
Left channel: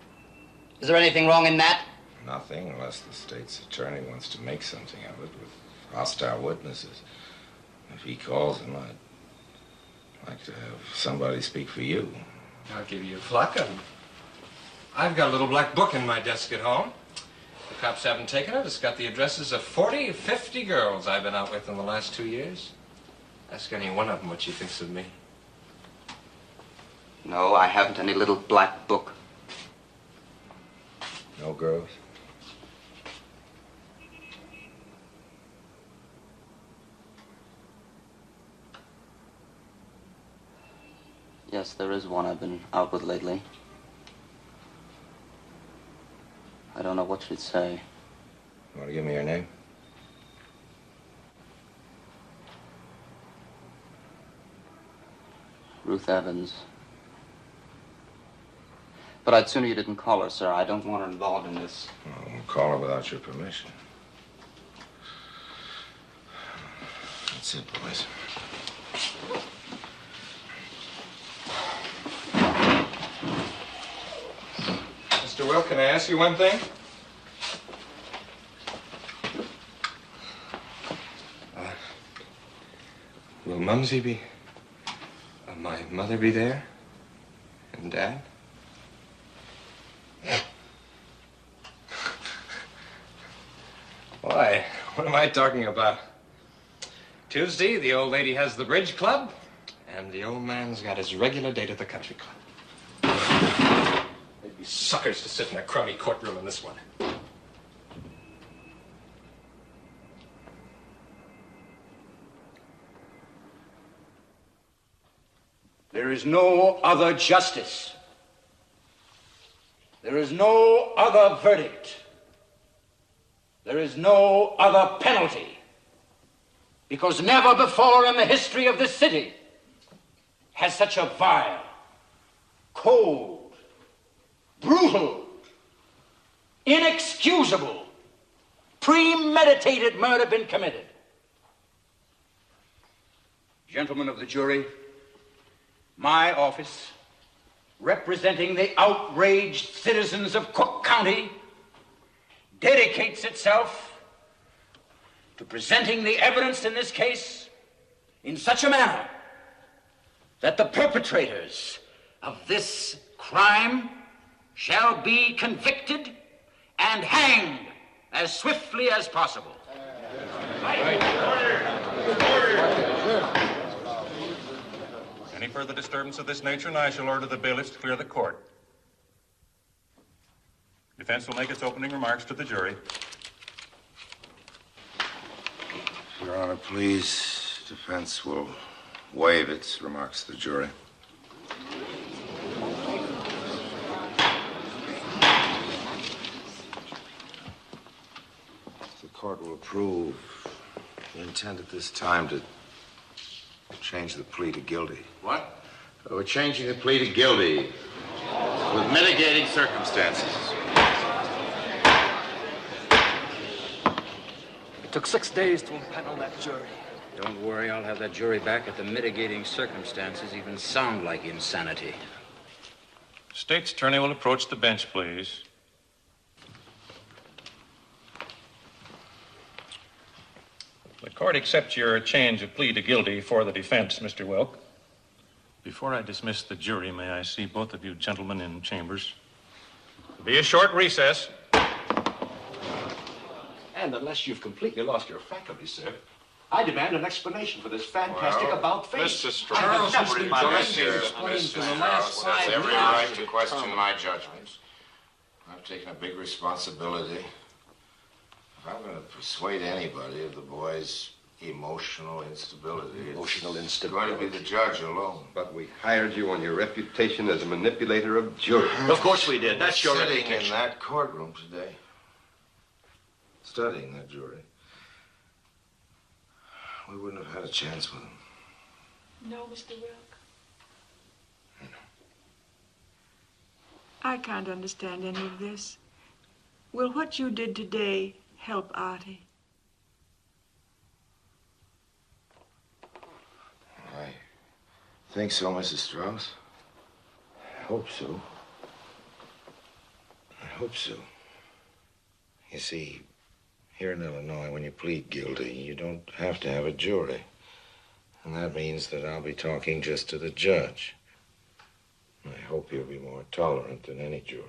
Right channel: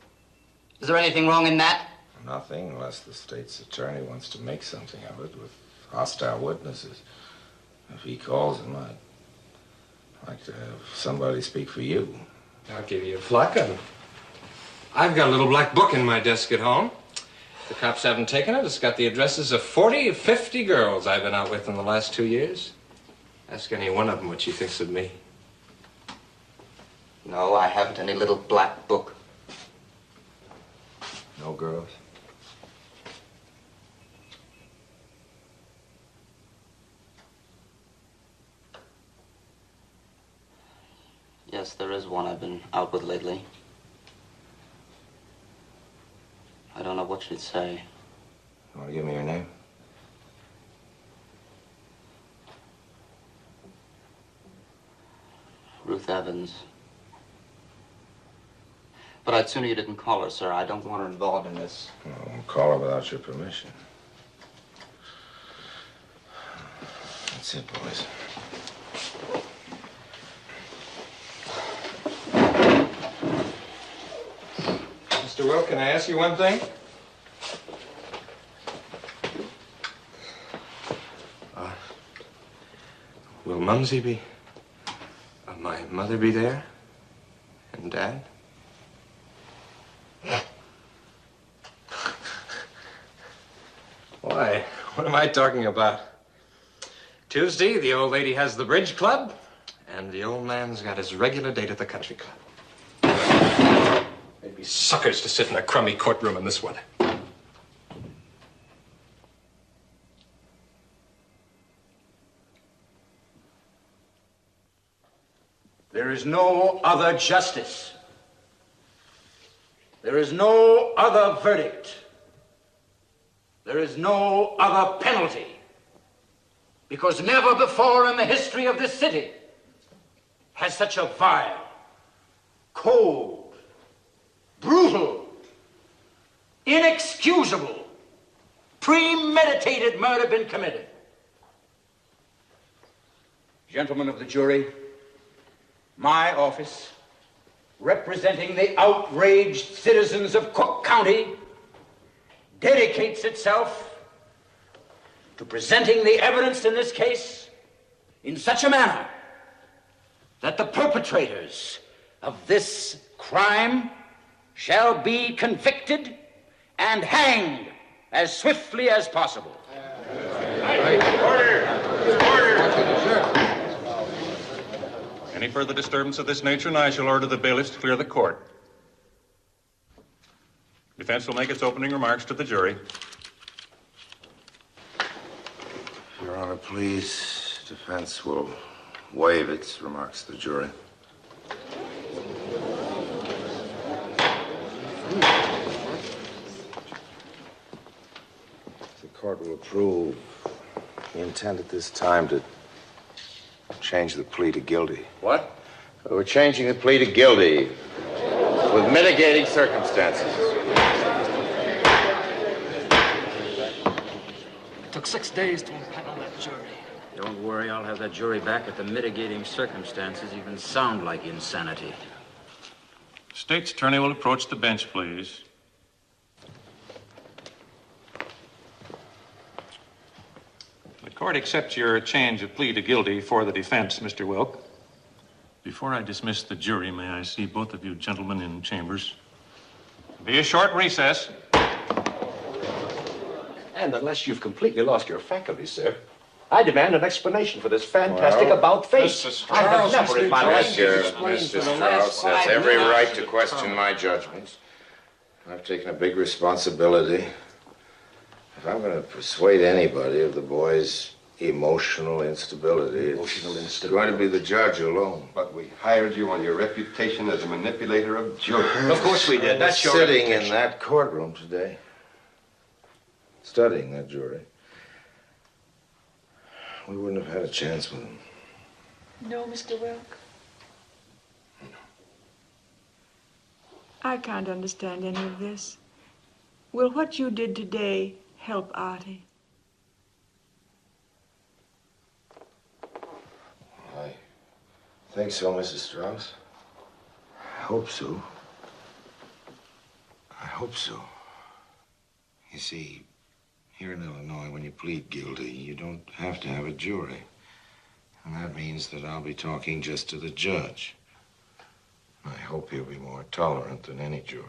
Is there anything wrong in that? Nothing, unless the state's attorney wants to make something of it with hostile witnesses. If he calls him, I'd like to have somebody speak for you. I'll give you a pluck. I've got a little black book in my desk at home. The cops haven't taken it. It's got the addresses of 40 or 50 girls I've been out with in the last 2 years. Ask any one of them what she thinks of me. No, I haven't any little black book. No girls? Yes, there is one I've been out with lately. I don't know what she'd say. You want to give me her name? Ruth Evans. But I'd sooner you didn't call her, sir. I don't want her involved in this. I won't call her without your permission. That's it, boys. Mr. Will, can I ask you one thing? Will Mumsy be... my mother be there? And Dad? Why? What am I talking about? Tuesday, the old lady has the bridge club, and the old man's got his regular date at the country club. They'd be suckers to sit in a crummy courtroom in this weather. There is no other justice. There is no other verdict. There is no other penalty. Because never before in the history of this city has such a vile, cold, brutal, inexcusable, premeditated murder been committed. Gentlemen of the jury, my office, representing the outraged citizens of Cook County, dedicates itself to presenting the evidence in this case in such a manner that the perpetrators of this crime shall be convicted and hanged as swiftly as possible. Any further disturbance of this nature, and I shall order the bailiffs to clear the court. Defense will make its opening remarks to the jury. Your Honor, please. Defense will waive its remarks to the jury. The court will approve. We intend at this time to change the plea to guilty. What? We're changing the plea to guilty with mitigating circumstances. It took 6 days to impanel that jury. Don't worry, I'll have that jury back at the mitigating circumstances even sound like insanity. State's attorney will approach the bench, please. The court accepts your change of plea to guilty for the defense, Mr. Wilk. Before I dismiss the jury, may I see both of you gentlemen in chambers? Be a short recess. And unless you've completely lost your faculties, sir, I demand an explanation for this fantastic about-face. Mr. I have Straus, never in my life Mr. Straus has every right to question my judgments. I've taken a big responsibility. If I'm going to persuade anybody of the boy's emotional instability, it's going to be the judge alone. But we hired you on your reputation as a manipulator of jurors. Of course we did. That's your Sitting in reputation. that courtroom today, studying that jury, we wouldn't have had a chance with him. No, Mr. Wilk. I can't understand any of this. Will what you did today help Artie? I think so, Mrs. Straus. I hope so. I hope so. You see, here in Illinois, when you plead guilty, you don't have to have a jury. And that means that I'll be talking just to the judge. I hope he'll be more tolerant than any jury.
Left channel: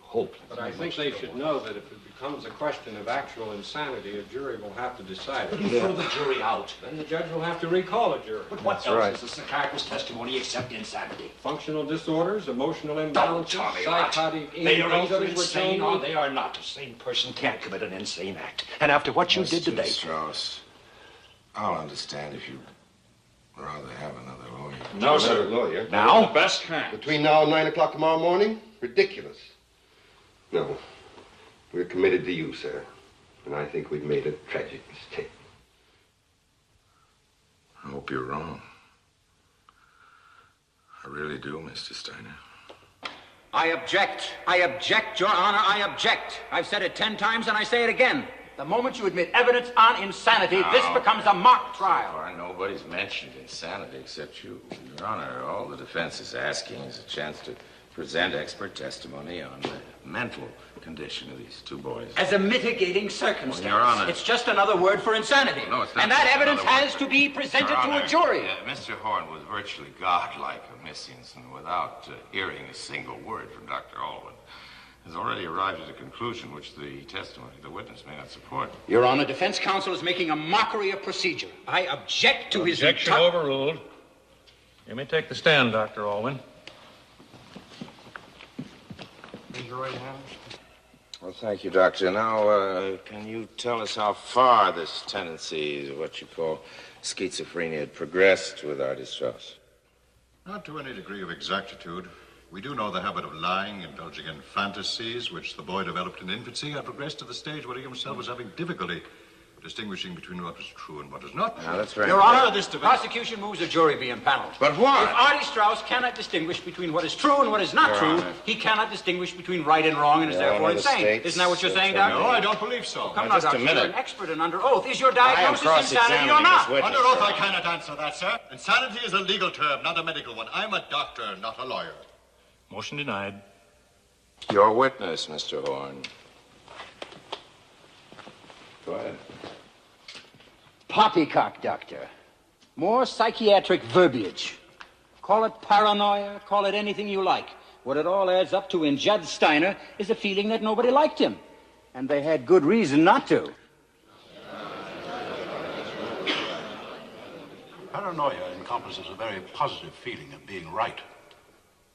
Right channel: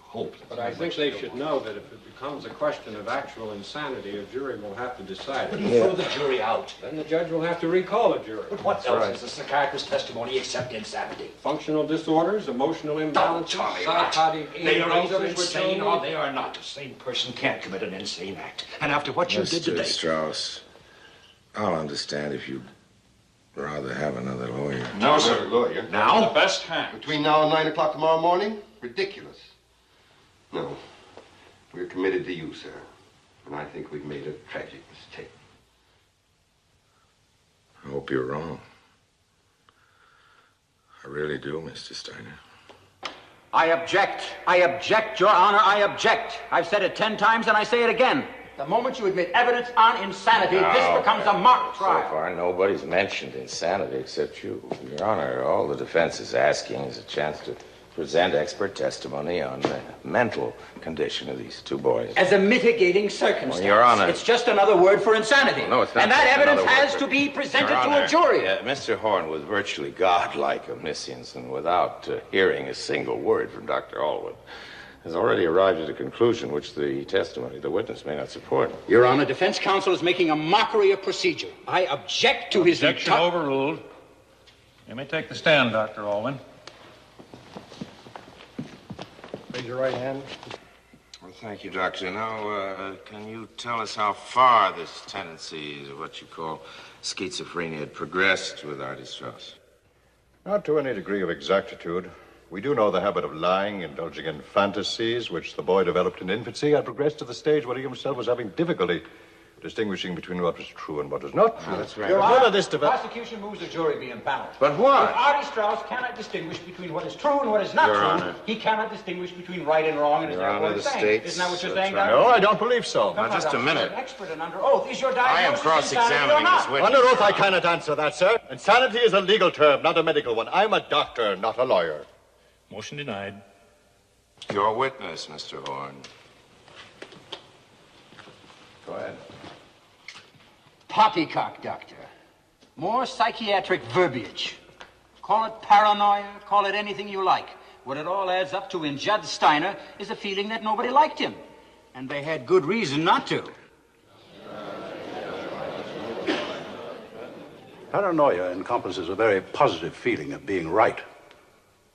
Hope. But I think they should know that if it becomes a question of actual insanity, a jury will have to decide. But you throw the jury out. Then the judge will have to recall a jury. But what else is the psychiatrist's testimony except insanity? Functional disorders, emotional imbalances, tell me psychotic They are either injuries, which insane only- or they are not. A sane person can't commit an insane act. And after what you did today... Mr. Straus, I'll understand if you'd rather have another lawyer. No, sir. Lawyer. Now? The best kind. Between now and 9 o'clock tomorrow morning? Ridiculous. No. We're committed to you, sir. And I think we've made a tragic mistake. I hope you're wrong. I really do, Mr. Steiner. I object. I object, Your Honor. I object. I've said it 10 times and I say it again. The moment you admit evidence on insanity, this becomes a mock trial. So far, nobody's mentioned insanity except you. Your Honor, all the defense is asking is a chance to present expert testimony on the mental condition of these two boys. As a mitigating circumstance. Well, Your Honor. It's just another word for insanity. No, it's not. And that just evidence another has word to for- be presented Your to Honor, a jury. Mr. Horn was virtually godlike omniscience, and without hearing a single word from Dr. Allwood, has already arrived at a conclusion which the testimony of the witness may not support. Your Honor, defense counsel is making a mockery of procedure. I object to his... Objection overruled. You may take the stand, Dr. Allwyn. Raise your right hand. Well, thank you, Doctor. Now, can you tell us how far this tendency, what you call schizophrenia, had progressed with Artie Straus? Not to any degree of exactitude. We do know the habit of lying, indulging in fantasies, which the boy developed in infancy, had progressed to the stage where he himself was having difficulty distinguishing between what was true and what was not. Now, that's right. Your Honor, the prosecution moves a jury be impaneled. But why? If Artie Straus cannot distinguish between what is true and what is not Your true, Honor. he cannot distinguish between right and wrong and is Your therefore Honor, the insane. state's Isn't that what you're saying, attorney- Doctor? No, I don't believe so. Come Now, on, just a Doctor, minute. you're an expert and under oath. Is your I am diagnosis insanity or cross-examining not? this witness. Under oath, I cannot answer that, sir. Insanity is a legal term, not a medical one. I'm a doctor, not a lawyer. Motion denied. Your witness, Mr. Horn. Go ahead. poppycock, Doctor. More psychiatric verbiage. Call it paranoia, call it anything you like. What it all adds up to in Judd Steiner is a feeling that nobody liked him. And they had good reason not to. Paranoia encompasses a very positive feeling of being right,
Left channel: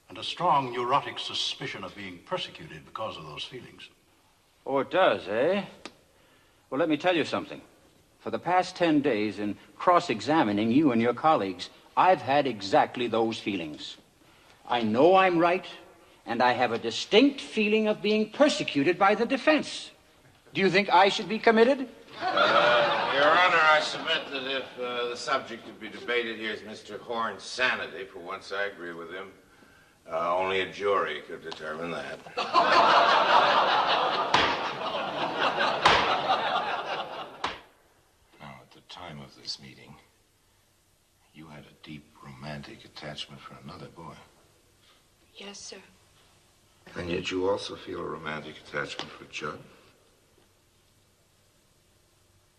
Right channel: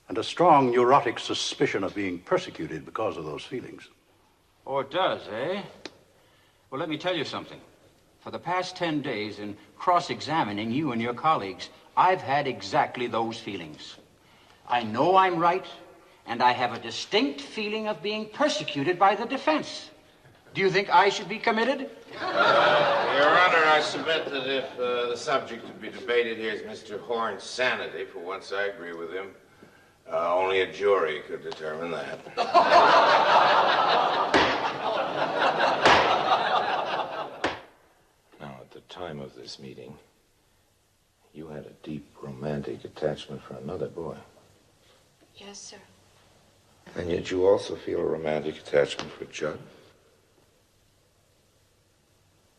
and a strong neurotic suspicion of being persecuted because of those feelings. Oh, it does, eh? Well, let me tell you something. For the past 10 days, in cross-examining you and your colleagues, I've had exactly those feelings. I know I'm right, and I have a distinct feeling of being persecuted by the defense. Do you think I should be committed? Your Honor, I submit that if the subject to be debated here is Mr. Horn's sanity, for once I agree with him, only a jury could determine that. Now, at the time of this meeting, you had a deep romantic attachment for another boy. Yes, sir. And yet you also feel a romantic attachment for Judd?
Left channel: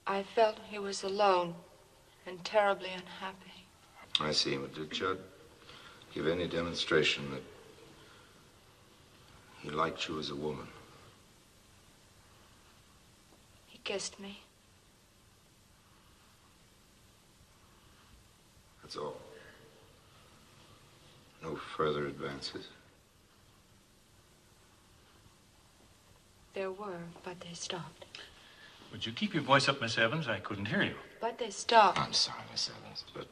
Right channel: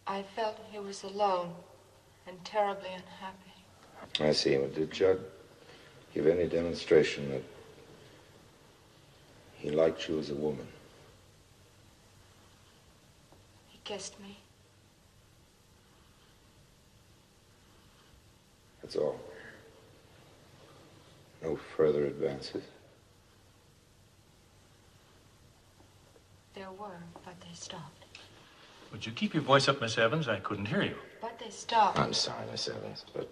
I felt he was alone and terribly unhappy. I see. But did Judd give any demonstration that he liked you as a woman? He kissed me. That's all. No further advances? There were, but they stopped. Would you keep your voice up, Miss Evans? I couldn't hear you. But they stopped. I'm sorry, Miss Evans, but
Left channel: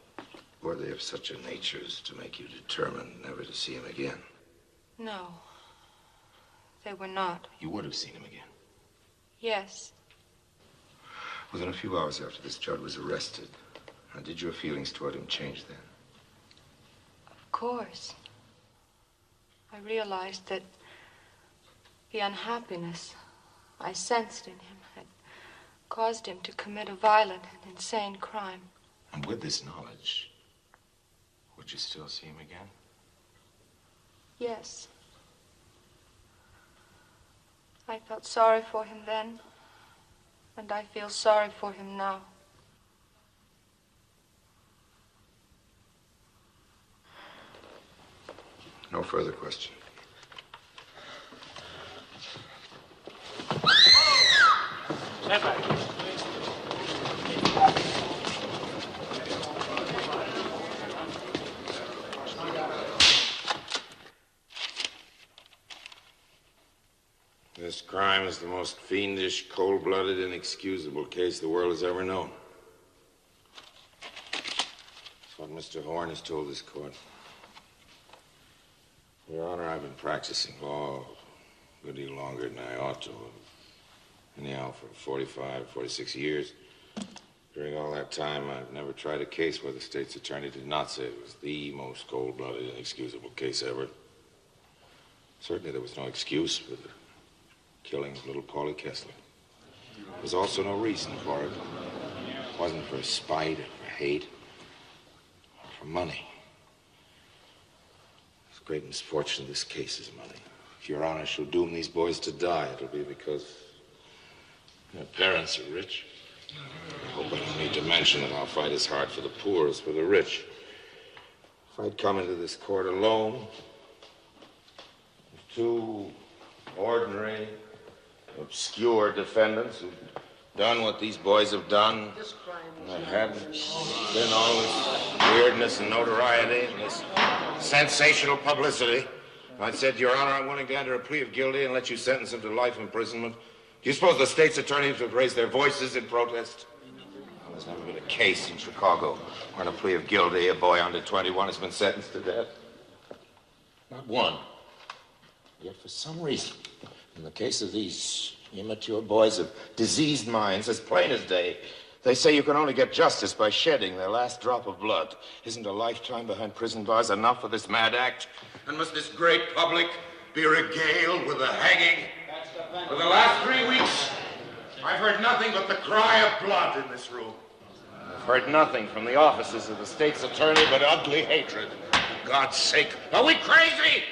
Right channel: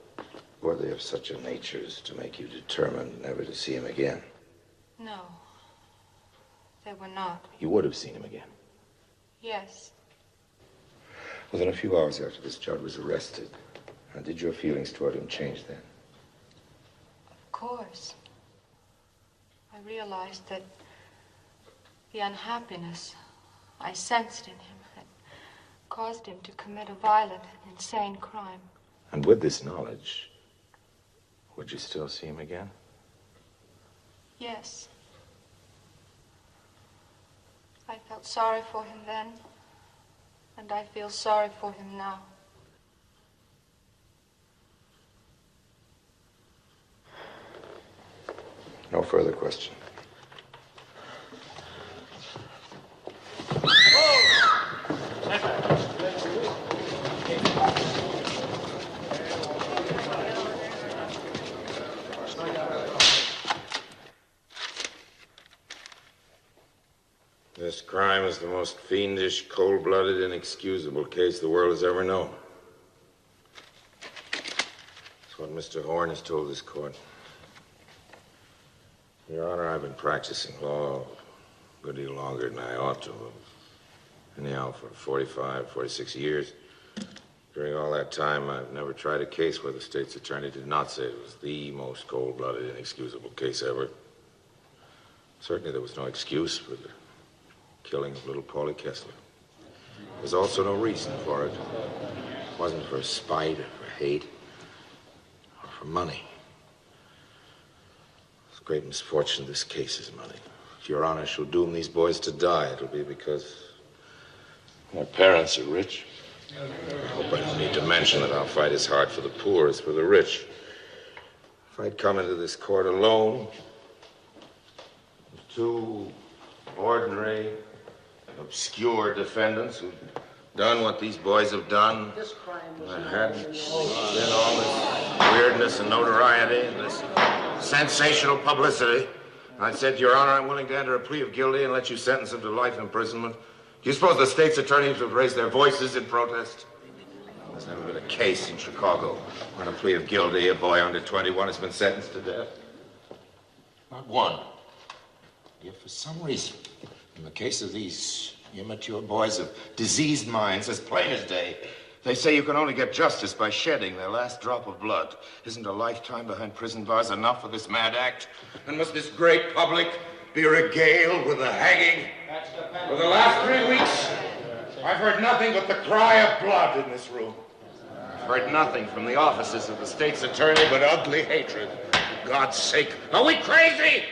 were they of such a nature as to make you determined never to see him again? No, they were not. You would have seen him again. Yes. Within a few hours after this, Judd was arrested. How did your feelings toward him change then? Of course. I realized that the unhappiness I sensed in him had caused him to commit a violent and insane crime. And with this knowledge, would you still see him again? Yes. I felt sorry for him then, and I feel sorry for him now. No further question. This crime is the most fiendish, cold-blooded, inexcusable case the world has ever known. That's what Mr. Horn has told this court. Your Honor, I've been practicing law a good deal longer than I ought to have. Anyhow, for 45, 46 years. During all that time, I've never tried a case where the state's attorney did not say it was the most cold-blooded, inexcusable case ever. Certainly there was no excuse for the killing of little Paulie Kessler. There was also no reason for it. It wasn't for spite or for hate or for money. The great misfortune of this case is money. If Your Honor shall doom these boys to die, it'll be because their parents are rich. I hope I don't need to mention that our fight is hard for the poor as for the rich. If I'd come into this court alone, with two ordinary, obscure defendants who've done what these boys have done, and there hadn't been all this weirdness and notoriety and this sensational publicity, I said, Your Honor, I'm willing to enter a plea of guilty and let you sentence him to life imprisonment. Do you suppose the state's attorneys would raise their voices in protest? There's never been a case in Chicago where on a plea of guilty, a boy under 21 has been sentenced to death. Not one. Yet for some reason, in the case of these immature boys of diseased minds, as plain as day, they say you can only get justice by shedding their last drop of blood. Isn't a lifetime behind prison bars enough for this mad act? And must this great public be regaled with the hanging? For the last 3 weeks, I've heard nothing but the cry of blood in this room. I've heard nothing from the offices of the state's attorney but ugly hatred. For God's sake, are we crazy?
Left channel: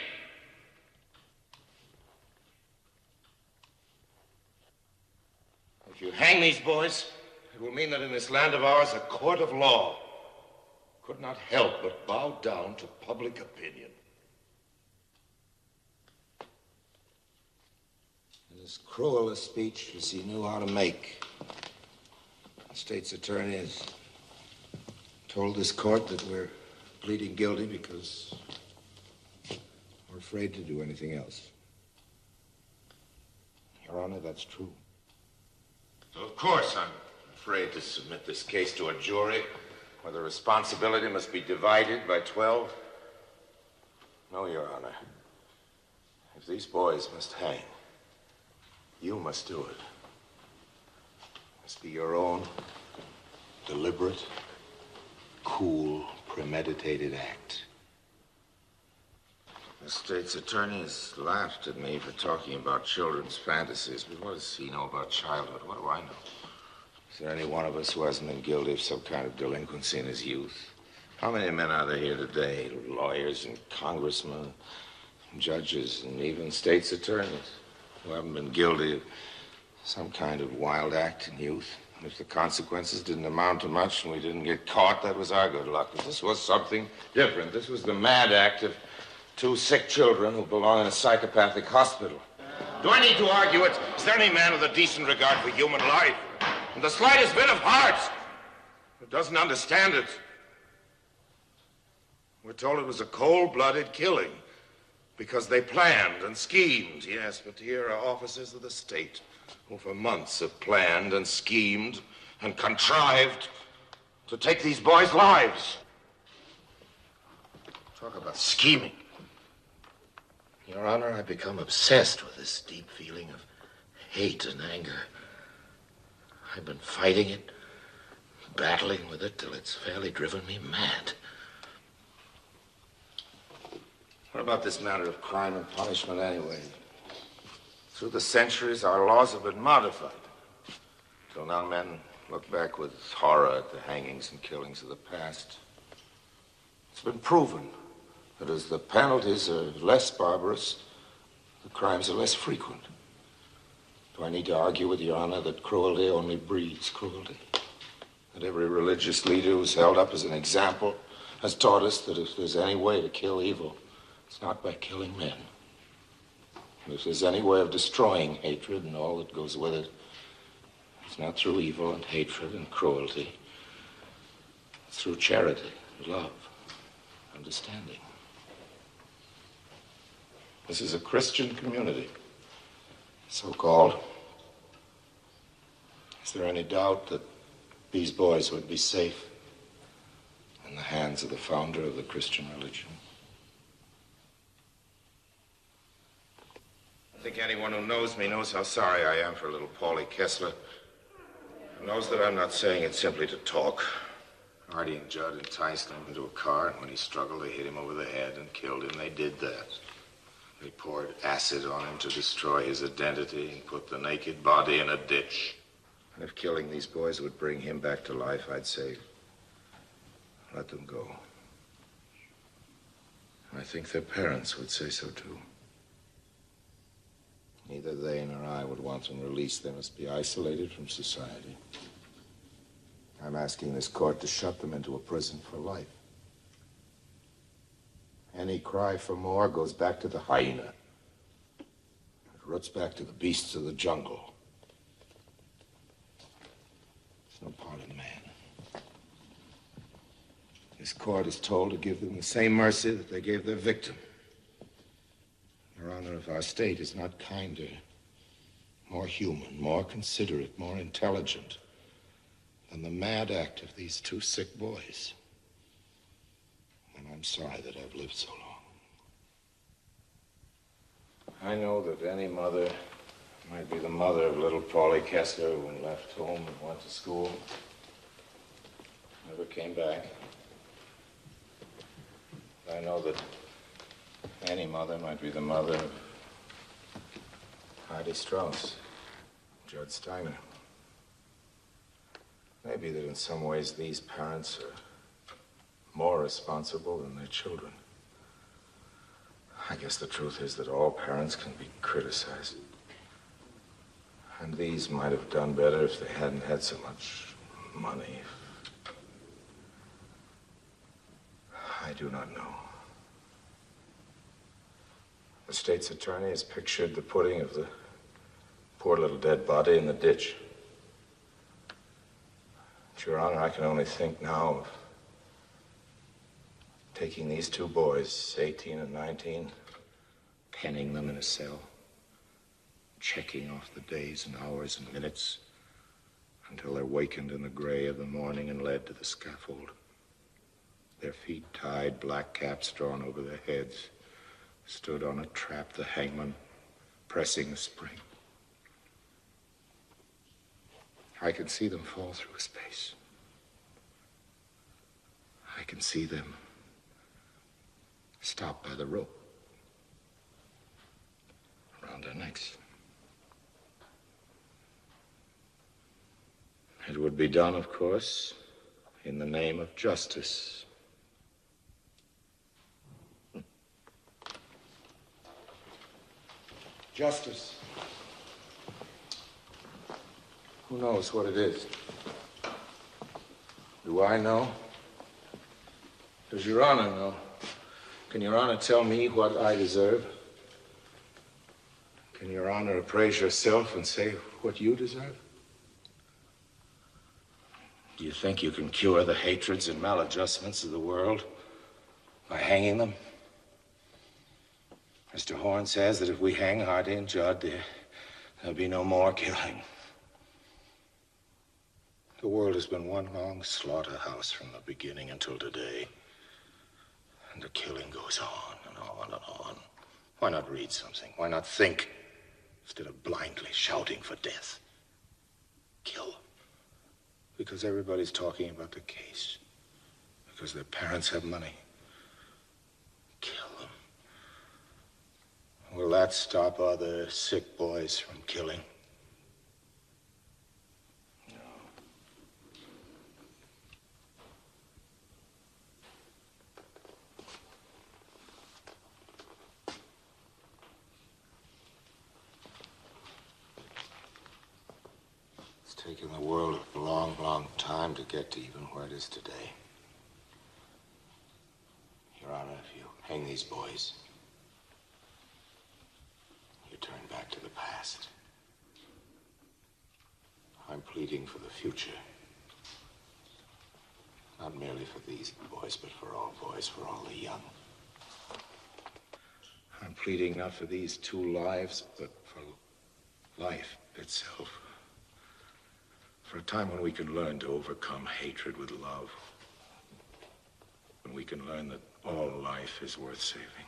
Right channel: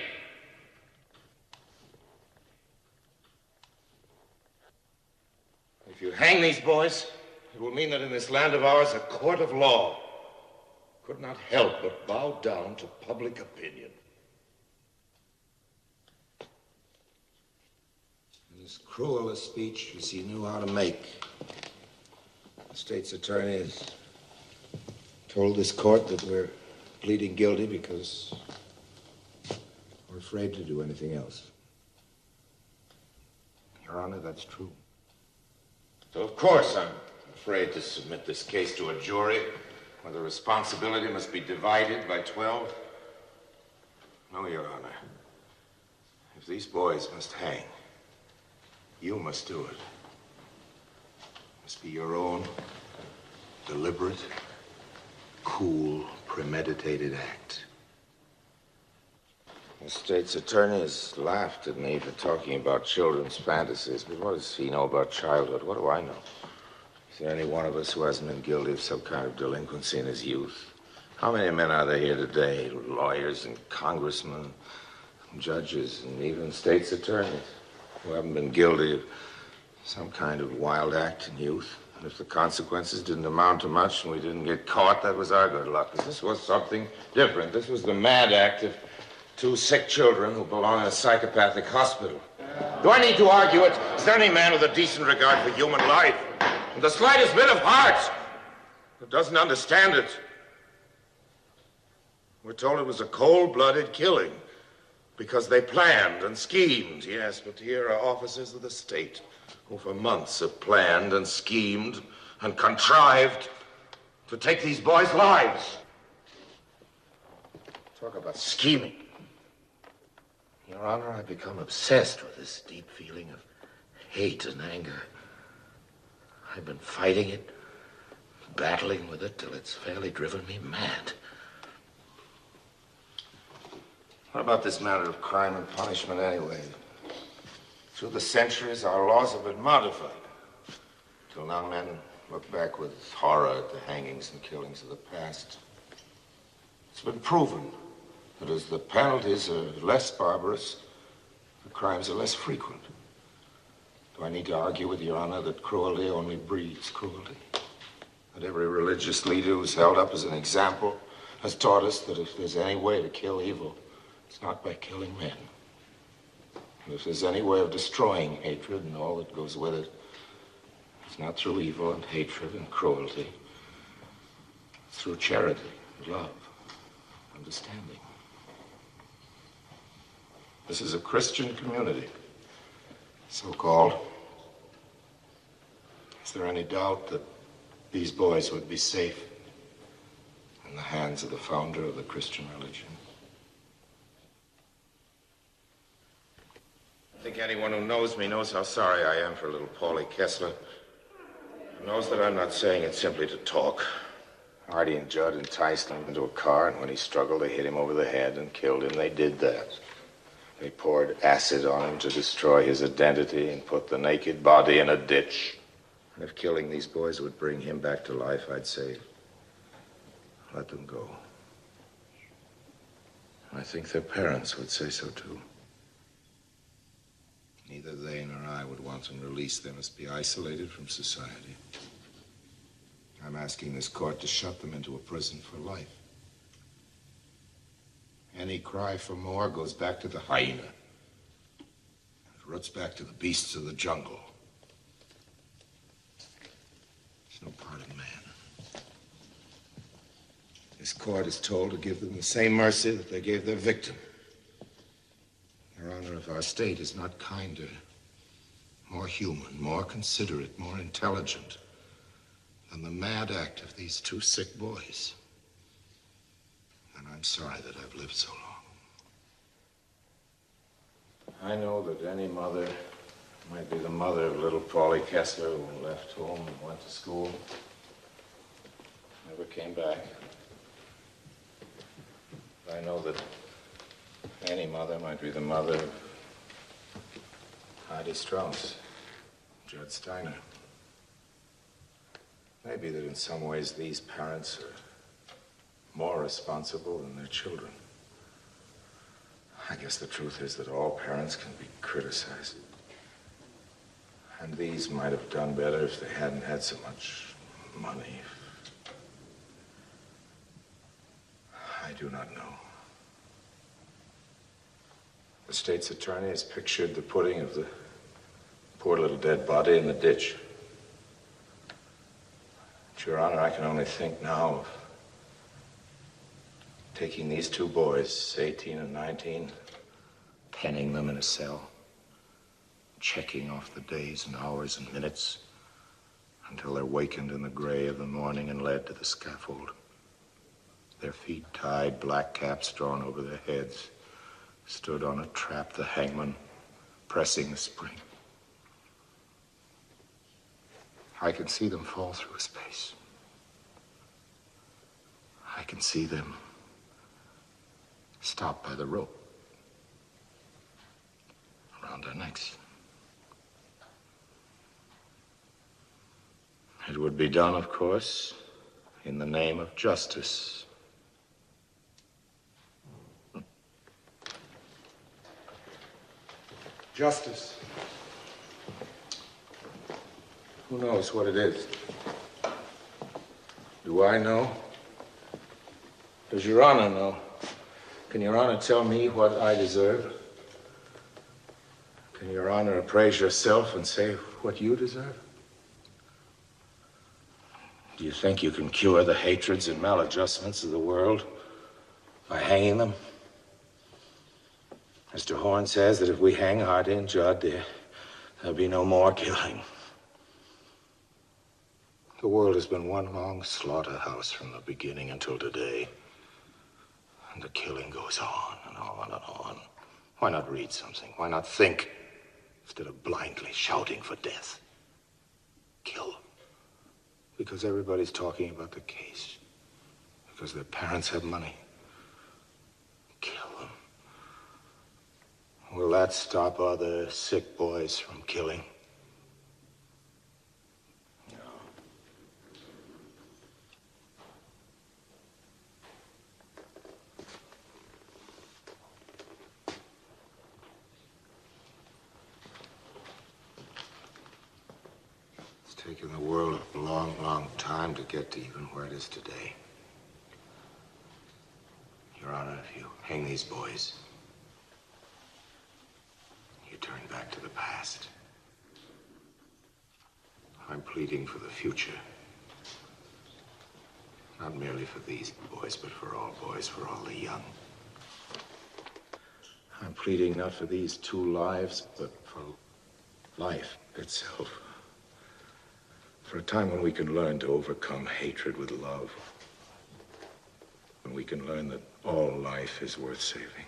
If you hang these boys, It will mean that in this land of ours, a court of law could not help but bow down to public opinion. As cruel a speech as he knew how to make, the state's attorney has told this court that we're pleading guilty because we're afraid to do anything else. Your Honor, that's true. So, of course, I'm afraid to submit this case to a jury where the responsibility must be divided by 12. No, Your Honor. If these boys must hang, you must do it. It must be your own deliberate, cool, premeditated act. The state's attorney has laughed at me for talking about children's fantasies, but what does he know about childhood? What do I know? Is there any one of us who hasn't been guilty of some kind of delinquency in his youth? How many men are there here today? Lawyers and congressmen, judges, and even state's attorneys who haven't been guilty of some kind of wild act in youth. And if the consequences didn't amount to much and we didn't get caught, that was our good luck. But this was something different. This was the mad act of two sick children who belong in a psychopathic hospital. Do I need to argue it? Is there any man with a decent regard for human life and the slightest bit of heart that doesn't understand it? We're told it was a cold-blooded killing because they planned and schemed. Yes, but here are officers of the state who for months have planned and schemed and contrived to take these boys' lives. Talk about scheming. Your Honor, I've become obsessed with this deep feeling of hate and anger. I've been fighting it, battling with it till it's fairly driven me mad. What about this matter of crime and punishment anyway? Through the centuries, our laws have been modified. Till now, men look back with horror at the hangings and killings of the past. It's been proven that as the penalties are less barbarous, the crimes are less frequent. Do I need to argue with Your Honor that cruelty only breeds cruelty? That every religious leader who's held up as an example has taught us that if there's any way to kill evil, it's not by killing men. And if there's any way of destroying hatred and all that goes with it, it's not through evil and hatred and cruelty. It's through charity, love, understanding. This is a Christian community, so-called. Is there any doubt that these boys would be safe in the hands of the founder of the Christian religion? I think anyone who knows me knows how sorry I am for little Paulie Kessler. Who knows that I'm not saying it simply to talk. Artie and Judd enticed him into a car, and when he struggled, they hit him over the head and killed him. They did that. They poured acid on him to destroy his identity and put the naked body in a ditch. And if killing these boys would bring him back to life, I'd say, let them go. And I think their parents would say so too. Neither they nor I would want them released. They must be isolated from society. I'm asking this court to shut them into a prison for life. Any cry for more goes back to the hyena. It roots back to the beasts of the jungle. It's no part of man. This court is told to give them the same mercy that they gave their victim. Your Honor, if our state is not kinder, more human, more considerate, more intelligent than the mad act of these two sick boys, then I'm sorry that I've lived so long. I know that any mother might be the mother of little Paulie Kessler who left home and went to school, never came back. I know that any mother might be the mother of Artie Straus, Judd Steiner. Maybe that in some ways these parents are more responsible than their children. I guess the truth is that all parents can be criticized. And these might have done better if they hadn't had so much money. I do not know. The state's attorney has pictured the putting of the poor little dead body in the ditch. But, Your Honor, I can only think now of taking these two boys, 18 and 19, penning them in a cell, checking off the days and hours and minutes until they're wakened in the gray of the morning and led to the scaffold. Their feet tied, black caps drawn over their heads, stood on a trap, the hangman pressing the spring. I can see them fall through space. I can see them stop by the rope around their necks. It would be done, of course, in the name of justice. Justice. Who knows what it is? Do I know? Does Your Honor know? Can Your Honor tell me what I deserve? Can Your Honor appraise yourself and say what you deserve? Do you think you can cure the hatreds and maladjustments of the world by hanging them? Mr. Horn says that if we hang Artie and Judd, there'll be no more killing. The world has been one long slaughterhouse from the beginning until today. And the killing goes on and on and on. Why not read something? Why not think instead of blindly shouting for death? Kill. Because everybody's talking about the case. Because their parents have money. Kill them. Will that stop other sick boys from killing? No. It's taken the world a long, long time to get to even where it is today. Your Honor, if you hang these boys, turn back to the past. I'm pleading for the future. Not merely for these boys, but for all boys, for all the young. I'm pleading not for these two lives, but for life itself. For a time when we can learn to overcome hatred with love. When we can learn that all life is worth saving.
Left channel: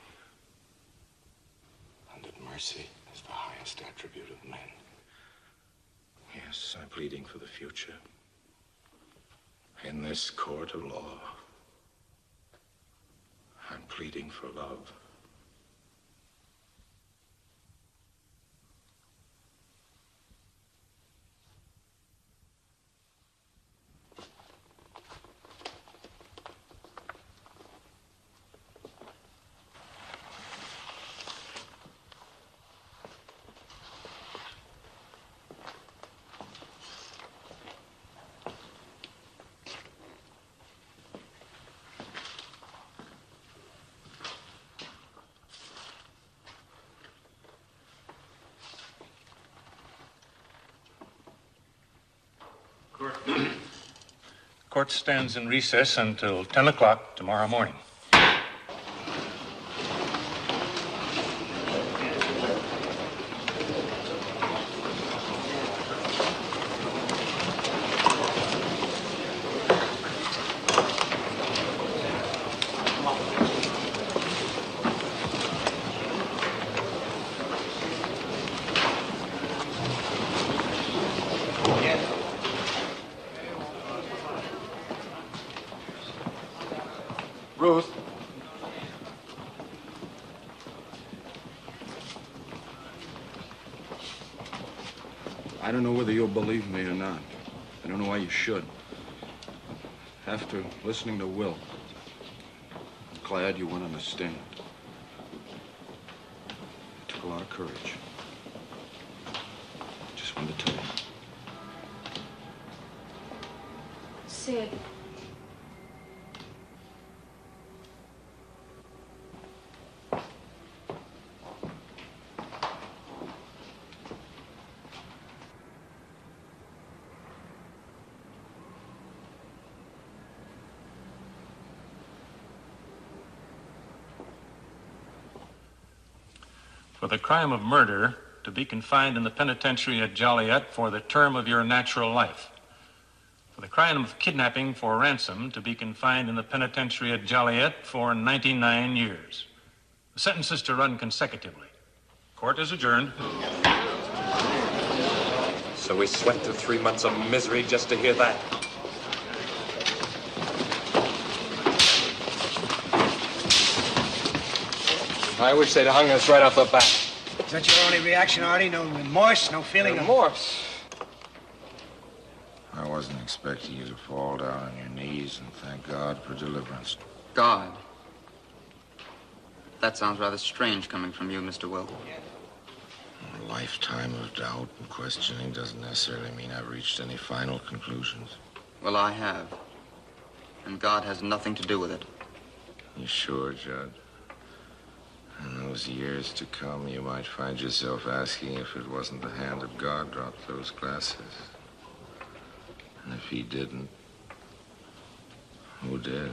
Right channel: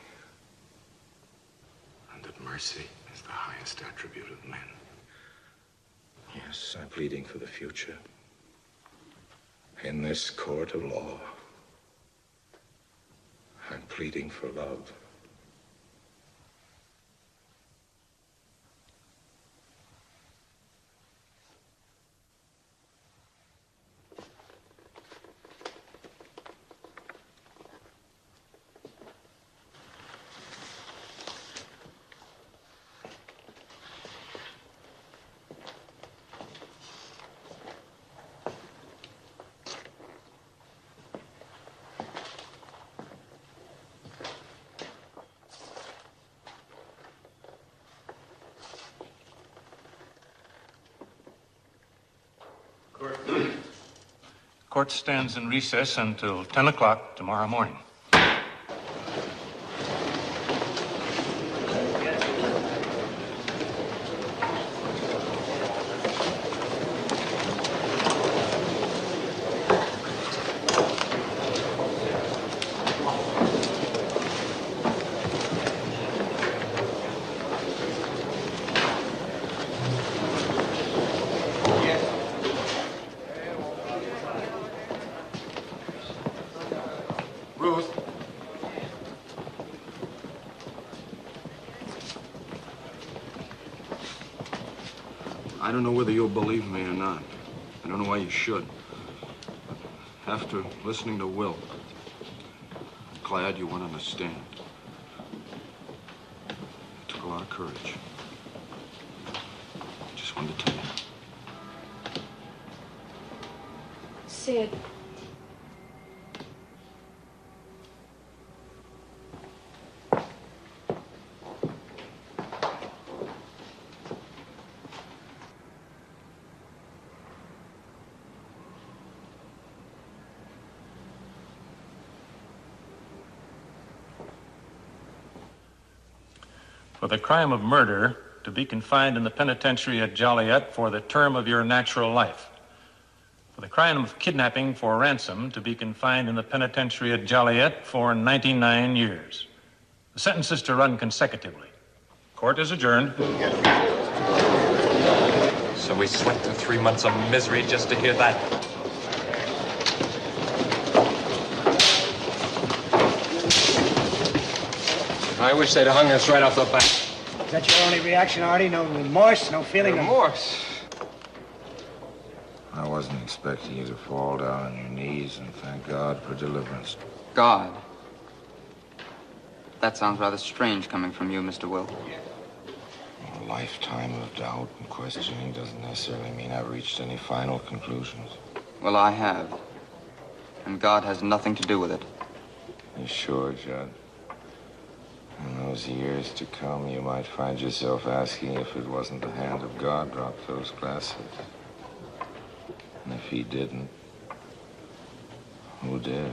And that mercy is the highest attribute of men. Yes, I'm pleading for the future. In this court of law, I'm pleading for love. Court stands in recess until 10 o'clock tomorrow morning. Ruth. I don't know whether you'll believe me or not. I don't know why you should. After listening to Will, I'm glad you went on the stand. It took a lot of courage. Just wanted to tell you. Sid. For the crime of murder, to be confined in the penitentiary at Joliet for the term of your natural life. For the crime of kidnapping for ransom, to be confined in the penitentiary at Joliet for 99 years. The sentence is to run consecutively. Court is adjourned. So we slept through 3 months of misery just to hear that. I wish they'd hung us right off the bat. Is that your only reaction, Artie? No remorse, no feeling of... Remorse? I wasn't expecting you to fall down on your knees and thank God for deliverance. God? That sounds rather strange coming from you, Mr. Wilk. A lifetime of doubt and questioning doesn't necessarily mean I've reached any final conclusions. Well, I have. And God has nothing to do with it. You sure, Judd? In those years to come, you might find yourself asking if it wasn't the hand of God dropped those glasses. And if he didn't, who did?